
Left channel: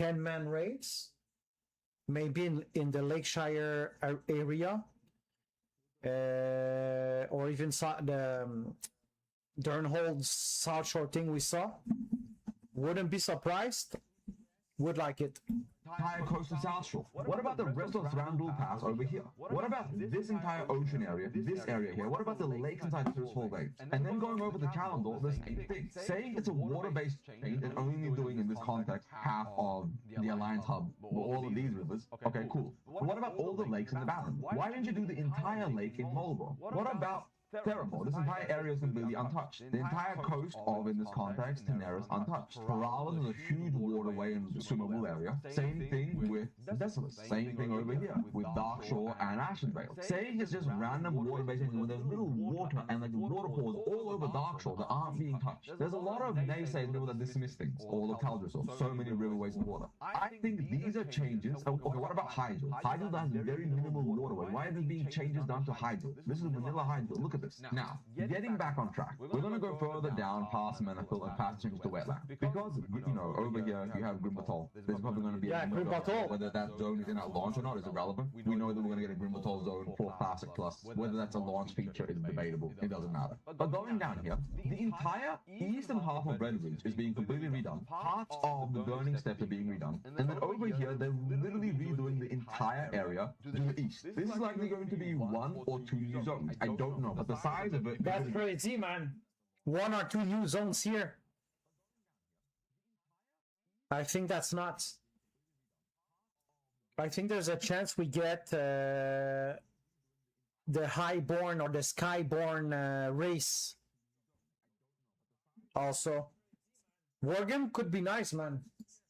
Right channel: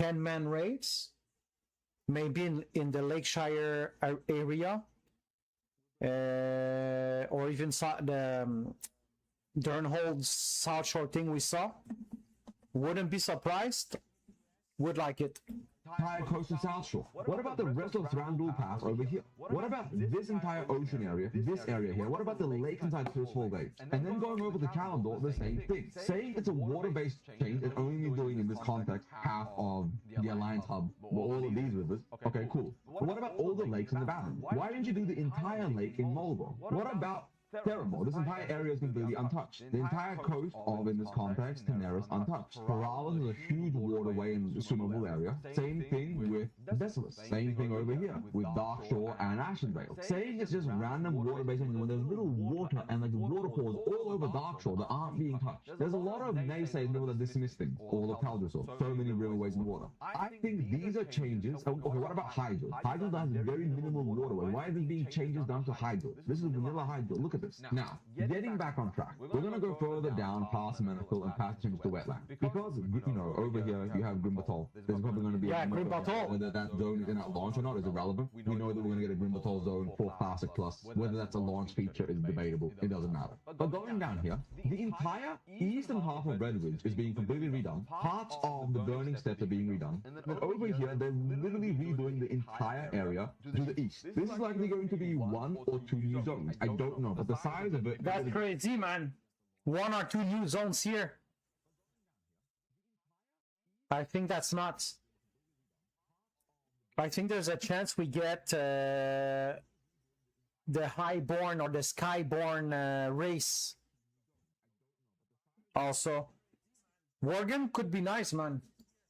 10-man raids? Maybe in the Lakeshire area, or even the Durnhold South Shore thing we saw. Wouldn't be surprised. Would like it. Coast and South Shore. What about the rest of Thranduil Pass over here? What about this entire ocean area, this area here? What about the lake inside the Swole Bay? And then going over to Calendar, the same thing. Saying it's a water-based change and only doing in this context half of the Alliance hub, all of these rivers. Okay, cool. But what about all the lakes in the valley? Why didn't you do the entire lake in Marlborough? What about Theramore? This entire area is completely untouched. The entire coast of, in this context, Daenerys untouched. Paral is a huge waterway in the Sumul area. Same thing with Decimus. Same thing over here with Darkshore and Ashenvale. Saying it's just random waterways with a little water and the waterfalls all over Darkshore that aren't being touched. There's a lot of naysayers that dismiss things, all the Caldersor, so many riverways and water. I think these are changes. What about Hydro? Hydro has very minimal waterway. Why are they being changed down to Hydro? This is vanilla Hydro. Look at this. Now, getting back on track, we're going to go further down past Menifil and past into the wetland. Because, over here you have Grimbatol. There's probably going to be Grimbatol. That zone in our launch or not is irrelevant. We know that we're going to get a Grimbatol zone for Classic Plus. Whether that's a launch feature is debatable. It doesn't matter. But going down here, the entire eastern half of Redwood is being completely redone. Parts of the burning steps are being redone. And then over here, they're literally redoing the entire area to the east. This is likely going to be 1 or 2 new zones. I don't know. But the size of it... That's crazy, man. 1 or 2 new zones here. I think that's nuts. I think there's a chance we get the Highborn or the Skyborn race. Also, Worgen could be nice, man.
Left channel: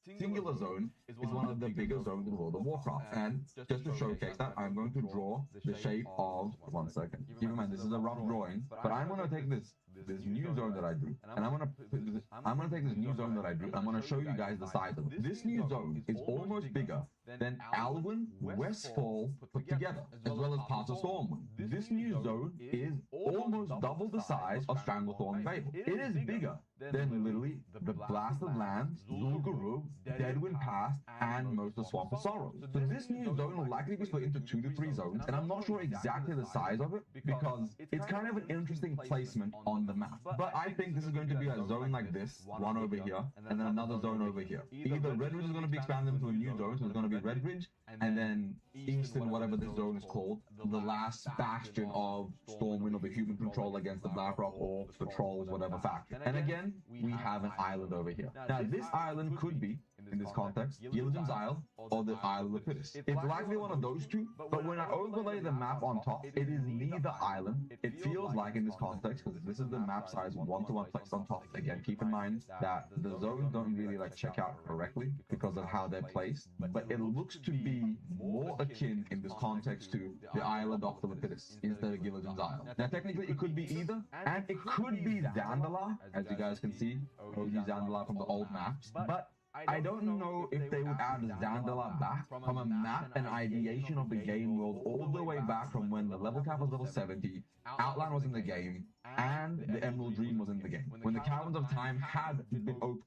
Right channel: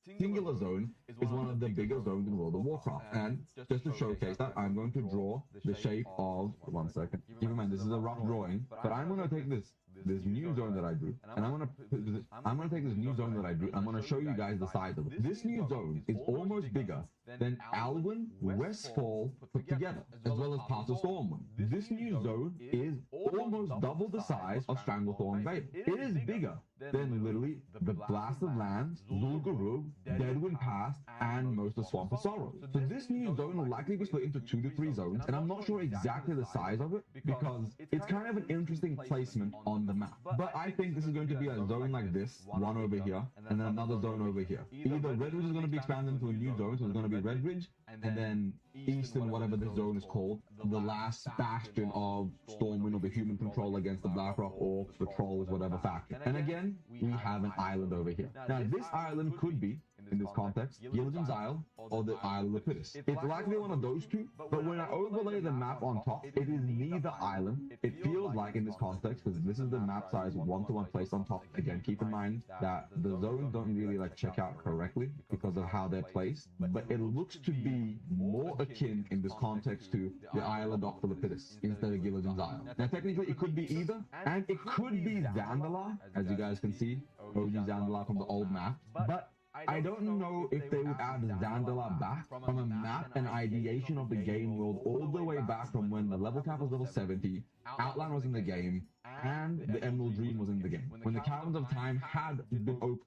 Singular Zone is one of the biggest zones in World of Warcraft, and just to showcase that, I'm going to draw the shape of... One second. Keep in mind, this is a rough drawing, but I'm going to take this new zone that I drew, and I'm going to take this new zone that I drew, I'm going to show you guys the size of it. This new zone is almost bigger than Alwyn, Westfall put together, as well as Castle Stormwind. This new zone is almost double the size of Stranglethorn Bay. It is bigger than literally the Blasted Lands, Zul'Gurub, Deadwood Pass, and most of the Swamp of Sorrow. So this new zone will likely be split into 2 to 3 zones, and I'm not sure exactly the size of it because it's kind of an interesting placement on the map. But I think this is going to be a zone like this, one over here, and then another zone over here. Either Red is going to be expanded into a new zone, so it's going to be Red Ridge, and then Eastern, whatever the zone is called, the last bastion of Stormwind over human control against the Blackrock or the Trolls, whatever faction. And again, we have an island over here. Now this island could be, in this context, Gilligan's Isle or the Isle of Lepidus. It's likely one of those two, but when I overlay the map on top, it is neither island. It feels like in this context, because this is the map size one-to-one placed on top. Again, keep in mind that the zones don't really like check out correctly because of how they're placed, but it looks to be more akin in this context to the island of the Lepidus instead of Gilligan's Isle. Now technically it could be either, and it could be Zandala, as you guys can see, OG Zandala from the old maps, but I don't know if they would add Zandala back from a map and ideation of the game world all the way back from when the level cap was level 70, Outline was in the game, and the Emerald Dream was in the game. When the Caverns of Time had been open.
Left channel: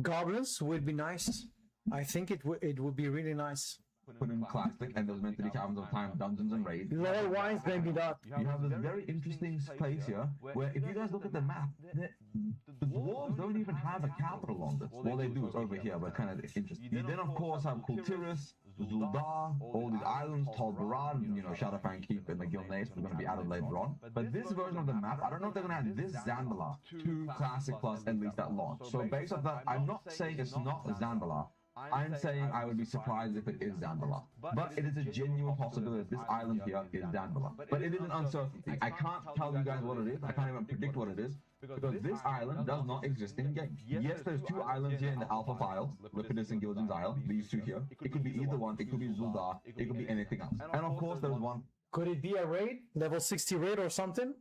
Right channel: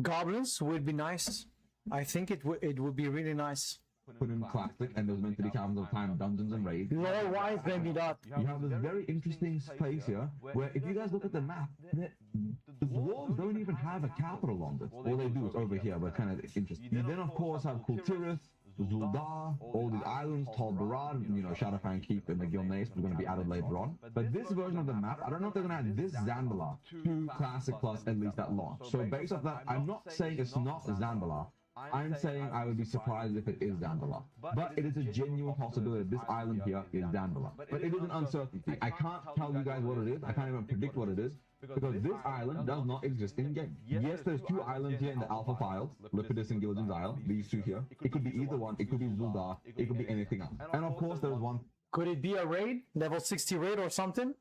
Goblins would be nice. I think it would be really nice. Put in Classic, and there's meant to be Caverns of Time, Dungeons and Raids. Lore wise, maybe not. You have this very interesting place here, where if you guys look at the map, the dwarves don't even have a capital on them. Well, they do over here, but kind of interesting. You then of course have Kultiris, Zuldar, all the islands, Tolbarad, Shadowfang Keep, and the Gilnace, which will be added later on. But this version of the map, I don't know if they're going to add this Zandala to Classic Plus at least at launch. So based on that, I'm not saying it's not Zandala. I'm saying I would be surprised if it is Zandala. But it is a genuine possibility that this island here is Zandala. But it is an uncertainty. I can't tell you guys what it is. I can't even predict what it is. Because this island does not exist in game. Yes, there's 2 islands here in the alpha files, Lepidus and Gilligan's Isle, these 2 here. It could be either one, it could be Zuldar, it could be anything else. And of course there's one. Could it be a raid? Level 60 raid or something?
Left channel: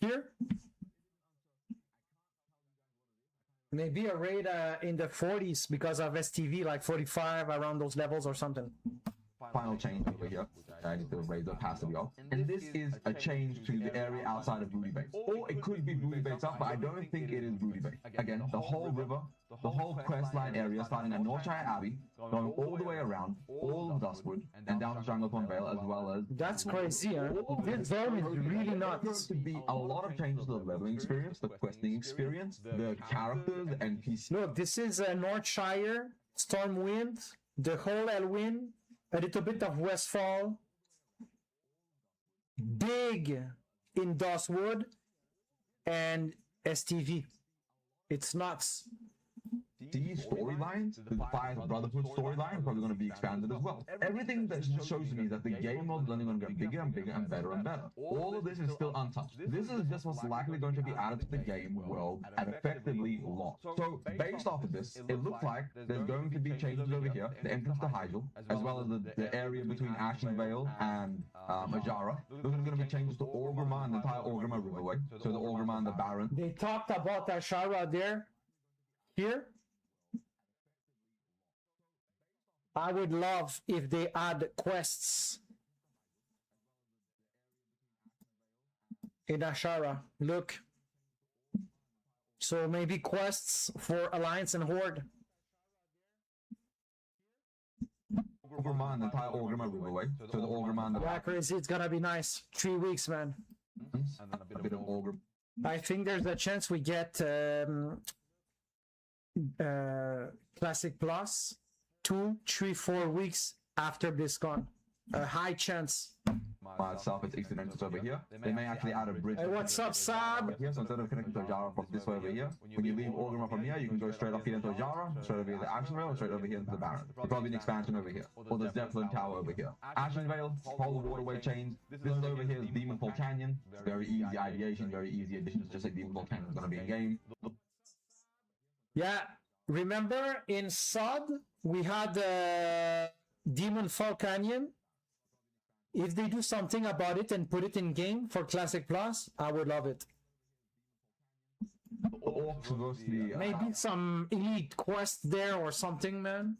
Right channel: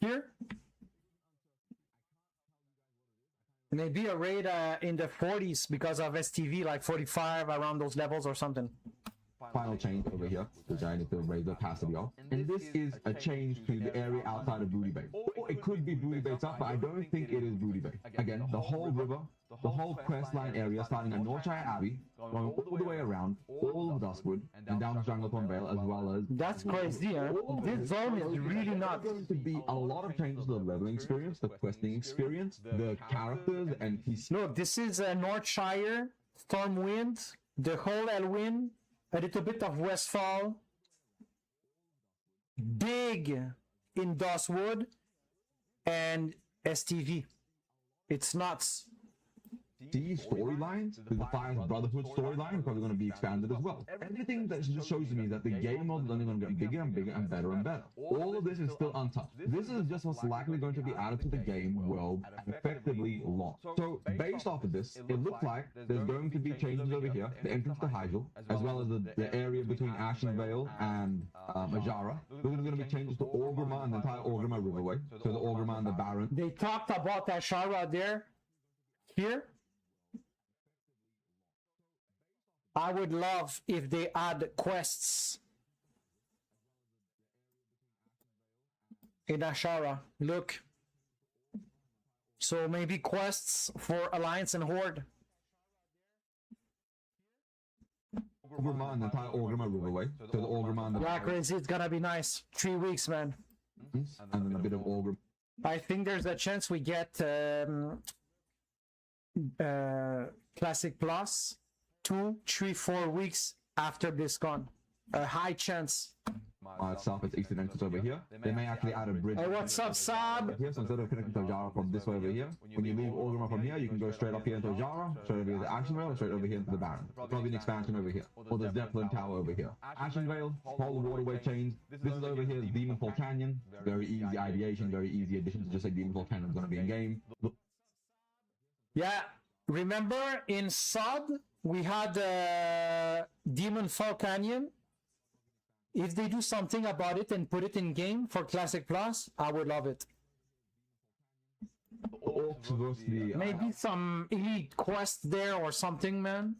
Here? Maybe a raid in the 40s because of STV, like 45 around those levels or something. Final change over here, which I just didn't raise the past ago. And this is a change to the area outside of Booty Bay. Or it could be Booty Bay up, but I don't think it is Booty Bay. Again, the whole river, the whole questline area starting at Northshire Abbey, going all the way around, all of Duskwood, and down to Jungle Vale, as well as... That's crazy, huh? This zone is really nuts. There's going to be a lot of changes to the leveling experience, the questing experience, the characters, the NPCs. Look, this is Northshire, Stormwind, the whole Elwyn, a little bit of Westfall, big in Duskwood, and STV. It's nuts. These storylines, the Defiant Brotherhood storyline, are probably going to be expanded as well. Everything that shows me that the game world is only going to get bigger and bigger and better and better. All of this is still untouched. This is just what's likely going to be added to the game world at effectively launch. So based off of this, it looks like there's going to be changes over here, the entrance to Hydro, as well as the areas between Ashenvale and Hajara. There's going to be changes to Orgrimmar and the entire Orgrimmar Riverway, so the Orgrimmar and the Baron. They talked about Ashara there. Here. I would love if they add quests in Ashara. Look. So maybe quests for Alliance and Horde. Yeah, crazy. It's gonna be nice. 3 weeks, man. I think there's a chance we get Classic Plus 2, 3, 4 weeks after BlizzCon. A high chance. Myself is over here. They may actually add a bridge. Hey, what's up, Sab? From this way over here. When you leave Orgrimmar from here, you can go straight up here into Jara, straight over the Ashenvale, straight over here into the Baron. Probably the expansion over here. Or the Zeppelin Tower over here. Ashenvale, whole waterway chain. This is over here, the Demonfall Canyon. Very easy ideation, very easy addition to just say Demonfall Canyon is going to be in game. Yeah, remember in SOD, we had Demonfall Canyon. If they do something about it and put it in game for Classic Plus, I would love it. Maybe some elite quest there or something, man.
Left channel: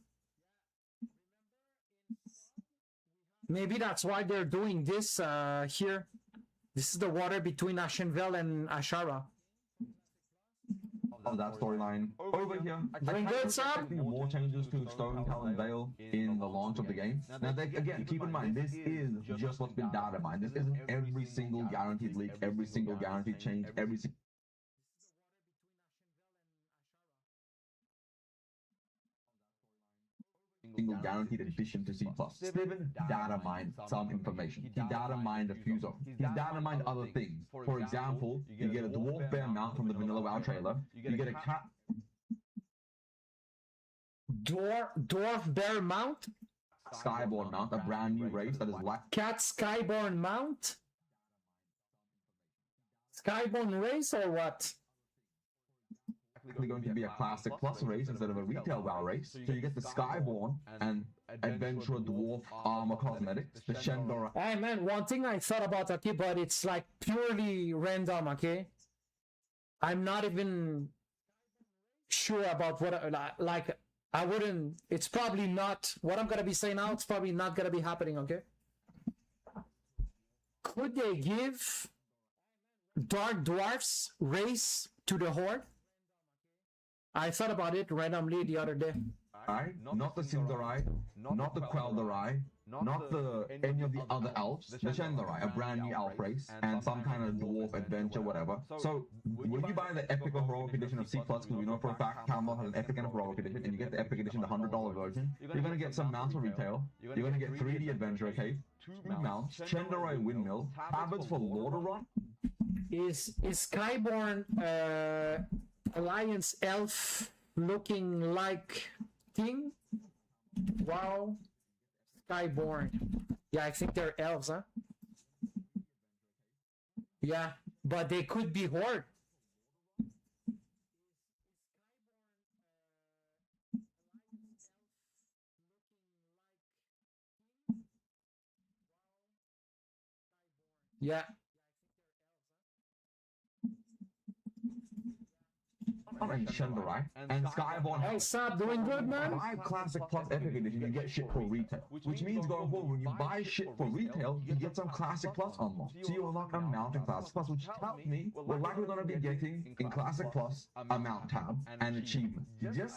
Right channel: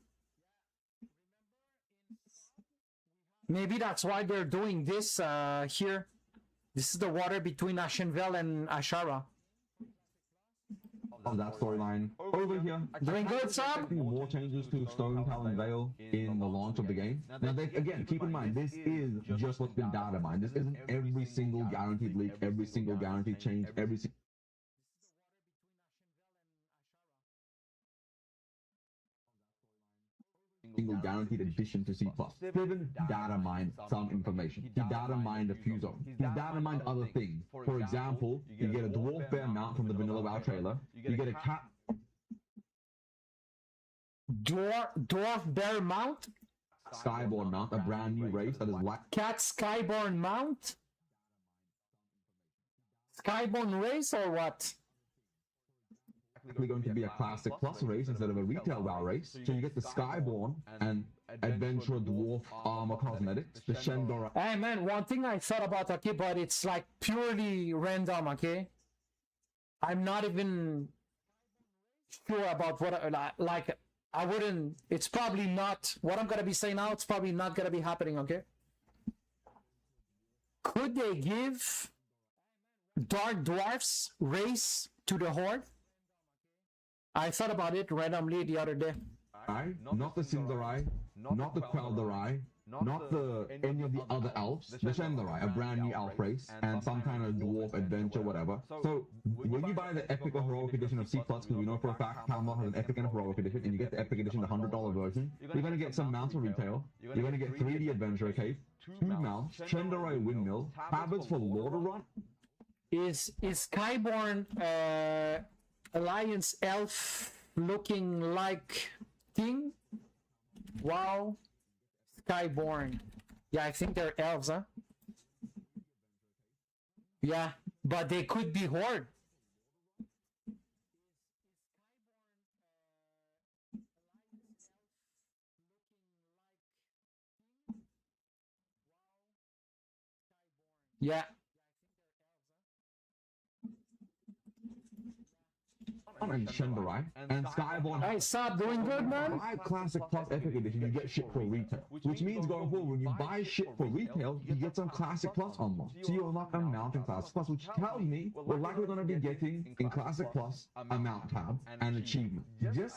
Maybe that's why they're doing this here. This is the water between Ashenvale and Ashara. that storyline. Over here, Doing good, Sam? more changes to Storytelling and Veil in the launch of the game. Now, again, keep in mind, this is just what's been data mined. This isn't every single guaranteed leak, every single guaranteed change, every single guaranteed addition to C++. Steven data mined some information. He data mined a few zones. He data mined other things. For example, you get a dwarf bear mount in the middle of our trailer. You get a cat. Dwarf bear mount? Skyborn mount, a brand new race that is black. Cat Skyborn mount? Skyborn race or what? Going to be a classic plus race instead of a retail bar race. So you get the Skyborn and Adventure Dwarf Armor Cosmetics, the Shendora. Hey man, one thing I thought about, okay, but it's like purely random, okay? I'm not even sure about what, like, I wouldn't, it's probably not, what I'm gonna be saying now, it's probably not gonna be happening, okay? Could they give Dark Dwarfs race to the Horde? I thought about it randomly the other day. Not the Sindarai, not the Queldarai, not the any of the other elves, the Shendarai, a brand new elf race, and some kind of dwarf adventure, whatever. So when you buy the Epic Heroic Edition of C++, we know for a fact Camel has Epic and Heroic Edition, and you get the Epic Edition, the $100 version, you're gonna get some mounts for retail, you're gonna get 3D Adventure Tape, 2 mounts, Shendarai Windmill, tablets for Water Run. Is Skyborn Alliance elf looking like thing? Wow. Skyborn. Yeah, I think they're elves, huh? Yeah, but they could be Horde. Yeah. And Skyborn. Hey, Sab, doing good, man? Classic plus Epic Edition, you get shit for retail. Which means going forward, when you buy shit for retail, you get some Classic Plus unlocked. So you're not going to mount a Classic Plus, which tells me we're likely going to be getting in Classic Plus a mount tab and achievement.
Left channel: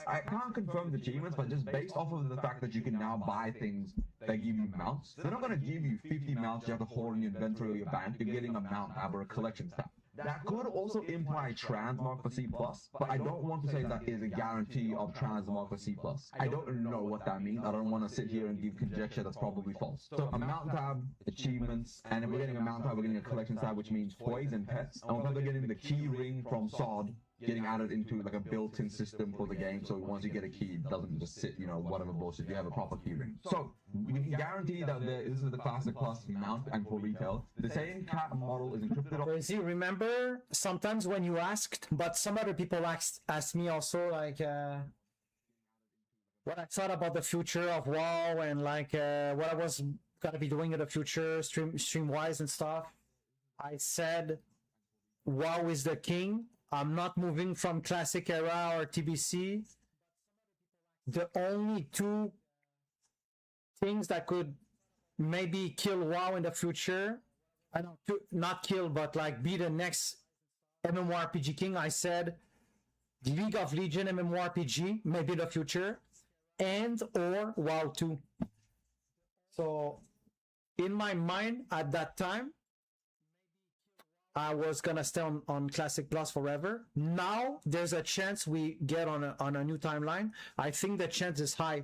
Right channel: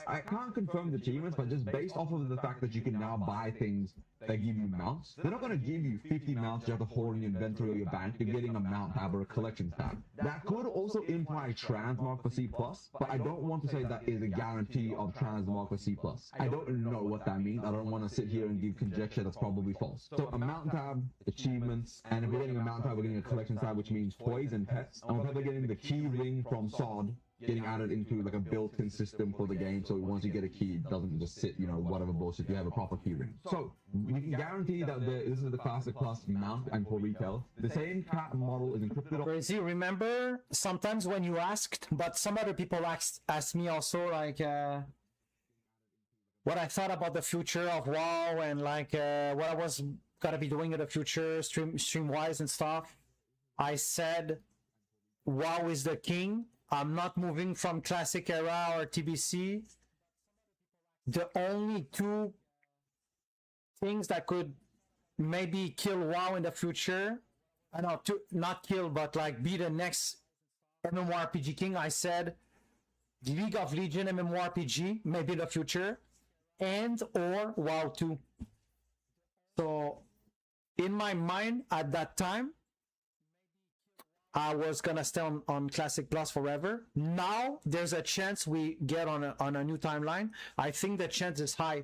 I can't confirm the achievements, but just based off of the fact that you can now buy things that give you mounts, they're not going to give you 50 mounts you have to hold in your inventory or your bank. You're getting a mount tab or a collection tab. That could also imply transmog for C++, but I don't want to say that is a guarantee of transmog for C++. I don't know what that means. I don't want to sit here and give conjecture that's probably false. So a mount tab, achievements, and we're getting a mount tab, we're getting a collection tab, which means toys and pets. And we're probably getting the key ring from SOD getting added into like a built-in system for the game, so once you get a key, it doesn't just sit, you know, whatever bullshit, you have a proper key ring. So we can guarantee that this is the Classic Plus mount and for retail. The same cat model is encrypted. Crazy. Remember sometimes when you asked, but some other people asked me also, like, what I thought about the future of WoW and like what I was gonna be doing in the future, stream-wise and stuff. I said, WoW is the king. I'm not moving from Classic Era or TBC. The only two things that could maybe kill WoW in the future, I know, not kill, but like be the next MMORPG king, I said League of Legends MMORPG, maybe in the future, and or WoW 2. So in my mind at that time, I was gonna stay on Classic Plus forever. Now there's a chance we get on a new timeline. I think the chance is high.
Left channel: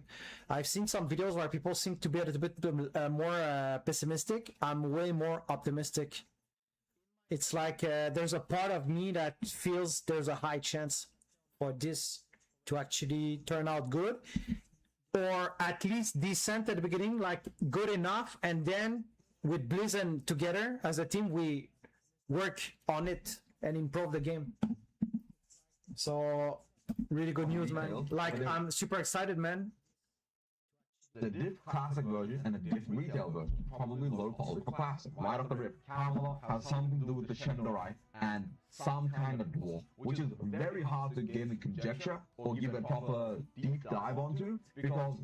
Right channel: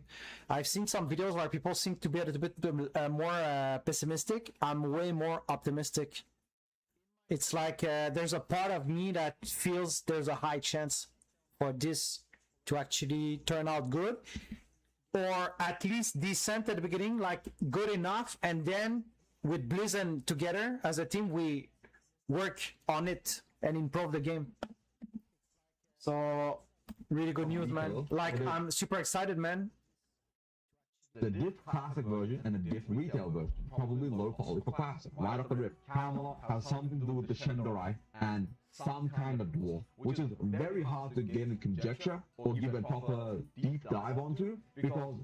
I've seen some videos where people seem to be a little bit more pessimistic. I'm way more optimistic. It's like there's a part of me that feels there's a high chance for this to actually turn out good, or at least decent at the beginning, like good enough, and then with Blizz and together as a team we work on it and improve the game. So really good news, man. Like, I'm super excited, man. The diff classic version and the diff retail version probably low quality for classic. Right out of the rip, Camelot has something to do with the Shendarai and some kind of dwarf, which is very hard to get in conjecture or give a proper deep dive onto, because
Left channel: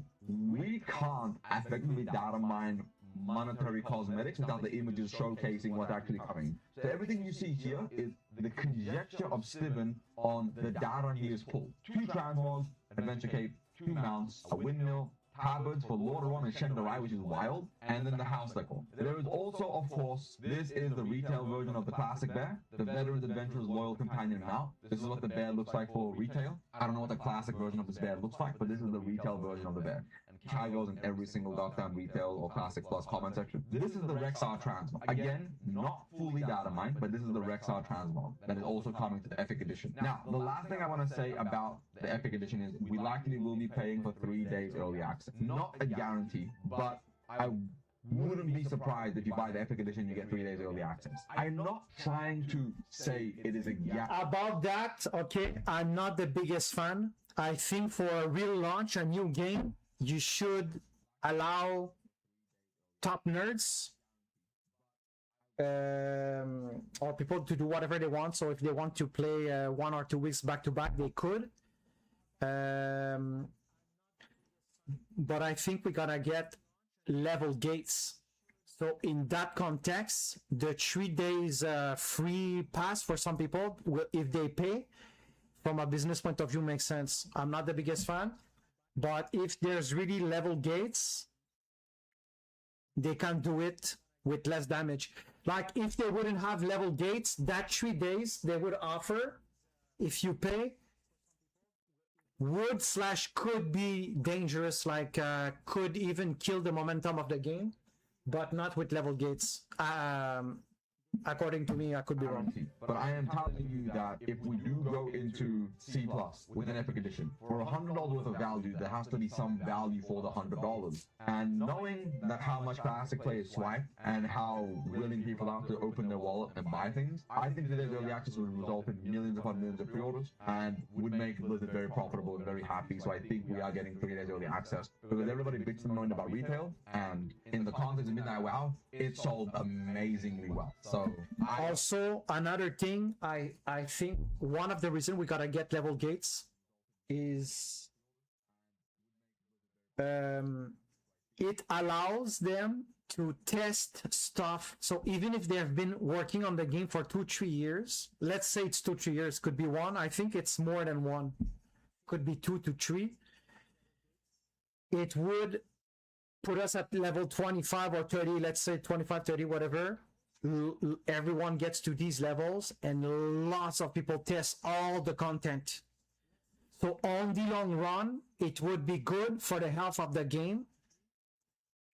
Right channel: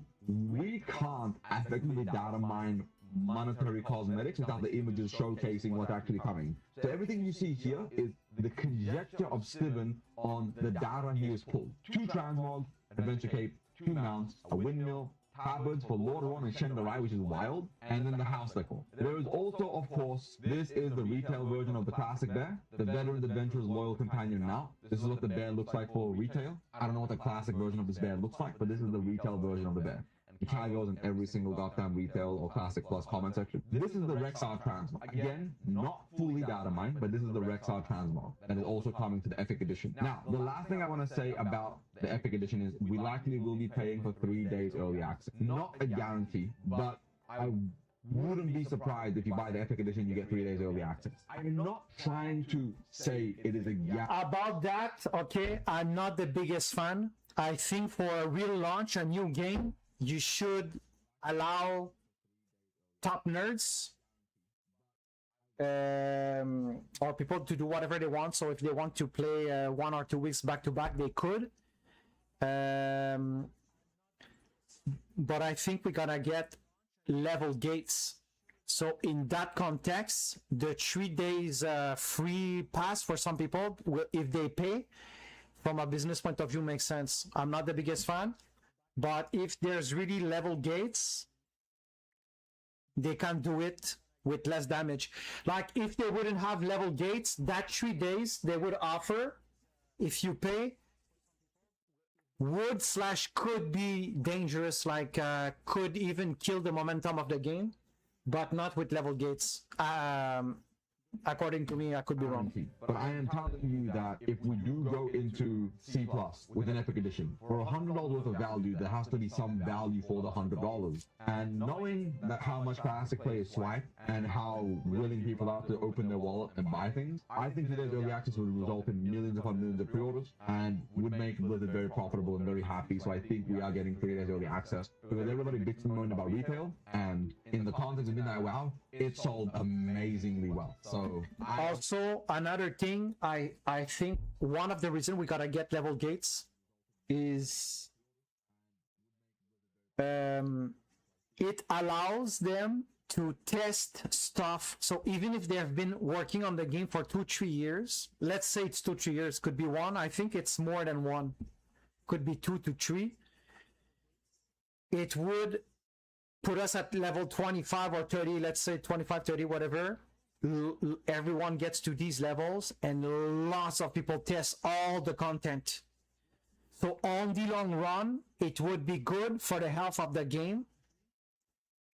we can't effectively data mine monetary cosmetics without the images showcasing what's actually coming. So everything you see here is the conjecture of Sivan on the down years pull. 2 transmogs, Adventure Cape, 2 mounts, a windmill, tablets for Lord One and Shenrai, which is wild, and then the house decor. There is also, of course, this is the retail version of the classic bear, the Veteran's Adventurer's Loyal Companion now. This is what the bear looks like for retail. I don't know what the classic version of this bear looks like, but this is the retail version of the bear. And Kyle goes in every single goddamn retail or classic plus comment section. This is the Rexar Transmog. Again, not fully data mined, but this is the Rexar Transmog that is also coming to the Epic Edition. Now, the last thing I want to say about the Epic Edition is we likely will be paying for 3 days early access. Not a guarantee, but I wouldn't be surprised if you buy the Epic Edition, you get 3 days early access. I'm not trying to say it is a guarantee. About that, okay, I'm not the biggest fan. I think for a real launch, a new game, you should allow top nerds or people to do whatever they want. So if they want to play 1 or 2 weeks back to back, they could. But I think we're gonna get level gates. So in that context, the 3 days free pass for some people, if they pay, from a business point of view, makes sense. I'm not the biggest fan, but if there's really level gates, they can do it with less damage. Like if they wouldn't have level gates, that 3 days they would offer, if you pay, would/could be dangerous, like could even kill the momentum of the game, but not with level gates. According to me, I could be wrong. But I am telling you that if we do go into C+ with an Epic Edition, for $100 of value, there has to be some value for the $100. And knowing that how much classic players swipe and how willing people are to open their wallet and buy things, I think that early access will result in millions upon millions of pre-orders and would make Blizzard very profitable and very happy. So I think we are getting 3 days early access because everybody bitches moaning about retail, and in the context of Midnight WoW, it sold amazingly well. So also, another thing, I think one of the reasons we gotta get level gates is it allows them to test stuff. So even if they have been working on the game for 2-3 years, let's say it's 2-3 years, could be 1. I think it's more than 1. Could be 2 to 3. It would put us at level 25 or 30, let's say 25, 30, whatever. Everyone gets to these levels and lots of people test all the content. So on the long run, it would be good for the health of the game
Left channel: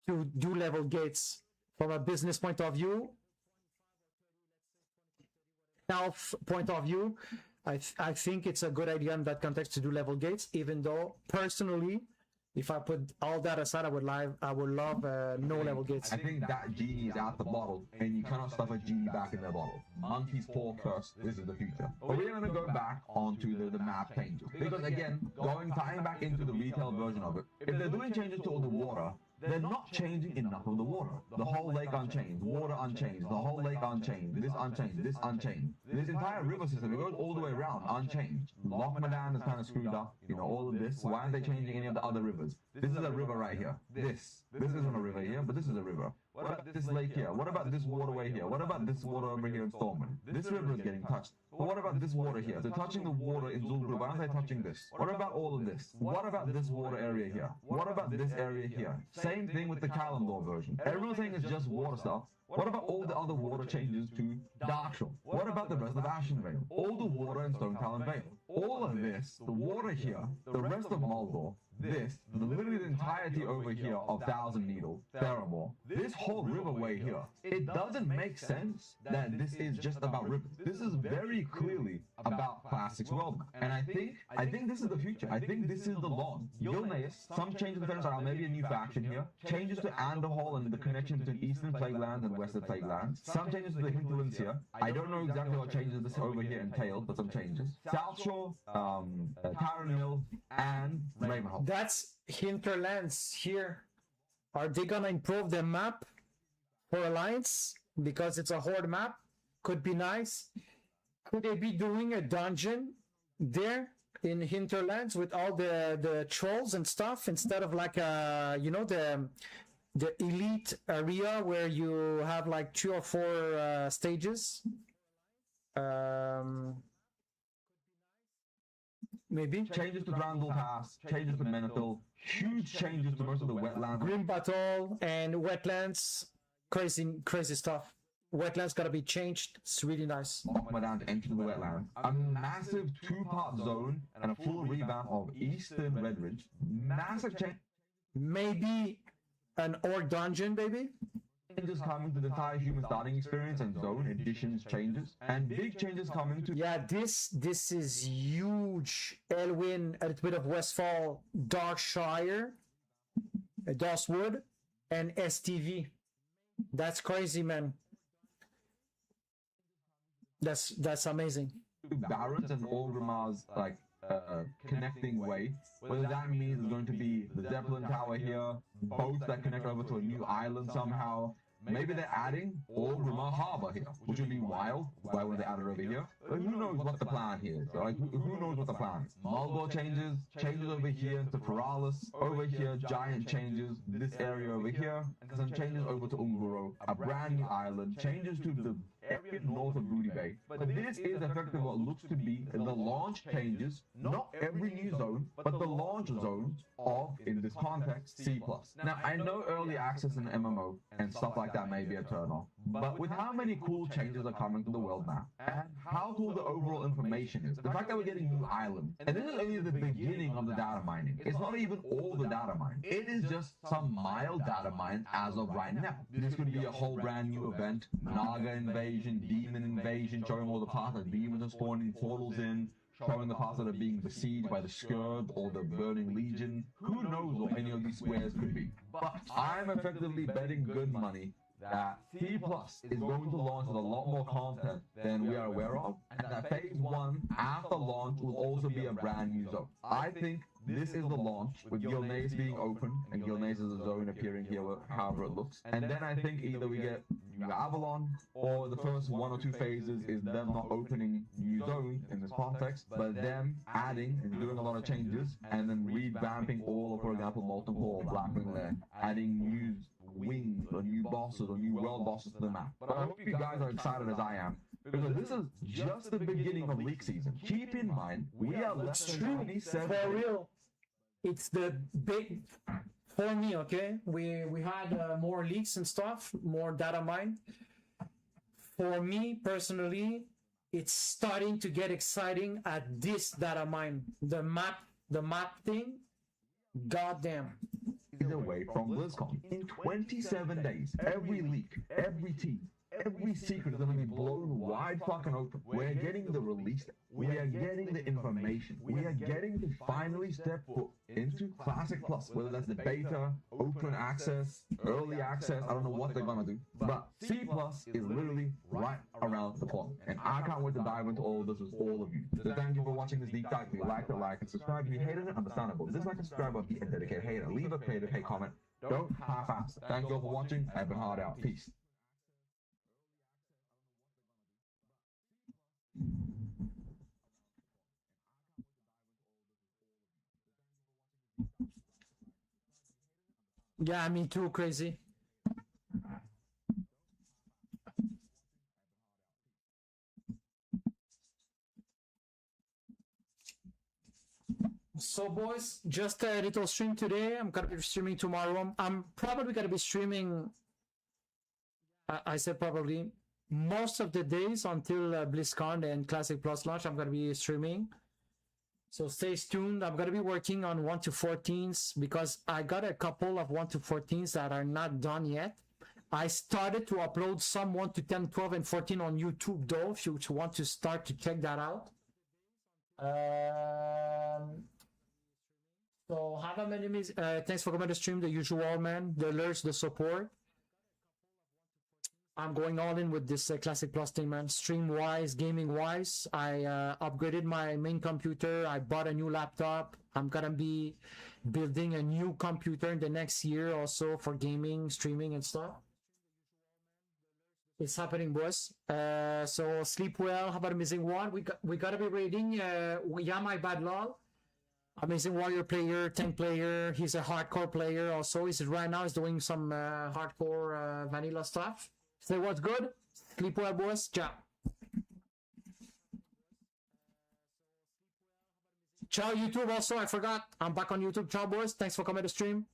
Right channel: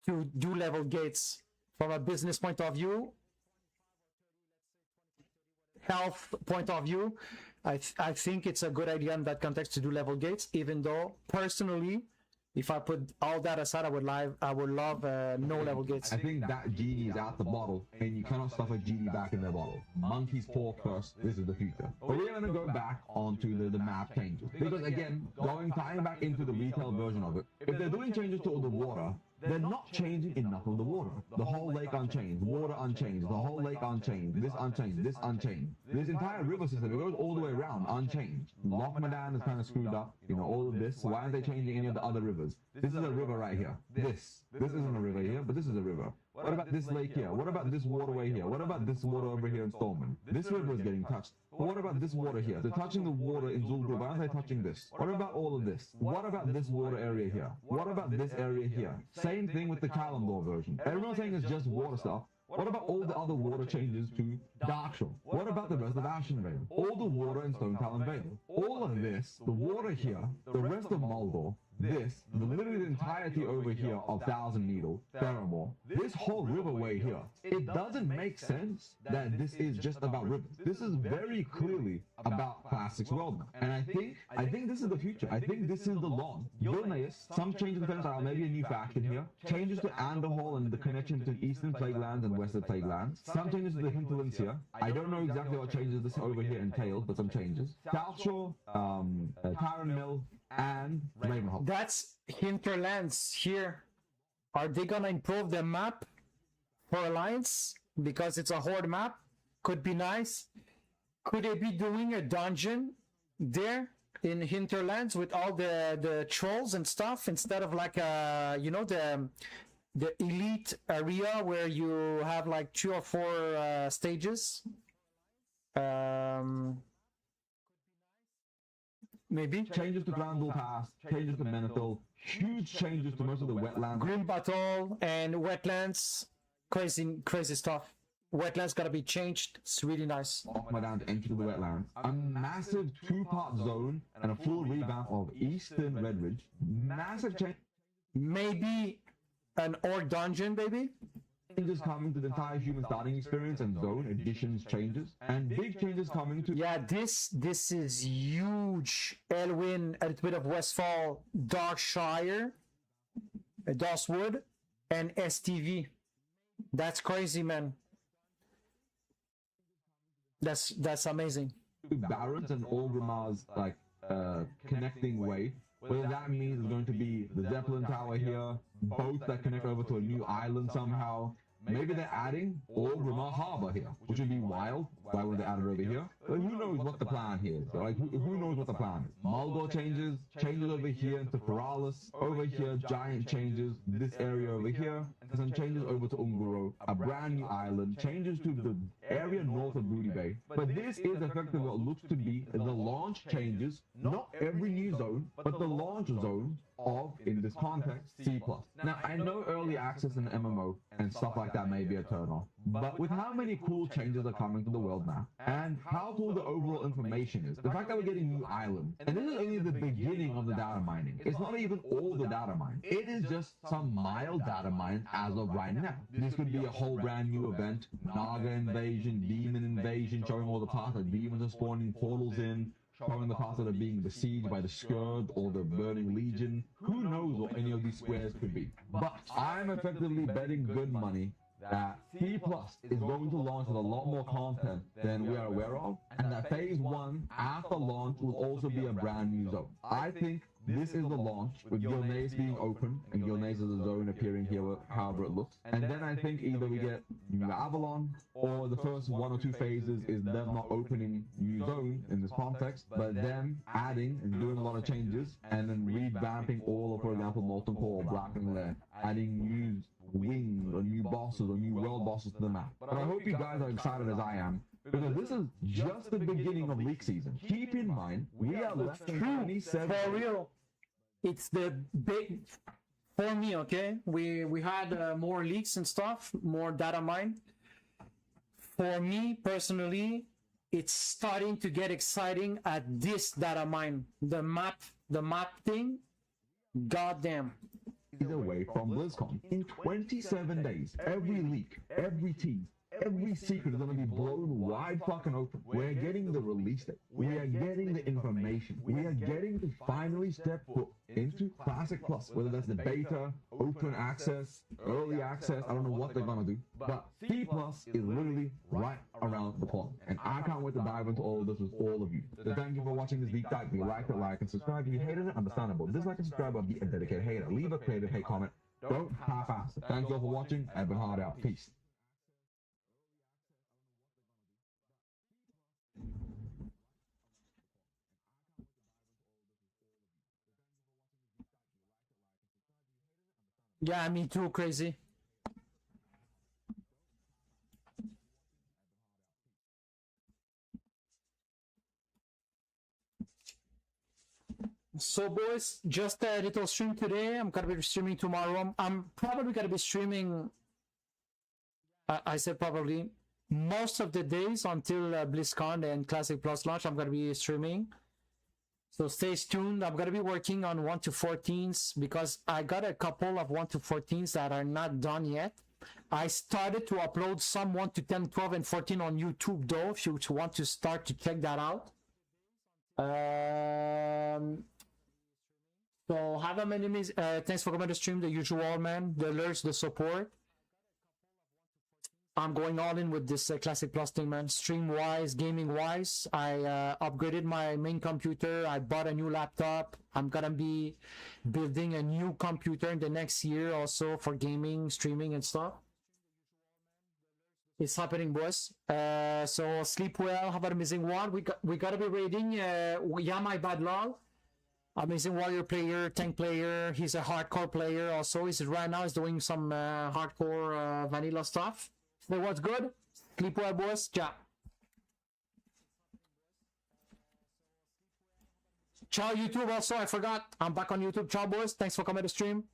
to do level gates. From a business point of view, health point of view, I think it's a good idea in that context to do level gates, even though personally, if I put all that aside, I would love no level gates. I think that genie is out the bottle, and you cannot stuff a genie back in the bottle. Monkey's paw curse, this is the future. But we're going to go back onto the map changes. Because again, tying back into the retail version of it, if they're doing changes to all the water, they're not changing enough of the water. The whole lake unchanged, water unchanged, the whole lake unchanged, this unchanged, this unchanged. This entire river system goes all the way around unchanged. Lochmadan is kind of screwed up, all of this. Why are they changing any of the other rivers? This is a river right here. This isn't a river here, but this is a river. What about this lake here? What about this waterway here? What about this water over here in Stormwind? This river is getting touched. But what about this water here? They're touching the water in Zul'Gurub. Why are they touching this? What about all of this? What about this water area here? What about this area here? Same thing with the Caliban version. Everyone's saying it's just water stuff. What about all the other water changes to Darkshore? What about the rest of Ashen Vale? All the water in Stone Talon Vale. All of this, the water here, the rest of Mordor, this, the limited entirety over here of Thousand Needle, Theramore, this whole riverway here, it doesn't make sense that this is just about rivers. This is very clearly about classics world. And I think this is the future. I think this is the lawn. You'll notice some changes are maybe a new faction here, changes to Andorhol and the connection to Eastern Playlands and Western Playlands, some changes to Hinterlands here. I don't know exactly what changes this over here entails, but some changes. South Shore, Tower Mill, and Ravenholm. That's Hinterlands here. Are they gonna improve the map for Alliance? Because it's a horde map. Could be nice. Could they be doing a dungeon there in Hinterlands with all the trolls and stuff instead of like the elite area where you have like 2 or 4 stages? Maybe Changes to Ramble Pass, changes to Mental, huge changes to most of the wetlands. Green Battle and Wetlands, crazy stuff. Wetlands gotta be changed. It's really nice. Off my down into the wetlands. A massive 2-part zone and a full revamp of Eastern Redridge. Massive change. Maybe an orc dungeon, baby. Changes coming to the entire human dining experience and zone additions, changes, and big changes coming to Yeah, this is huge. Elwyn, a little bit of Westfall, Darkshire, Doswood, and STV. That's crazy, man. That's amazing. Barrett and Orgrimmar's like connecting way. Whether that means it's going to be the Zeppelin Tower here, boats that connect over to a new island somehow. Maybe they're adding Orgrimmar Harbor here, which would be wild. Why would they add it over here? Who knows what the plan here is? Right? Who knows what the plan is? Marlborough changes over here into Feralis, over here giant changes, this area over here, and some changes over to Umuro, a brand new island, changes to the area north of Ruby Bay. But this is effectively what looks to be the launch changes, not every new zone, but the launch zones of, in this context, C+. Now, I know early access in MMO and stuff like that may be a turn off, but with how many cool changes are coming to the world now, and how cool the overall information is, the fact that we're getting new islands, and this is only the beginning of the data mining. It's not even all the data mining. It is just some mild data mine as of right now. This could be a whole brand new event, Naga invasion, demon invasion, showing all the parts that demons are spawning portals in, showing the parts that are being besieged by the Scourge or the Burning Legion. Who knows what any of these squares could be? But I'm effectively betting good money that C+ is going to launch a lot more content than we are aware of, and that Phase 1 after launch will also be a brand new zone. I think this is the launch with Gilneas being open and Gilneas' zone appearing here, however it looks. And then I think either we get New Avalon or the first 1 or 2 phases is them not opening New Zone in this context, but then adding and doing a lot of changes and then revamping all for another multiple black and there, adding new wings or new bosses or new world bosses to the map. But I hope you guys are excited as I am, because this is just the beginning of league season. Keep in mind, we are less It's than true, 27 for days. real. It's the big for me. Okay, we had more leaks and stuff, more data mine. For me personally, it's starting to get exciting at this data mine. The map thing. Goddamn. Away from BlizzCon in 27 days. Every leak, every team, every secret is going to be blown wide fucking open. We're getting the release date. We are getting the information. We are getting to finally step foot into Classic Plus, whether that's the beta, open access, early access, I don't know what they're going to do. But C Plus is literally right around the corner. And I can't wait to dive into all of this with all of you. So thank you for watching this deep dive. If you like and subscribe. If you hated it, understandable. This is like subscribe on the internet. If you hate it, leave a favorite, hey, comment. Don't half-ass. Thank you all for watching. I have a heart out. Peace. Yeah, me too, crazy. So boys, just a little stream today. I'm gonna be streaming tomorrow. I'm probably gonna be streaming, I said probably, most of the days until BlizzCon and Classic Plus launch. I'm gonna be streaming, so stay tuned. I'm gonna be working on 1 to 14s because I got a couple of 1 to 14s that are not done yet. I started to upload some 1 to 10, 12, and 14 on YouTube though, if you want to start to check that out. So have a minimalism. Thanks for coming to stream. The usual, man. The alerts, the support. I'm going all in with this Classic Plus thing, man. Stream wise, gaming wise. I upgraded my main computer. I bought a new laptop. I'm gonna be building a new computer in the next year also for gaming, streaming, and stuff. It's happening, boys. So sleep well. Have an amazing one. We gotta be raiding. Yeah, my bad lol. Amazing warrior player, tank player. He's a hardcore player also. He's right now. He's doing some hardcore vanilla stuff. Say what's good. Sleep well, boys. Ciao. Ciao YouTube also, I forgot. I'm back on YouTube. Ciao boys. Thanks for coming to stream.